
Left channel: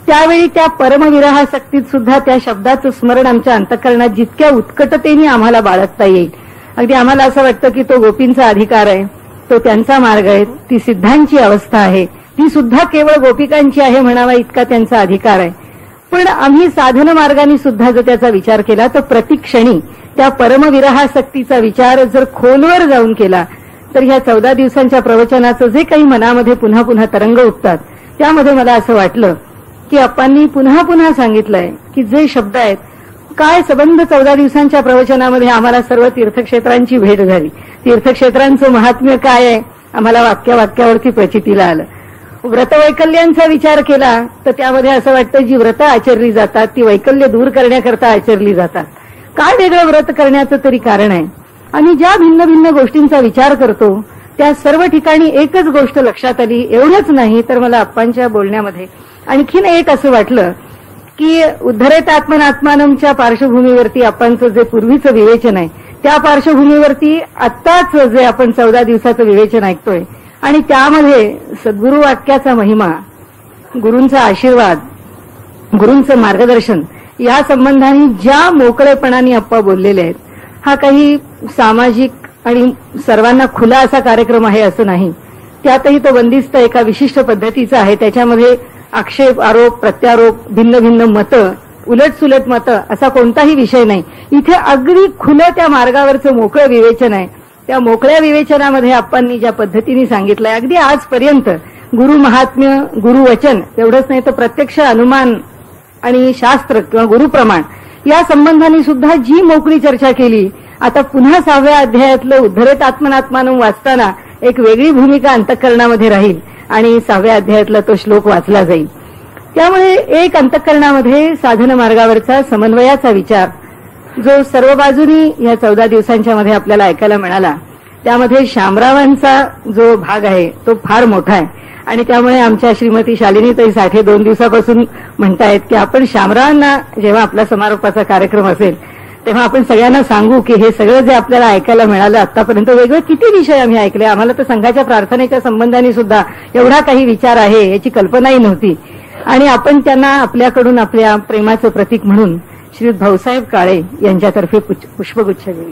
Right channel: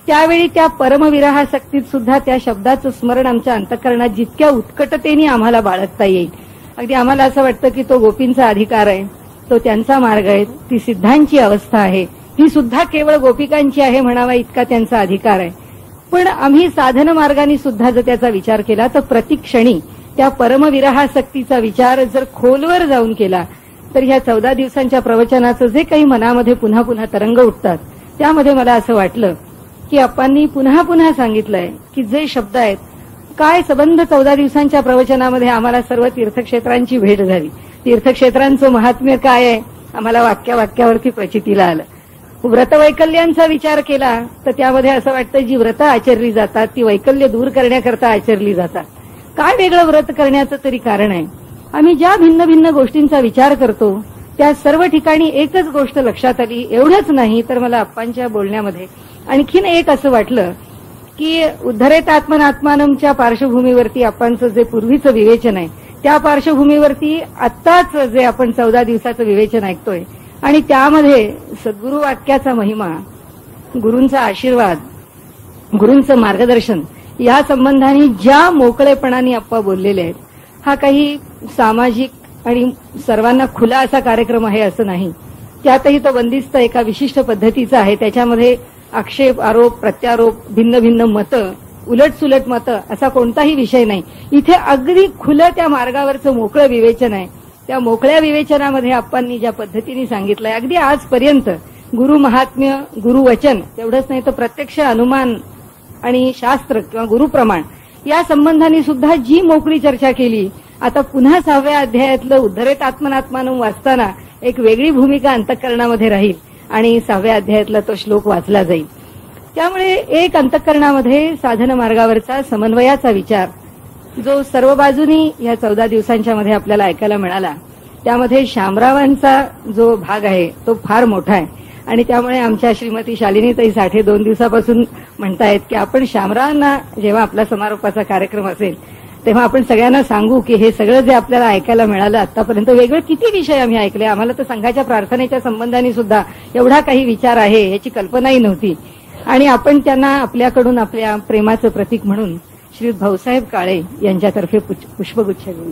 त्यावेळी त्या परमविरहासक्तीत सुद्धा त्या शब्दाचं स्मरण आमच्या अंतःकरणात जितक्या उत्कटतेने आम्हाला बाळगता येईल. अगदी आम्हाला असं वाटतं की तो गोपींचा अधिकार आहे, तो त्यांचा मार्ग आहे, ती सिद्धांची अवस्था आहे, ती सुद्धा केवळ गोपिकांची आहे म्हणावा इतका त्यांचा अधिकार आहे. पण आम्ही साधन मार्गाने सुद्धा जर त्याचा विचार केला तर प्रतिक्षणी त्या परमविरहासक्तीचा विचार जर खोलवर जाऊन केला तर ह्या 14 दिवसांच्या प्रवचनाचं जे काही मनामध्ये पुन्हा पुन्हा तरंग उठतात त्यामध्ये मला असं वाटलं की आप्पांनी पुन्हा पुन्हा सांगितलंय की जे शब्द आहेत काय संबंध 14 दिवसांच्या प्रवचनामध्ये आम्हाला सर्व तीर्थक्षेत्रांची भेट झाली. तीर्थक्षेत्रांचं महात्म्य काय आहे आम्हाला वाक्यावरती प्रचितीला आलं. व्रतवैकल्यांचा विचार केला तर त्यामध्ये असं वाटतं जी व्रतं आचरली जातात ती वैकल्य दूर करण्याकरता आचरली जातात. काय वेगळं व्रत करण्याचं तरी कारण आहे? आम्ही ज्या भिन्न भिन्न गोष्टींचा विचार करतो त्या सर्व ठिकाणी एकच गोष्ट लक्षात आली. एवढंच नाही तर मला आप्पांच्या बोलण्यामध्ये आणखीन एक असं वाटलं की उद्धरेत आत्मनात्मानमच्या पार्श्वभूमीवरती आप्पांचं जे पूर्वीचं विवेचन आहे त्या पार्श्वभूमीवरती आत्ताच जे आपण 14 दिवसाचं विवेचन ऐकतोय आणि त्यामध्ये सद्गुरु वाक्याचा महिमा, गुरूंचा आशीर्वाद, गुरूंचं मार्गदर्शन या संबंधाने ज्या मोकळेपणाने आप्पा बोललेले आहेत हा काही सामाजिक आणि सर्वांना खुला असा कार्यक्रम आहे असं नाही. त्यातही तो बंदिस्त एका विशिष्ट पद्धतीचा आहे. त्याच्यामध्ये आक्षेप, आरोप, प्रत्यारोप, भिन्न भिन्न मतं, उलटसुलट मतं असा कोणताही विषय नाही. इथे अगदी खुलं त्या मार्गावरचं मोकळं विवेचन आहे. त्या मोकळ्या विवेचनामध्ये आप्पांनी ज्या पद्धतीने सांगितलंय अगदी आजपर्यंत गुरु महात्म्य, गुरुवचन एवढंच नाही तर प्रत्यक्ष अनुमान आणि शास्त्र किंवा गुरुप्रमाण या संबंधाने सुद्धा जी मोकळी चर्चा केली. आता पुन्हा 6व्या अध्यायातलं उद्धरेत आत्मनात्मानं वाचताना एक वेगळी भूमिका अंतःकरणामध्ये राहील आणि 6व्या अध्यायातला तो श्लोक वाचला जाईल. त्यामुळे एक अंतःकरणामध्ये साधन मार्गावरचा समन्वयाचा विचार जो सर्व बाजूनी या 14 दिवसांच्या मध्ये आपल्याला ऐकायला मिळाला त्यामध्ये शामरावांचा जो भाग आहे तो फार मोठा आहे. आणि त्यामुळे आमच्या श्रीमती शालिनीताई साठे 2 दिवसापासून म्हणतायत की आपण शामरावांना जेव्हा आपला समारोपाचा कार्यक्रम असेल तेव्हा आपण सगळ्यांना सांगू की हे सगळं जे आपल्याला ऐकायला मिळालं आतापर्यंत वेगळे किती विषय आम्ही ऐकले. आम्हाला तर संघाच्या प्रार्थनेच्या संबंधाने सुद्धा एवढा काही विचार आहे याची कल्पनाही नव्हती. आणि आपण त्यांना आपल्याकडून आपल्या प्रेमाचं प्रतीक म्हणून श्री भाऊसाहेब काळे यांच्यातर्फे पुष्पगुच्छ देऊ.